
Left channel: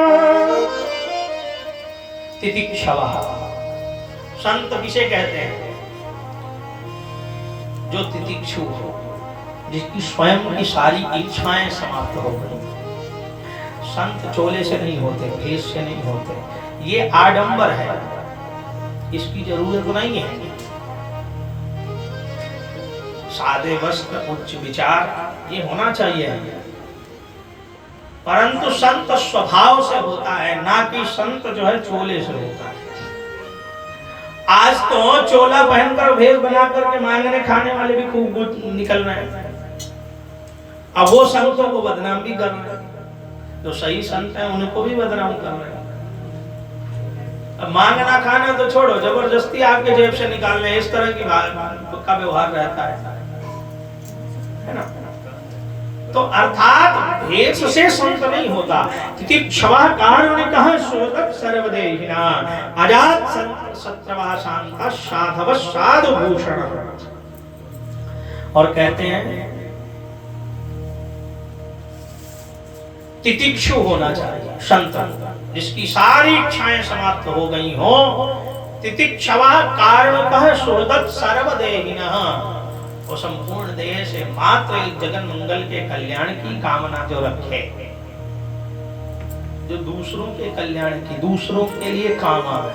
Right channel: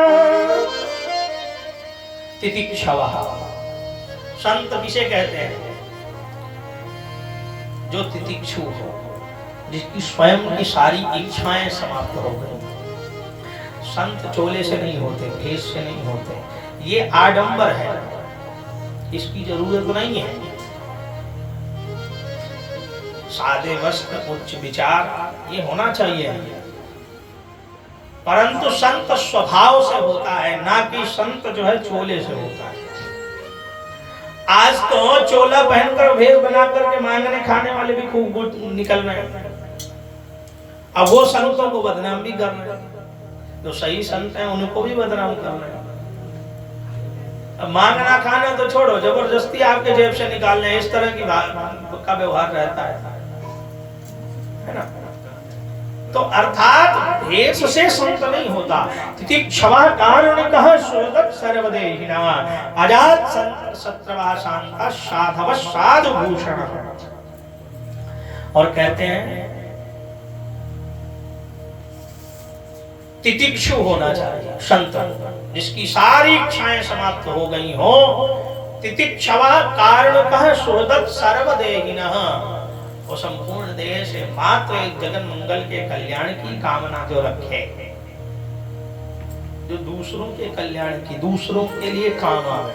तितिक्षवः संत किसे कहते हैं? जो तितिक्षु हो, जिसकी स्वयं की सारी इच्छाएं समाप्त हो गई। संत चोले से नहीं होते, भेष से नहीं होते, ये आडंबर है, इसकी जरूरत नहीं है। सादे वस्त्र, उच्च विचार, ये होना चाहिए, परंतु संत स्वभाव से होता है, ना कि संत जो है चोले से होता है। आज तो चोला पहनकर भेष बना करके मांगने खाने वाले भी खूब निकल रहे हैं। अब वो संतों को बदनाम भी कर रहे हैं, जो सही संत हैं उनको भी बदनाम कर रहे हैं। अब मांगना खाना तो छोड़ो, जबरदस्ती आपके जेब से निकालने, इस तरह की का व्यवहार रहता है ना। तो अर्थात भेष से संत नहीं होता। तितिक्षवा कारुणिकः शोदत् सर्वदेहिना अजात सत्रवा शांता साधव साधु भूषण। और कहते हैं तितिक्षु होना चाहिए संत, जिसकी सारी इच्छाएं समाप्त हो गई हो। तितिक्षवा कारुणिकः शोदत् सर्वदेहिनः, वो संपूर्ण देह से मात्र एक जगन मंगल के कल्याण की कामना जो रखे, जो दूसरों के कल्याण की, दूसरों के लिए काम आवे,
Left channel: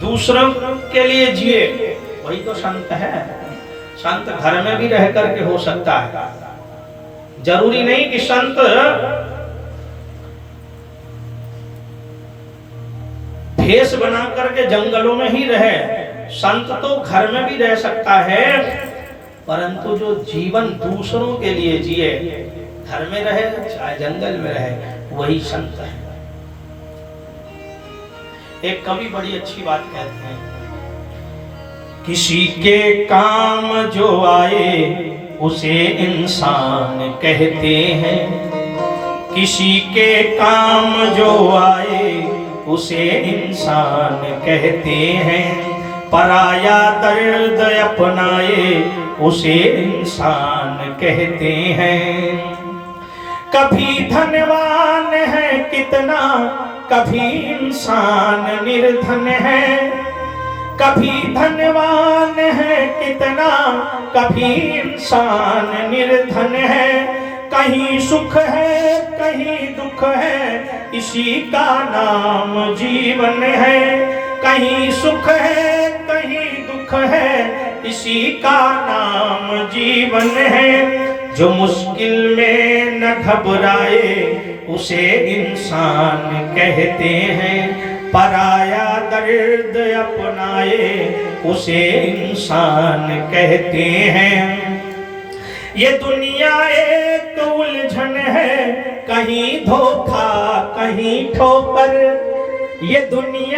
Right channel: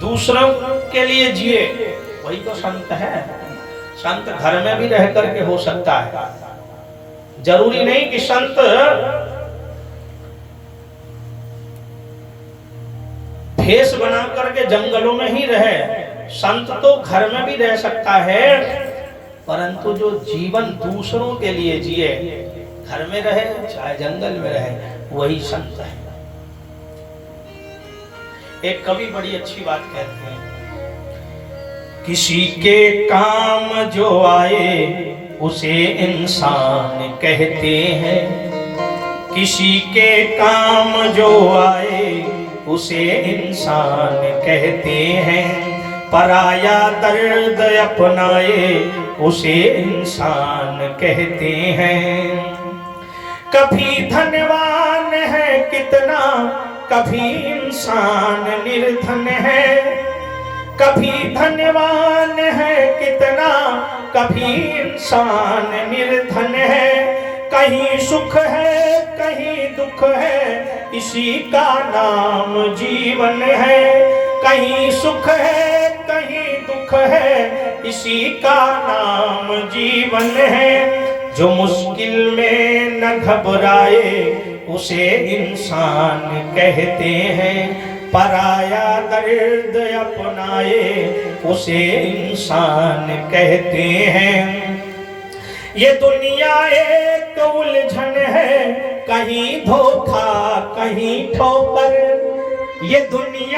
दूसरों के लिए जिए, वही तो संत है। संत घर में भी रह करके हो सकता है, जरूरी नहीं कि संत भेष बना करके जंगलों में ही रहे। संत तो घर में भी रह सकता है, परंतु जो जीवन दूसरों के लिए जिए, घर में रहे चाहे जंगल में रहे, वही संत है। एक कवि बड़ी अच्छी बात कहते हैं, किसी के काम जो आए उसे इंसान कहते हैं, किसी के काम जो आए उसे इंसान कहते हैं, पराया दर्द अपनाए उसे इंसान कहते हैं। कभी धनवान है कितना, कभी इंसान निर्धन है, कभी धनवान है कितना, कभी इंसान निर्धन है। कहीं सुख है कहीं दुख है, इसी का नाम जीवन है। कहीं सुख है कहीं दुख है, इसी का नाम जीवन है। जो मुश्किल में न घबराए उसे इंसान कहते हैं, पराया दर्द अपनाए उसे इंसान कहते हैं। ये दुनिया एक उलझन है, कहीं धोखा कहीं ठोकर, ये दुनिया